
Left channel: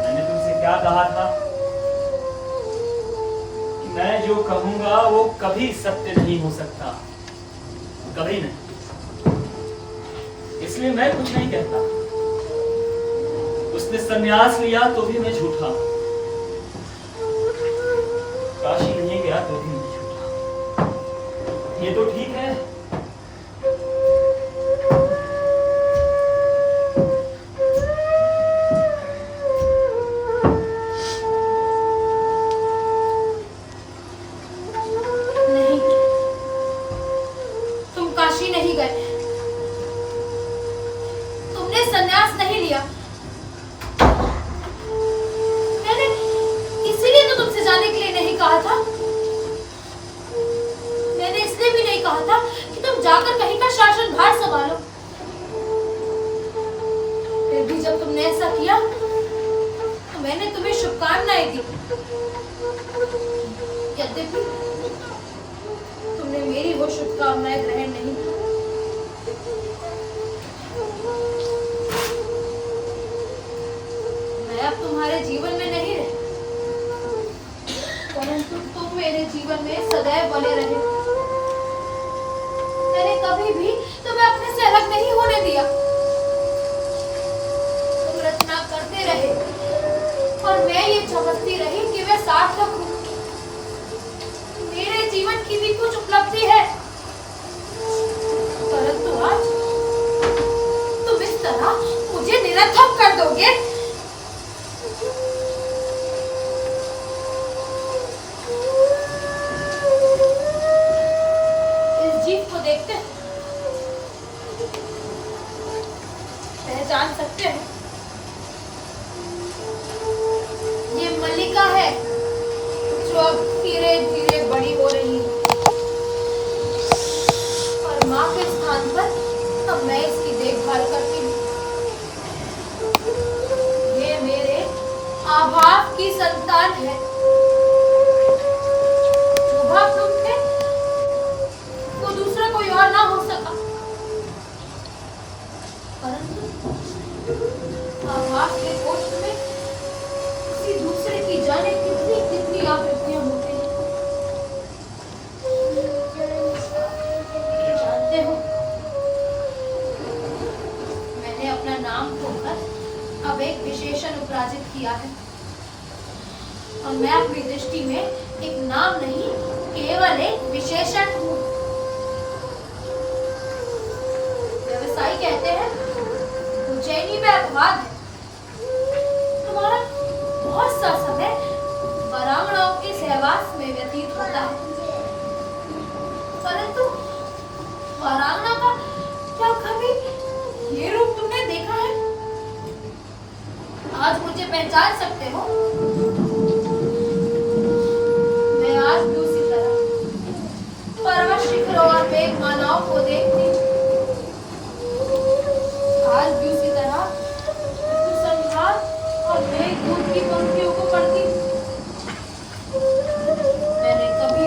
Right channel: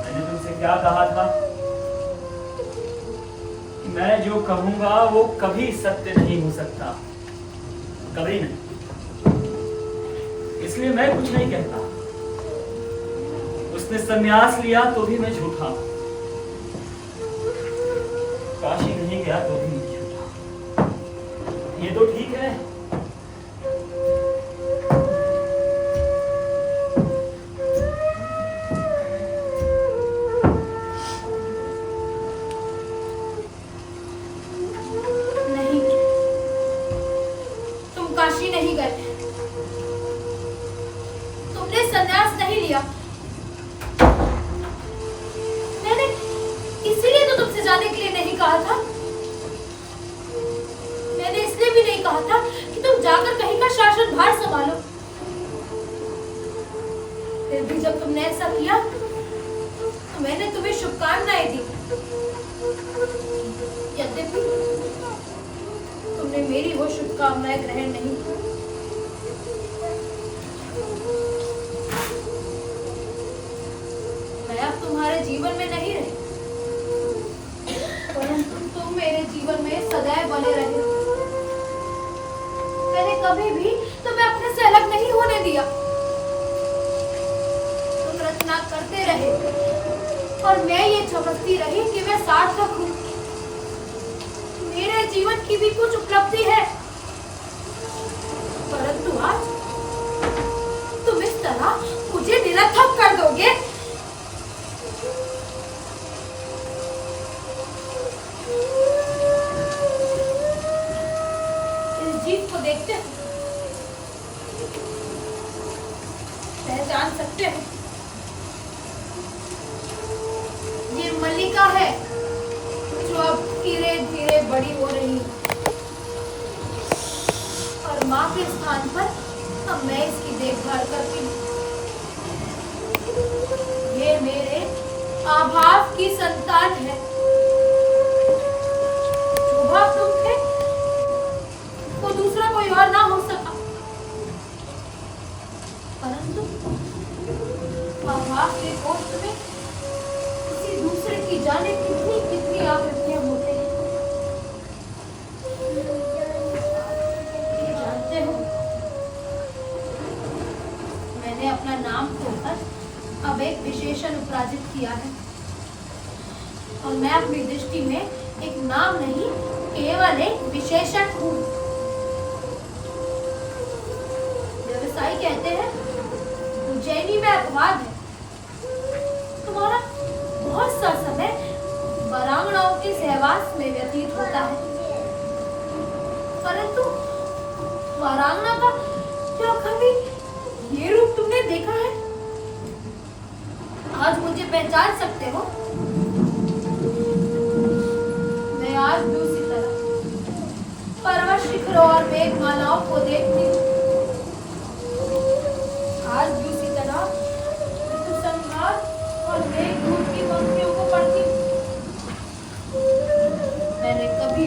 मैंने तुमसे क्या कहा था कि मैं जो कहूंगा वो कभी सत्य नहीं हो सकता, कभी नहीं। इसलिए मैं कुछ नहीं कहता। उसने संन्यास लिया तो भी मैं झूठा, काशी नहीं गया तो भी मैं झूठा। ये तो ठीक है। नहीं, तुम काशी नहीं गए। तुमने संन्यास नहीं लिया। मैंने इसीलिए तो तुमसे जाने के लिए नहीं कहा था। मैंने इसलिए भी नहीं कहा था कि तुम जाकर कहीं का शासन भार संभालो। फिर भी जब तुमने ऐसा किया तो मैंने तुम्हें शुभकामनाएं दी। यद्यपि तुमने मेरी वो शुभकामनाएं ग्रहण नहीं की। मैं अब तुम्हारे जीवन में नहीं रही, परंतु तुम मेरे जीवन में सदैव बने रहे। मैंने कभी भी तुम्हें अपने से अलग नहीं होने दिया। तुम रचना करते रहे और मैं ये समझती रही कि मैं सार्थक हूँ। मेरे जीवन की भी कुछ उपलब्धि है, परंतु आज तुम इस तरह मुझे निरर्थक कर दोगे। इस जीव को देखते हो, पहचान सकते हो। ये मल्लिका है जो अब धीरे धीरे बड़ी हो रही है और माँ के स्थान पर अब मैं इसकी देखभाल करती हूँ। ये मेरे आभाव की संतान है। जो भाव तुम थे वो दूसरा कोई और ना हो सका, परंतु आभाव के कोष्ठ में किसी दूसरे की जाने कितनी कितनी आवृत्तियां होते हैं। जानते हो, मैंने अपना नाम खोकर अब एक विशेषण उपराजित किया है और मैं अपनी दृष्टि में एक नाम नहीं, केवल एक विशेषण हूँ। व्यवसायी कहते हैं उज्जैनी में अपवाद है, तुम्हारा बहुत सा समय वीरांगनाओं के सहवास में व्यतीत होता है, परंतु वीरांगना का क्या कभी ये रूप तुमने देखा है? आज मुझे पहचान सकते हो? मैं आज भी उसी तरह पर्वत शिखरों और मेघमालाओं को देखती हूँ। आज भी उसी तरह ऋतुसंहार और मेघदूत की पंक्तियों को पढ़ती हूँ। मैंने कभी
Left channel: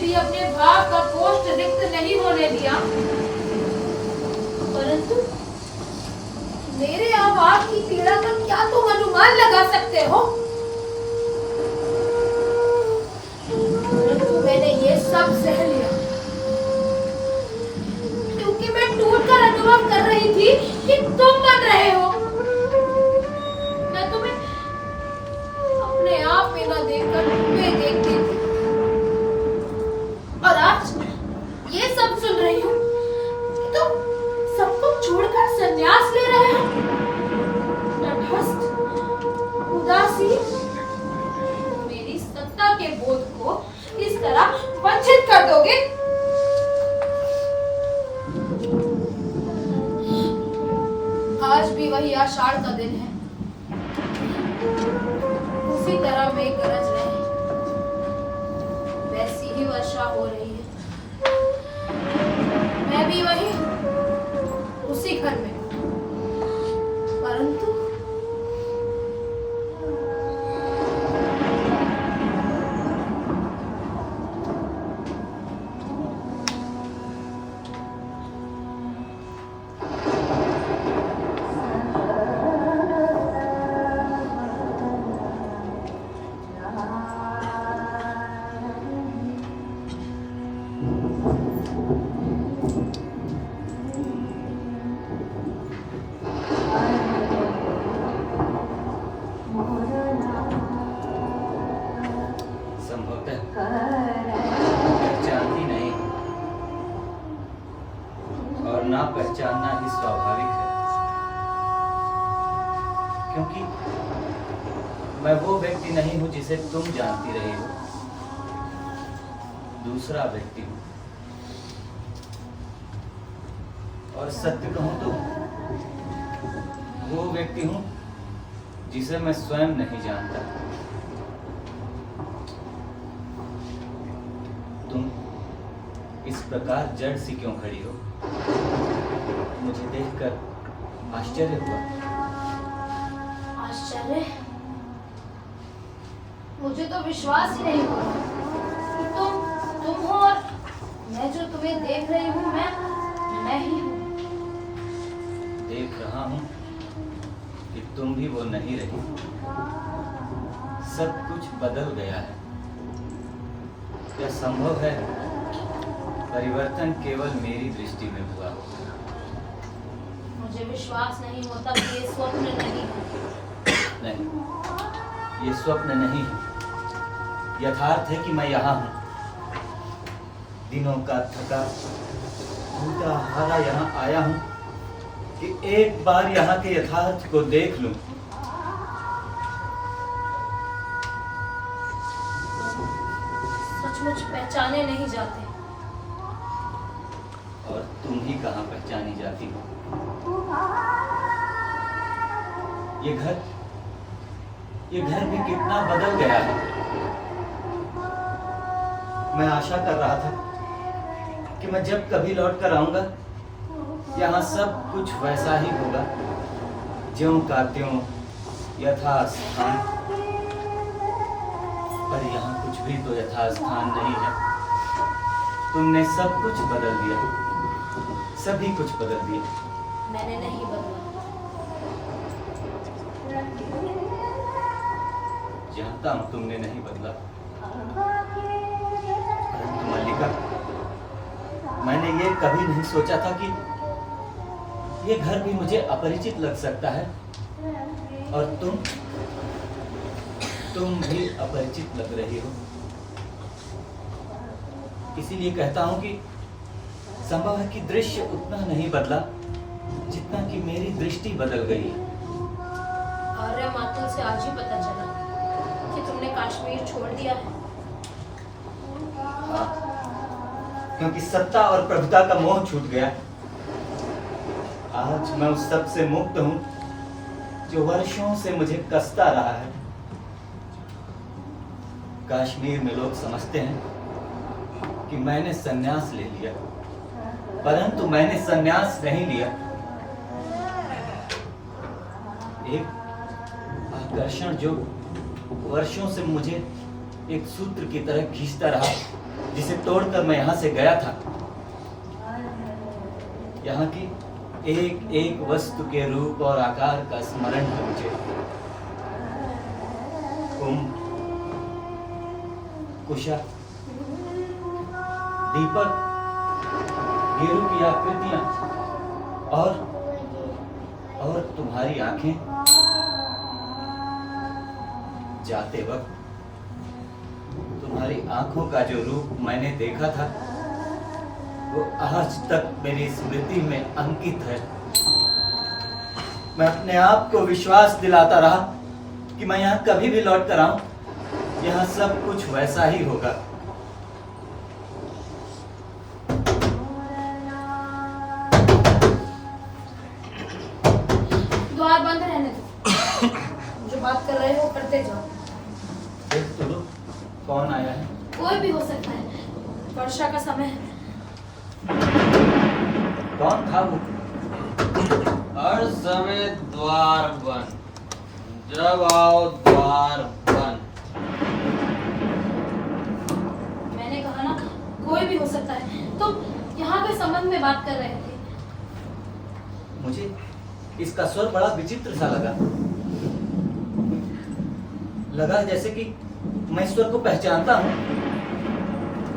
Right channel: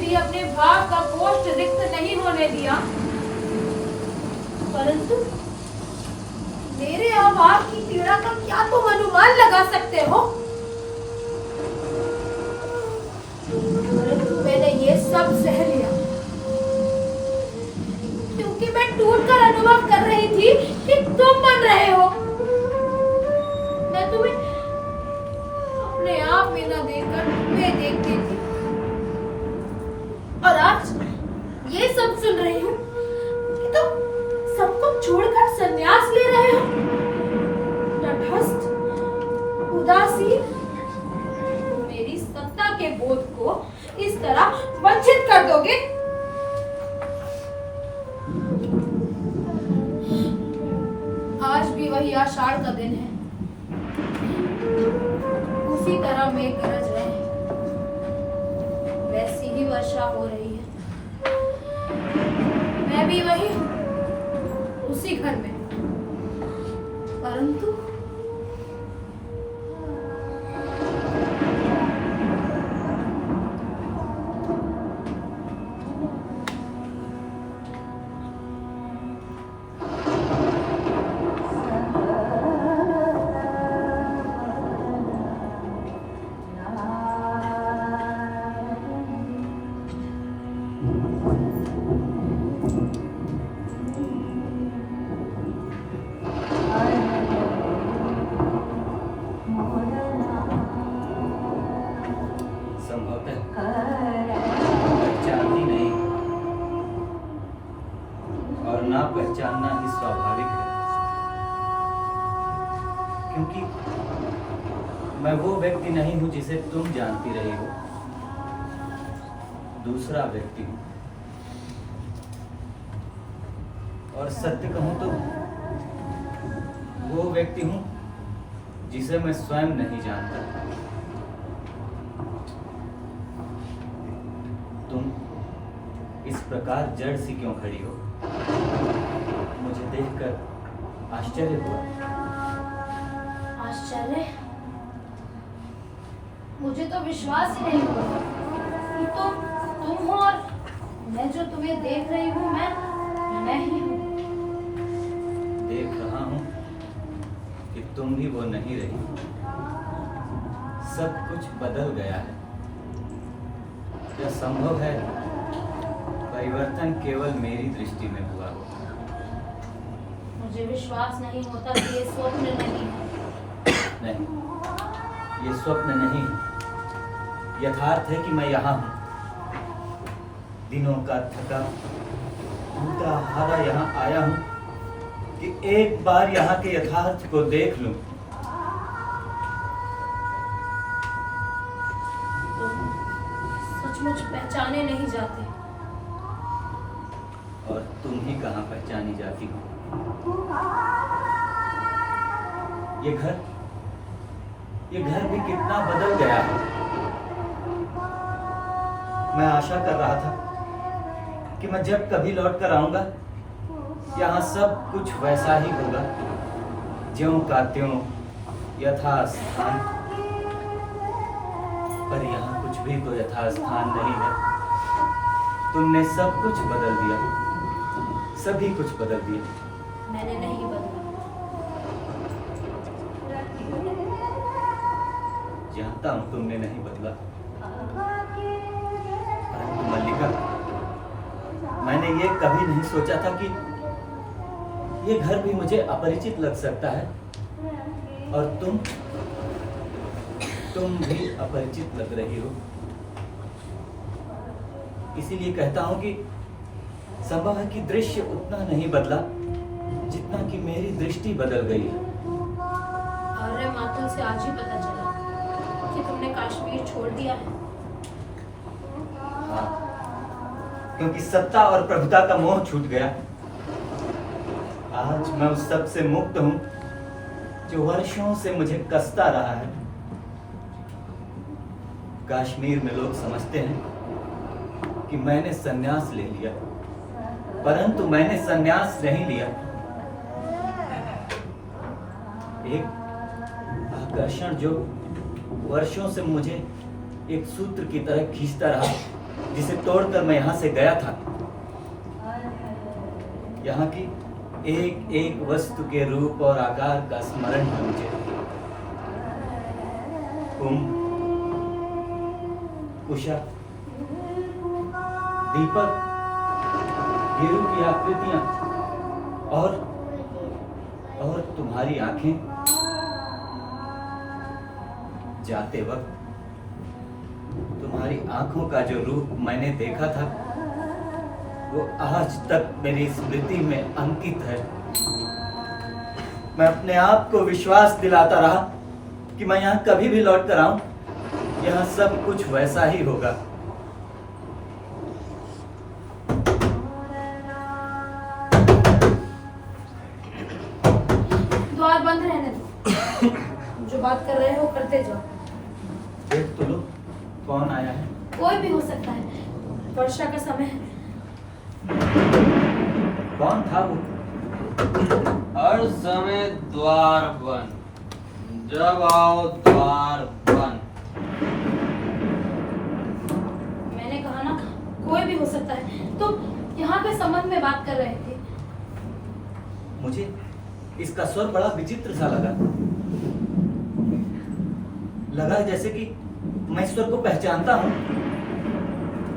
भी अपने भाव का पोस्ट रिक्त नहीं होने दिया, परंतु मेरे अभाव की पीड़ा का क्या तुम अनुमान लगा सकते हो? परंतु मैंने ये सब सह लिया क्योंकि मैं टूटकर अनुभव कर रही थी कि तुम बन रहे हो। मैं तुम्हें अपने आप में न देखकर तुम्हें देखती थी, और आज ये सब सुन रही हूँ कि तुम सब कुछ छोड़कर संन्यास ले रहे हो। तटस्थ, उदासीन, मेरी सत्ता के बोध को इस तरह वंचित कर दोगे? आज भी वही आषाढ़ का दिन है, उसी तरह मेघ गरज रहे हैं, वैसी ही वर्षा हो रही है। मैं भी वही उसी घर में, परंतु संभवतः पहचानती नहीं और ना पहचानना ही स्वाभाविक है, क्योंकि मैं वो व्यक्ति नहीं हूं जिसे तुम जानती रही हो। दूसरा व्यक्ति हूं, और सत्य कहूं तो वो व्यक्ति हूं जिसे मैं स्वयं नहीं जानता। तुम इस प्रकार जड़ सी क्यों खड़ी हो? मुझे देखकर आश्चर्य हुआ। आश्चर्य? मुझे तो विश्वास ही नहीं हो रहा कि तुम हो, और मैं जो तुम्हें देख रही हूँ मैं ही हूँ। देख रहा हूं कि तुम भी वो नहीं रही। सब कुछ बदल गया है। क्या संभव है परिवर्तन केवल मेरी दृष्टि में हुआ हो? मुझे विश्वास नहीं होता कि ये स्वप्न नहीं है। नहीं, ये स्वप्न नहीं है। यथार्थ है कि मैं यहाँ हूँ। दिनों का थका टूटा हारा यहाँ आया हूँ कि एक बार यहाँ के यथार्थ को देख लूं। सचमुच पहचाने नहीं जाते। और तुम ही कहाँ पहचानी जाती हो? ये घर भी कितना बदल गया है। मैं आशा कर रहा था कि मैं जब कभी लौट कर आऊंगा यहाँ सब कुछ वैसा ही होगा, ज्यों का त्यों, यथास्थान। पर यहाँ कुछ भी तो यथास्थान नहीं है। तुमने सब कुछ बदल दिया, सभी कुछ बदल दिया। मैंने नहीं बदला। जानता हूं तुमने नहीं बदला, परंतु मल्लिका, मैंने ये कभी नहीं सोचा था कि ये घर भी मुझे अपरिचित लग सकता है, और तुम भी अपरिचित लग रही हो। इसीलिए कहता हूं कि संभव है कि दृश्य उतना नहीं बदला जितना कि मेरी दृष्टि बदल गई है। आर्य मातुल से आज ही पता चला कि तुमने कश्मीर छोड़ दिया है। हाँ, क्योंकि सत्ता और प्रभुता का मोह छूट गया। आज मैं उस सब से मुक्त हूं जो वर्षों से मुझे कसता रहा है। कश्मीर में लोग समझते हैं कि मैंने संन्यास ले लिया, परंतु मैंने संन्यास नहीं लिया। एक आकर्षण जो वर्षों से मुझे एक सूत्र की तरह खींचता रहा, जिसे तोड़कर मैं यहां से गया था। यहाँ की एक एक वस्तु के रूप और आकार का स्मरण है मुझे। कुंभ, कुशा, दीपक, गेरू की आकृतियां और तुम्हारी आंखें। जाते वक्त तुम्हारी आंखों का जो रूप मैंने देखा था वो आज तक मेरी स्मृति में अंकित है। मैं अपने आप को विश्वास दिलाता रहा कि मैं यहाँ कभी भी लौट कर आऊं, यहाँ सब कुछ वैसा ही होगा। द्वार बंद रहने दो। जो बात कर रहे हो करते जाओ। देख तो लो, कौन आया है? कोई भी हो सकता है, वर्षा का समय है। कौन था वो? हर समय द्वार बंद, जब आओ द्वार बंद। मैंने कहा ना, कोई भी हो सकता है। तुम यहाँ के संबंध में बात कर रहे थे। मुझे इसका स्वर बड़ा विचित्र सा लगा जैसे कि मैं ईश्वर को पहचानता हूँ।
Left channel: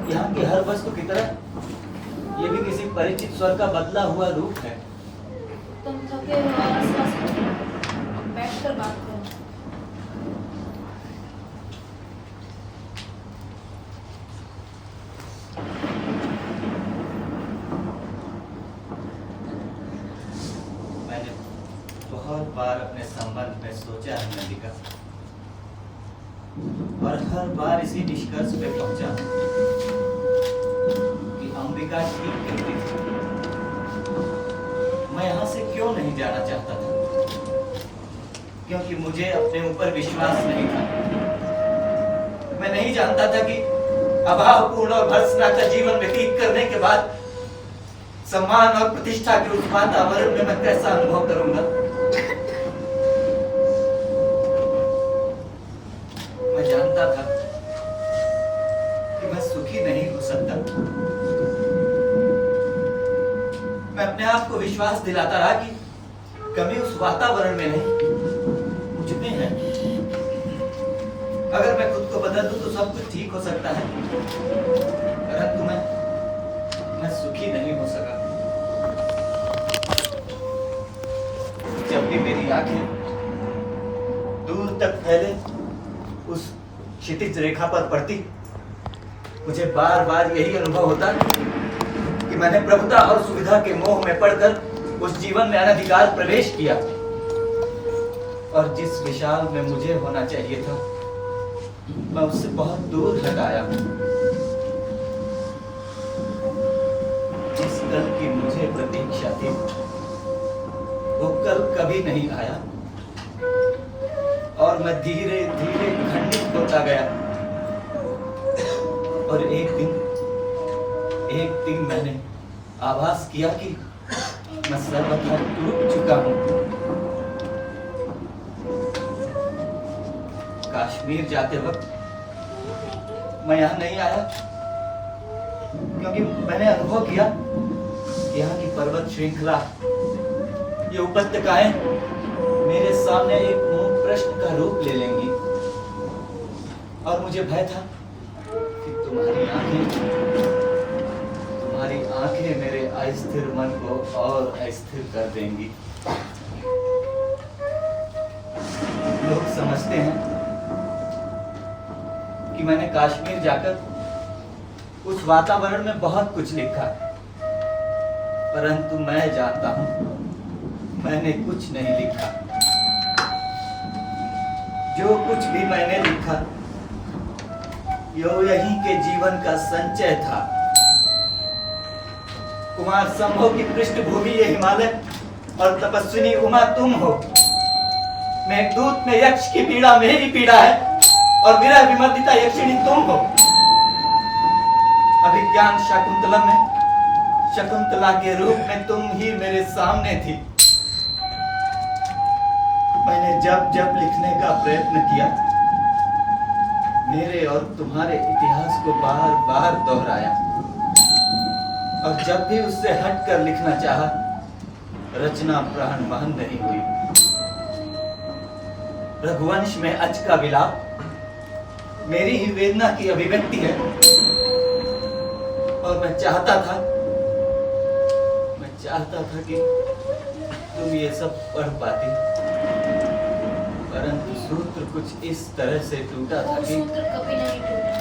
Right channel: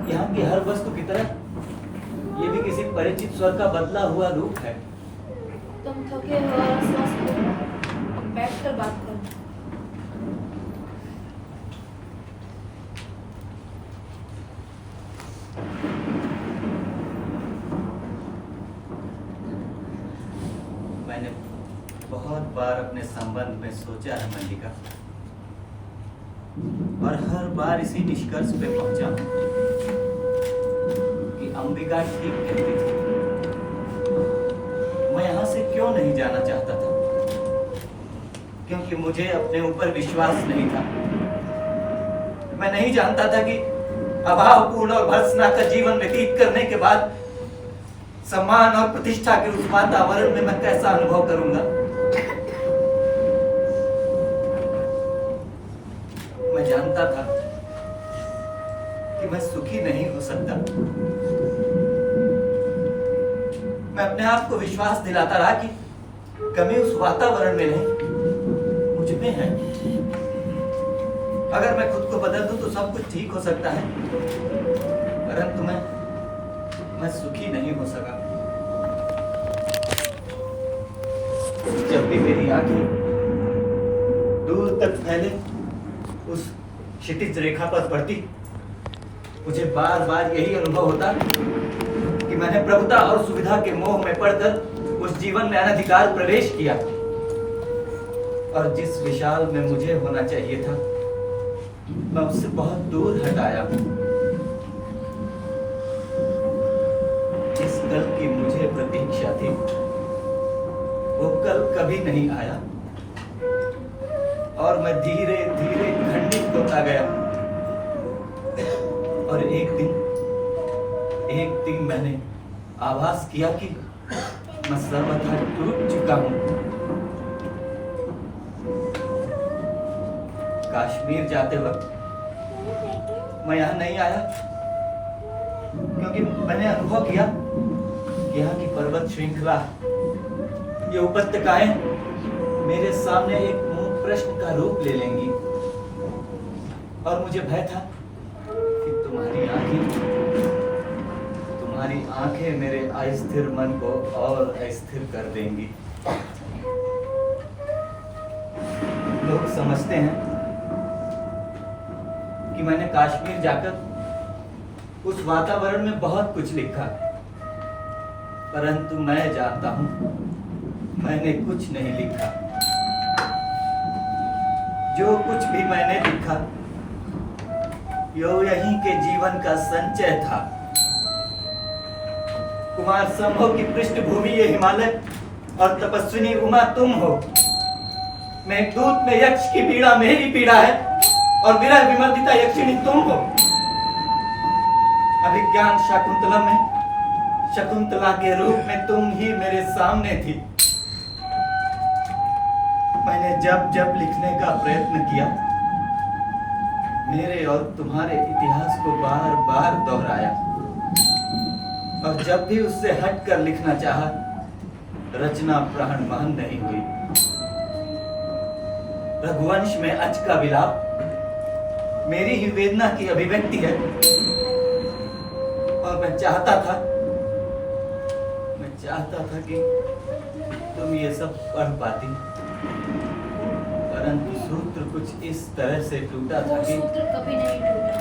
यहाँ की हर वस्तु की तरह ये भी किसी परिचित स्वर का बदला हुआ रूप है। तुम थके हो, अस्वस्थ हो, बैठकर बात करो। मैंने बहुत बार अपने संबंध में सोचा है मल्लिका, और हर बार इसी निष्कर्ष पे पहुंचा कि अंबिका ठीक कहती थी। मैं यहाँ से क्यों नहीं जाना चाहता था? क्योंकि मुझे अपने ऊपर विश्वास नहीं था। मैं नहीं जानता था कि अभावपूर्ण और भर्त्सना का जीवन व्यतीत करने के बाद सम्मान और प्रतिष्ठा के उस वातावरण में मैं कैसा अनुभव करूंगा। मैं जानता था कि मैं सुखी नहीं हो सकता। मैं अपने आप को विश्वास दिलाता रहा कि कमी उस वातावरण में नहीं, मुझ में है। अगर मैं खुद को बदल दूं तो सब कुछ ठीक हो सकता है, परंतु मैं सुखी नहीं हो सका। जब भी मेरी आंखें दूर तक फैले उस क्षितिज रेखा पर पड़ती, मुझे बार बार यही अनुभव होता कि मैंने प्रभुता और सुविधा के मोह में पड़कर उस जीवन में अनधिकार प्रवेश किया, और जिस विशाल में मुझे होना चाहिए था मैं उससे बहुत दूर हटाया हूं। जिस कल की मुझे प्रतीक्षा थी वो कल कभी नहीं आया, और मैं धीरे धीरे खंडित होता गया। और एक दिन मैंने आभास किया कि मैं सर्वथा टूट चुका हूं। कश्मीर जाते वक्त मैं यहाँ नहीं आया क्योंकि मैंने अनुभव किया कि यहाँ की पर्वत श्रृंखला, ये उपत्यकाएं मेरे सामने एक मूक प्रश्न का रूप ले लेंगी, और मुझे भय था कि तुम्हारी आंखें मेरे अस्थिर मन को और अस्थिर कर देंगी। लोग समझते हैं कि मैंने कश्मीर जाकर उस वातावरण में बहुत कुछ लिखा, परंतु मैं जानता हूं मैंने कुछ नहीं लिखा। जो कुछ भी मैंने लिखा यो यहीं के जीवन का संचय था। कुमार संभव की पृष्ठभूमि ये हिमालय और तपस्विनी उमा तुम हो। मेघदूत में यक्ष की पीड़ा मेरी पीड़ा है और विरह विमर्दिता यक्षिणी तुम हो। अभिज्ञान शकुंतलम में शकुंतला के रूप में तुम ही मेरे सामने थी। मैंने जब जब लिखने का प्रयत्न किया मेरे और तुम्हारे इतिहास को बार बार दोहराया और जब भी उससे हटकर लिखना चाहा रचना प्राण बहन नहीं हुई। रघुवंश में अच का विलाप मेरी ही वेदना की अभिव्यक्ति है और मैं चाहता था कि तुम ये सब पढ़ पाती, परंतु सूत्र कुछ इस तरह से टूटा था कि सूत्र कभी नहीं टूटा।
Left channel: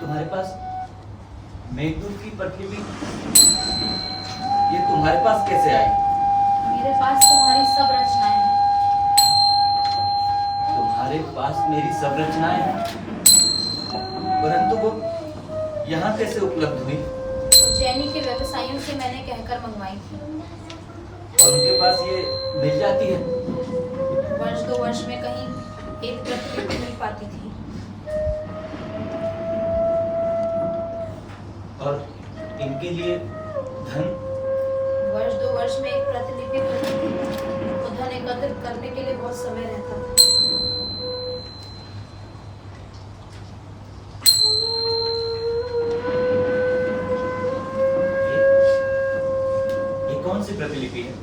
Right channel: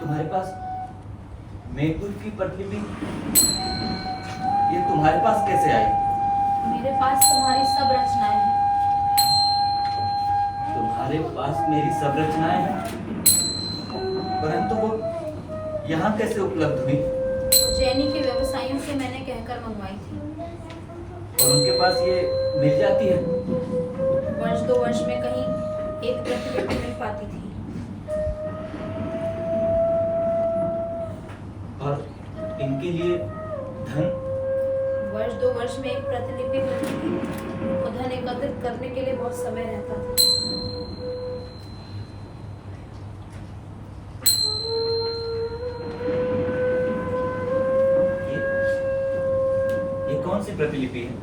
तुम्हारे पास मेघदूत की प्रतिलिपि ये तुम्हारे पास कैसे आई? मेरे पास तुम्हारी सब रचनाएं हैं। तुम्हारे पास मेरी सब रचनाएं हैं, परंतु वो यहाँ कैसे उपलब्ध हुई? उज्जैनी के व्यवसायियों से मैंने कहकर मंगवाई थी और उनके पास ये मिल जाती है? वर्ष 2 वर्ष में कहीं एक प्रतिलिपि मिल पाती थी। और इनके लिए धन? वर्ष 2 वर्ष में एक प्रतिलिपि बनती थी। वो धन एकत्रित करने के लिए बहुत समय रहता था। ये कौन सी प्रतिलिपि है?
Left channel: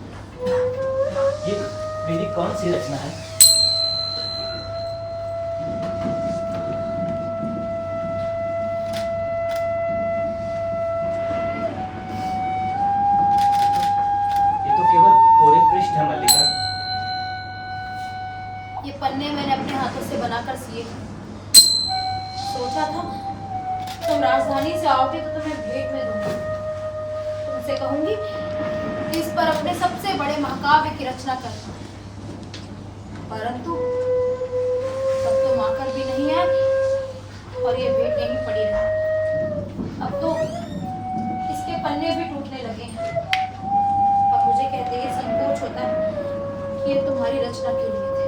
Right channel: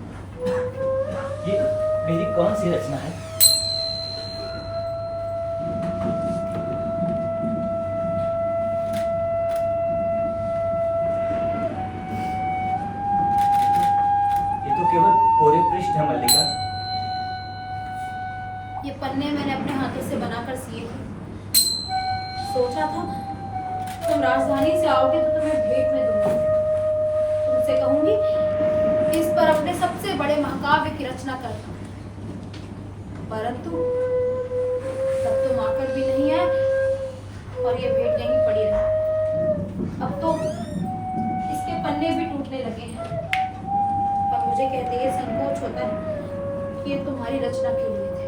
ये मेरी कौन सी रचना है? केवल कोरे पृष्ठ है मल्लिका। ये पन्ने मैंने अपने हाथों से बनाकर सिए थे। सोचा था तुम राजधानी से आओगे तो तुम्हें भेंट में दूंगी। तुमसे कहूंगी कि इस पर अपने सबसे बड़े महाकाव्य की रचना करना, परंतु तब तुम आकर भी नहीं आए और ये भेंट यहीं पड़ी रही। अब तो इसके पन्ने भी टूटने लगे हैं। अब मुझे कहते ये संकोच होता है कि ये तुम्हारी रचना के लिए थे।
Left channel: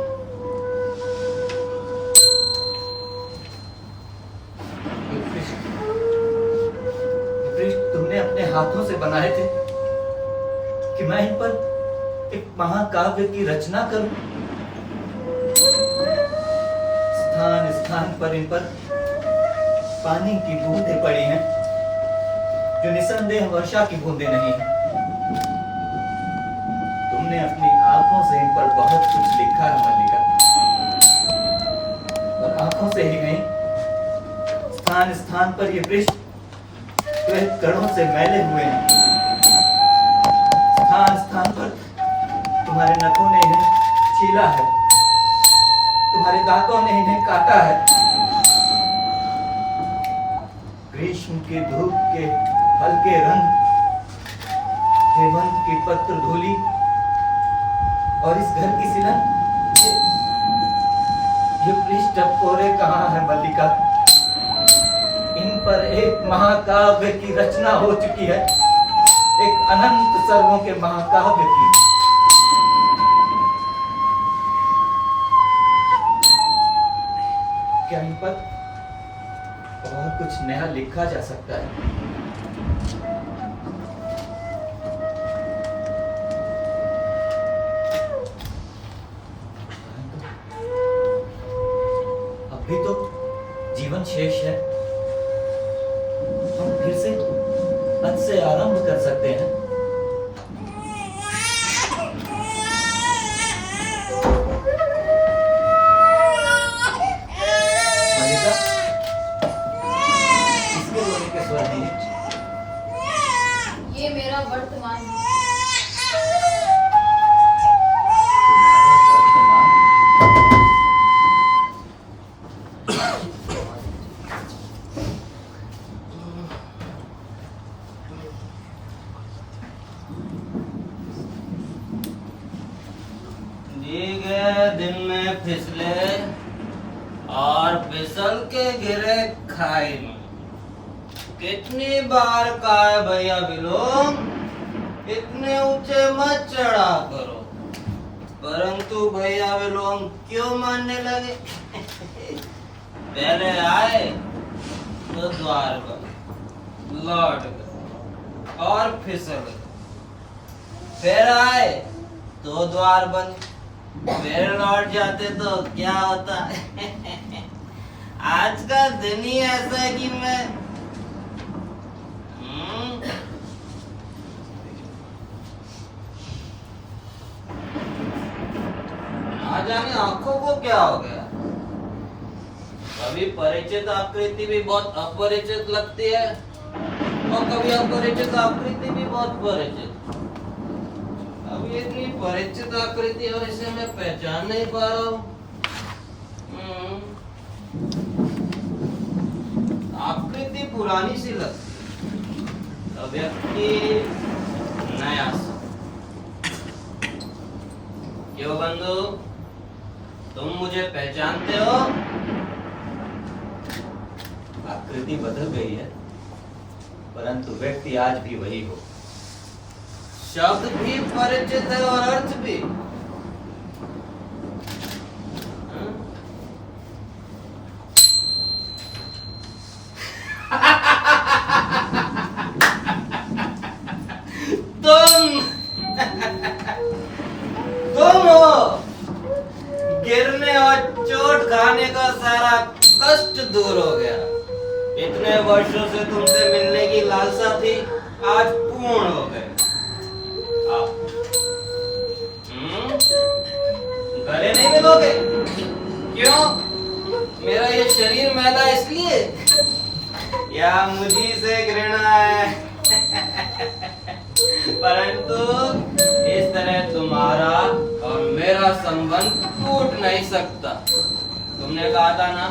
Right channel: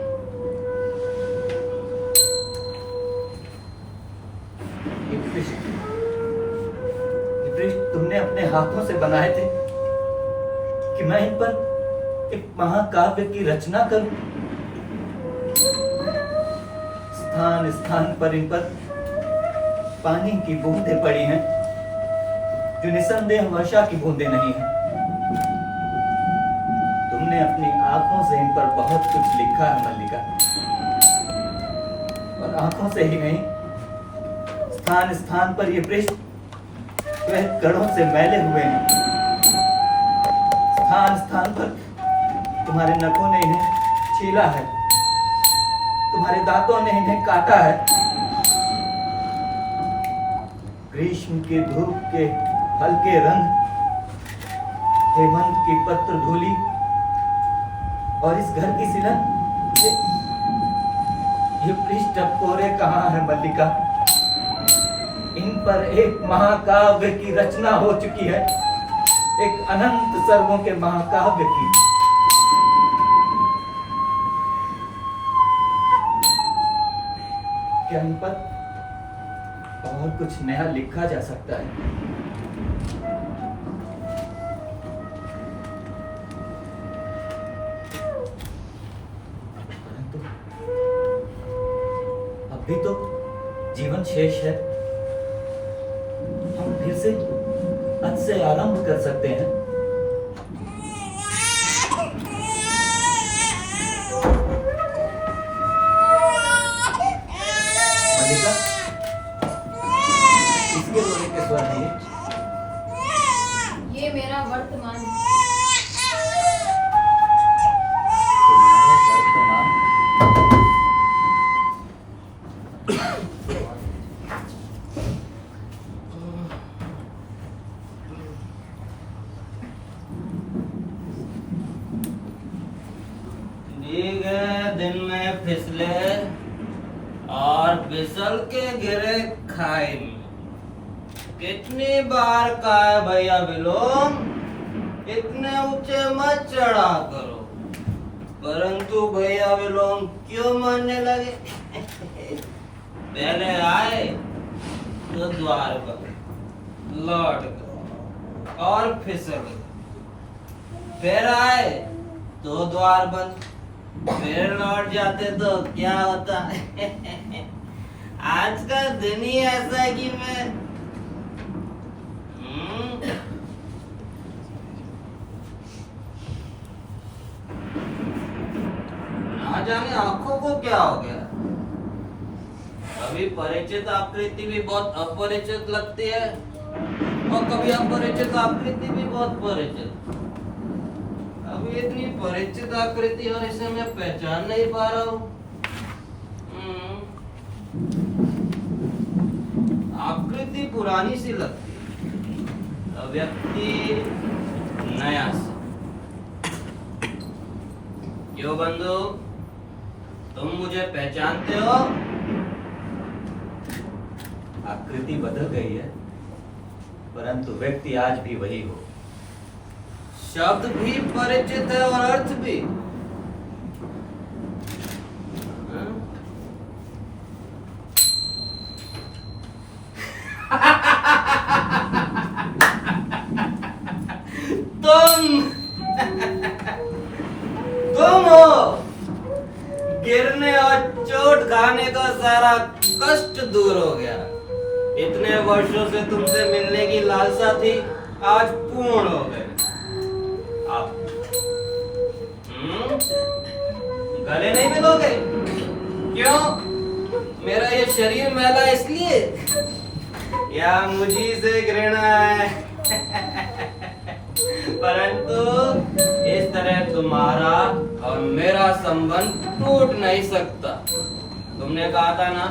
ये पृष्ठ तुमने अपने हाथों से बनाए थे कि मैं इन पर एक महाकाव्य की रचना करूं? स्थान स्थान पर इन पर पानी की बूंदें पड़ी हैं जो निसंदेह वर्षा की बूंदें नहीं हैं। तुमने अपनी आंखों से इन पर बहुत कुछ लिखा है मल्लिका, और आंखों से ही नहीं स्थान स्थान पर ये पृष्ठ श्वेत कणों से मैले हुए हैं। स्थान स्थान पर तुम्हारे नखों ने इन्हें छीला है, तुम्हारे दांतों ने इन्हें काटा है। ग्रीष्म के धूप के हल्के रंग, हेमंत की पत्र धूली और इस घर की सिलन, ये पृष्ठ अब कोरे कहाँ है मल्लिका? इन पर एक महाकाव्य की रचना हो चुकी है, एक अनंत सर्गों के महाकाव्य की। क्या इन पर बहुत कुछ नया लिखा जा सकता है? अभी तो जीवन शेष है, हम फिर से आज से आरंभ कर सकते हैं। मल्लिका, इसके रोने के स्वर नहीं है। ये मेरा वर्तमान है। तुम्हारा वर्तमान? दिन में फिसले और फिसल के गिरे खाई में। कितनी बार का है भैया विलोम, इतने ऊंचे मत चढ़ा करो। परंतु भैया विलोम क्यों मरने लगे? पहले आए तो द्वार पर लौट गए और फिसल गए, फिर आए तो द्वार बंद, फिर लौट जाते तो क्या होता? आज का दिन ही ऐसा है कि मैं ना जाने आंखों को क्या हो गया। कभी परिचित आकृति भी बहुत अपरिचित लगती है और कभी अपरिचित आकृति भी बहुत परिचित। अभी इतनी परिचित आकृति और इसे मैं पहचान नहीं पा रहा हूँ। आकृति पुरानी सी लगती है, व्यक्ति नया सा। क्यों बंधु, तुम मुझे पहचानते हो? आकृति बदल गई है, परंतु व्यक्ति आज भी वही हो। शब्द भी परिचित है और अर्थ भी। तुम हो। गिरने और चोट खाने का सारा कष्ट दूर हो गया। इतने वर्षों से तुमसे मिलने की लालसा थी, आज पूर्ण हो गई। गले नहीं मिलोगे? क्यों? मेरा ये शरीर मैला इसलिए या मुझी से घृणा है? परंतु इस तरह तुम्हारा और मेरा संबंध टूट नहीं सकता। तुमने कहा था ना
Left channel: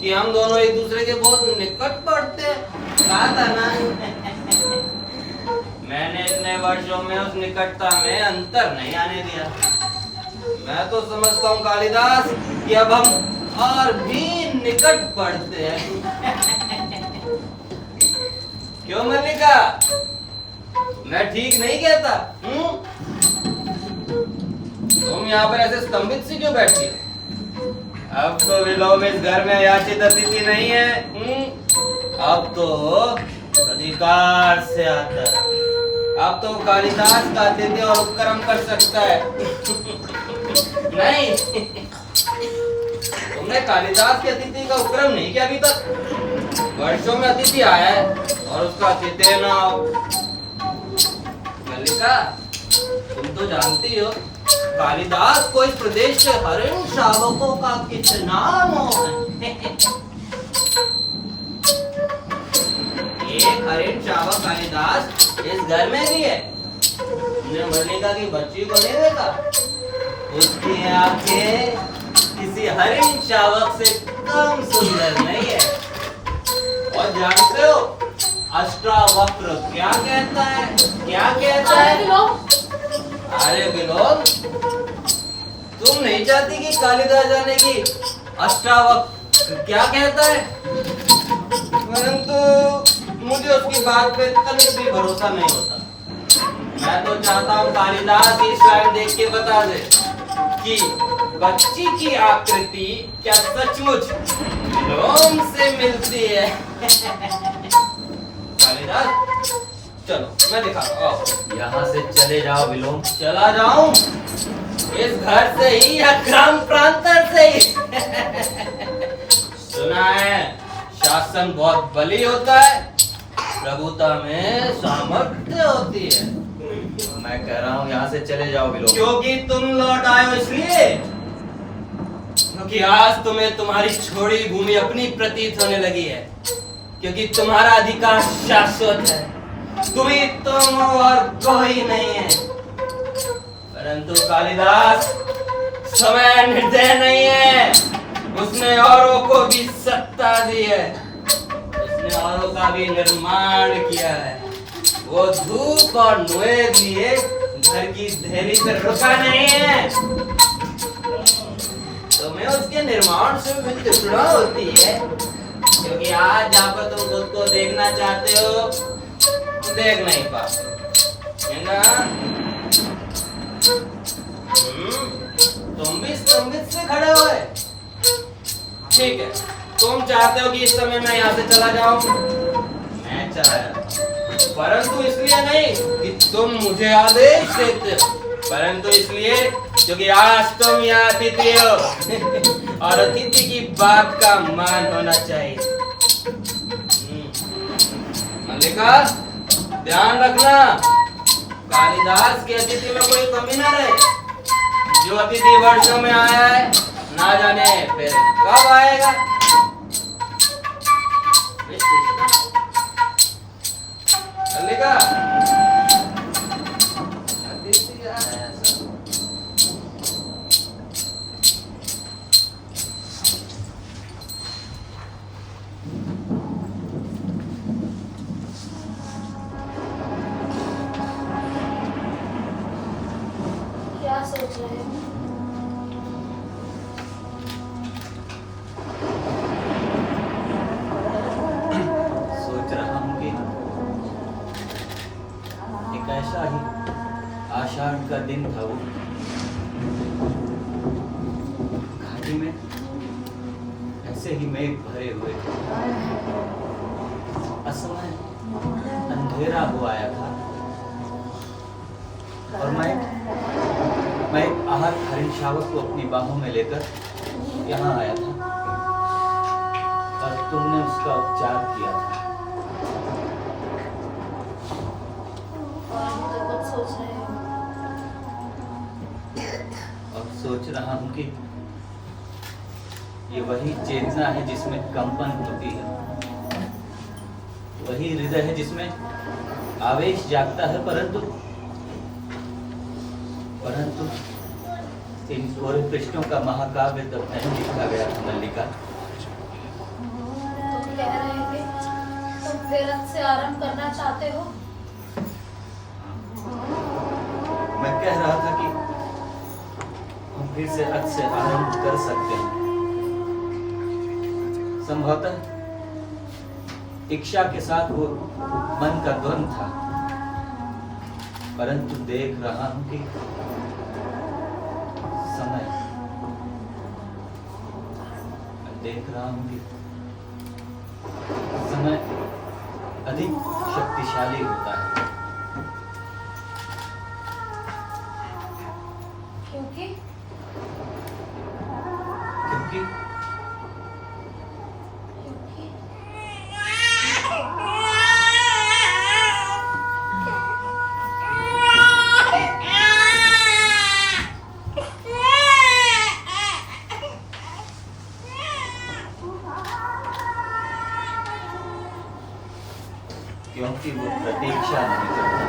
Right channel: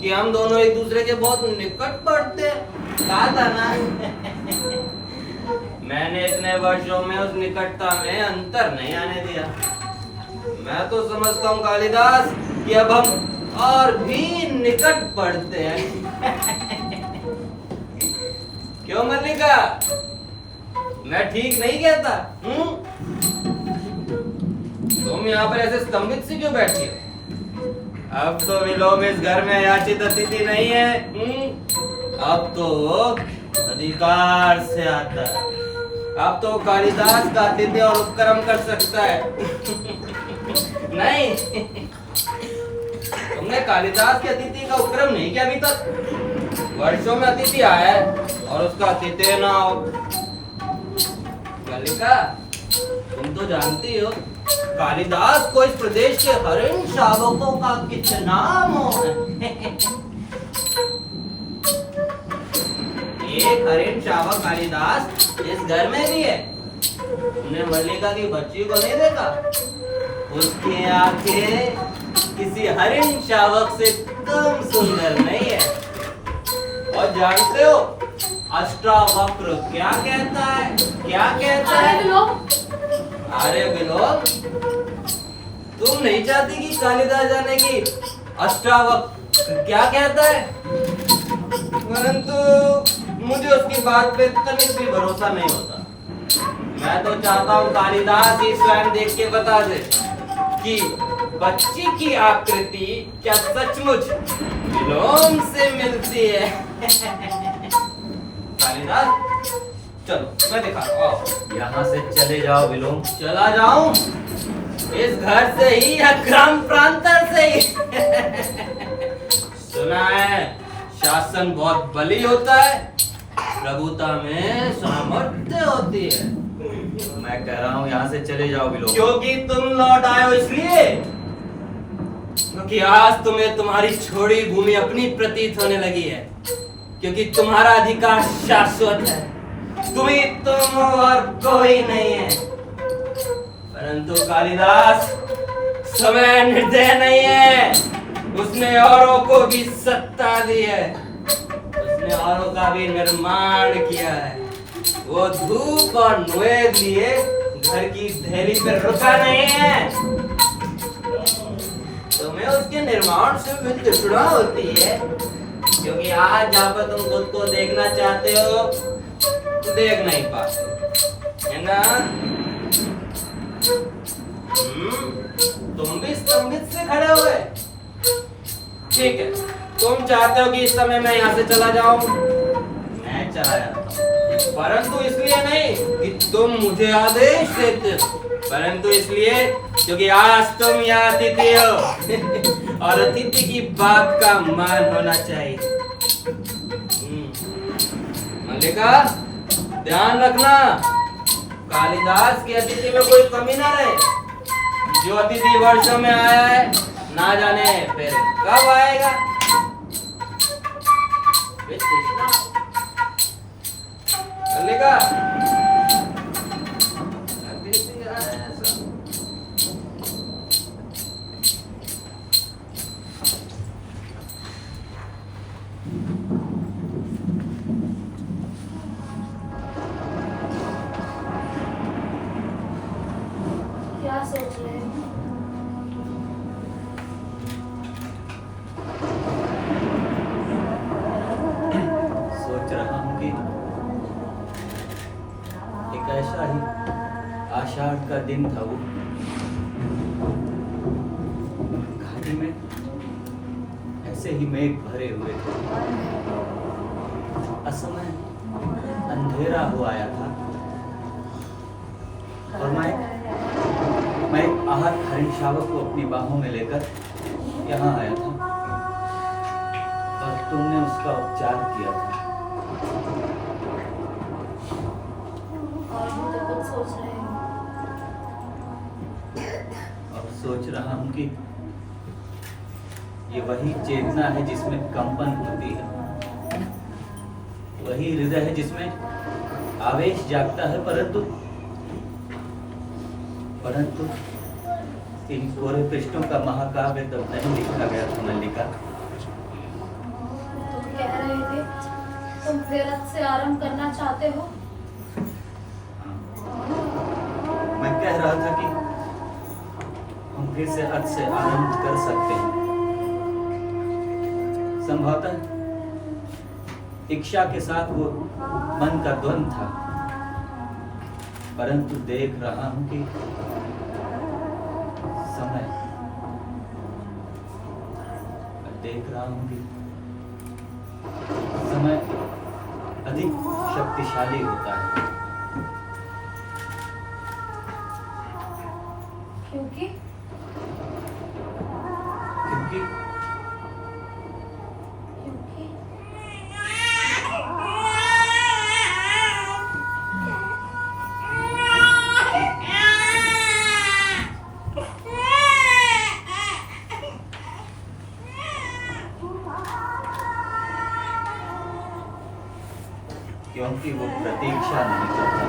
कि हम दोनों एक दूसरे के बहुत निकट पड़ते हैं, कहा था ना? मैंने इतने वर्षों में उस निकटता में अंतर नहीं आने दिया। मैं तो समझता हूँ कालिदास कि अब हम और भी निकट पड़ते हैं। क्यों मल्लिका, मैं ठीक नहीं कहता? तुम यहाँ पर ऐसे स्तंभित सी क्यों बैठी हो? अब तो विलोम इस घर में याचित अतिथि नहीं है। अब तो अधिकार से आता है। अब तो कालिदास का अतिथि और उपक्रम कर सकता है। नहीं, तुमने कालिदास के अतिथि का उपक्रम नहीं किया अभी तक। वर्षों में अतिथि आया है और उसका अतिथि ना हो। मल्लिका, तुम तो जानती हो कालिदास को इस प्रदेश के हरिण शावकों का कितना मोह है। एक हरिण शावक कालिदास इस घर में भी है। तुमने मल्लिका की बच्ची को नहीं देखा? उसकी आंखें किसी हरिण शावक से कम सुंदर नहीं है। और जानते हो अष्टावक्र क्या कहता है? क्या कहता है? अरे विलोम, तुम नहीं चाहती कि कालिदास जाने की अष्टावक्र क्या कहता है? परंतु मुझे उसकी बात पे तनिक भी भरोसा नहीं होता। मैं तो चाहता हूँ कालिदास ही स्वयं देख के बता दे कि बच्ची की आकृति क्या सचमुच विलोम से मिलती है। कालिदास, चलो मैं दिखाता हूँ। यहाँ से चले जाओ विलोम। चला जाऊं? इस घर से ही या ग्राम प्रांतर से ही? सुना है शासन बहुत बली होता है, प्रभुता में सामर्थ्य होती है। मैं कह रहा हूँ यहाँ से चले जाओ विलोम। क्योंकि तुम लौट आए हो इसलिए? क्योंकि आज तुम्हें तुम्हारी छोड़ी भूमि अपनी प्रतीत होने लगी है। क्योंकि तुम्हारा अधिकार शाश्वत है। तुम और कोई नहीं है। परंतु कालिदास समय निर्दय नहीं है। उसने औरों को भी सत्ता दी है। उसने औरों का भी निर्माण किया है। वो धूप और नुए लिए घर की धैर्य पर रुका नहीं है। तुम्हें उसके निर्माण से भी तृष्णा होती है, क्योंकि आज जहाँ पर तुम खुद को देखना चाहते हो देख नहीं पाते, है ना? तुम भी स्तंभित से खड़े हुए। ठीक है, तुम चाहते हो कि इस समय मैं यहाँ से चला जाऊं, मैं चला जाता हूं, परंतु इसलिए नहीं कि तुम मुझे आदेश देते हो, परंतु इसलिए क्योंकि आज तुम यहाँ अतिथि हो और अतिथि की बात का मान होना चाहिए। मल्लिका, ध्यान रखना, कालिदास के अतिथि में कोई कमी ना रहे। जो अतिथि वर्षों में आया है, ना जाने फिर कब आएगा। मल्लिका, अतिथि आया सब। क्या सोच रहे हो? सोच रहा हूँ कि एक ऐसा ही आषाढ़ का दिन था वो, घाटी में ऐसे ही मेघ भरे हुए थे, असमय अंधेरा हो आया था और मैं एक आहत हरिण शावक को अपनी बाहों में लेकर यहाँ आया था और तुमने उसका उपचार किया था। और भी तो कुछ सोच रहे हो? और सोच रहा हूँ कि ये वही चेतना है जिसमें कंपन होती है, वही हृदय है जिसमें आवेश जागता है, परंतु इन कोरे पृष्ठों का महाकाव्य तब नहीं लिखा गया था मल्लिका। तुम कह रहे थे तुम व्यर्थ से आरंभ करना चाहते हो। मैं कह रहा था कि हम फिर से अर्थ से आरंभ कर सकते हैं। संभवतः इच्छा के साथ वो मन का द्वंद था, परंतु देख रहा हूं कि समय अधिक शक्तिशाली होता है। क्योंकि क्योंकि क्योंकि वो प्रतीक्षा नहीं करता।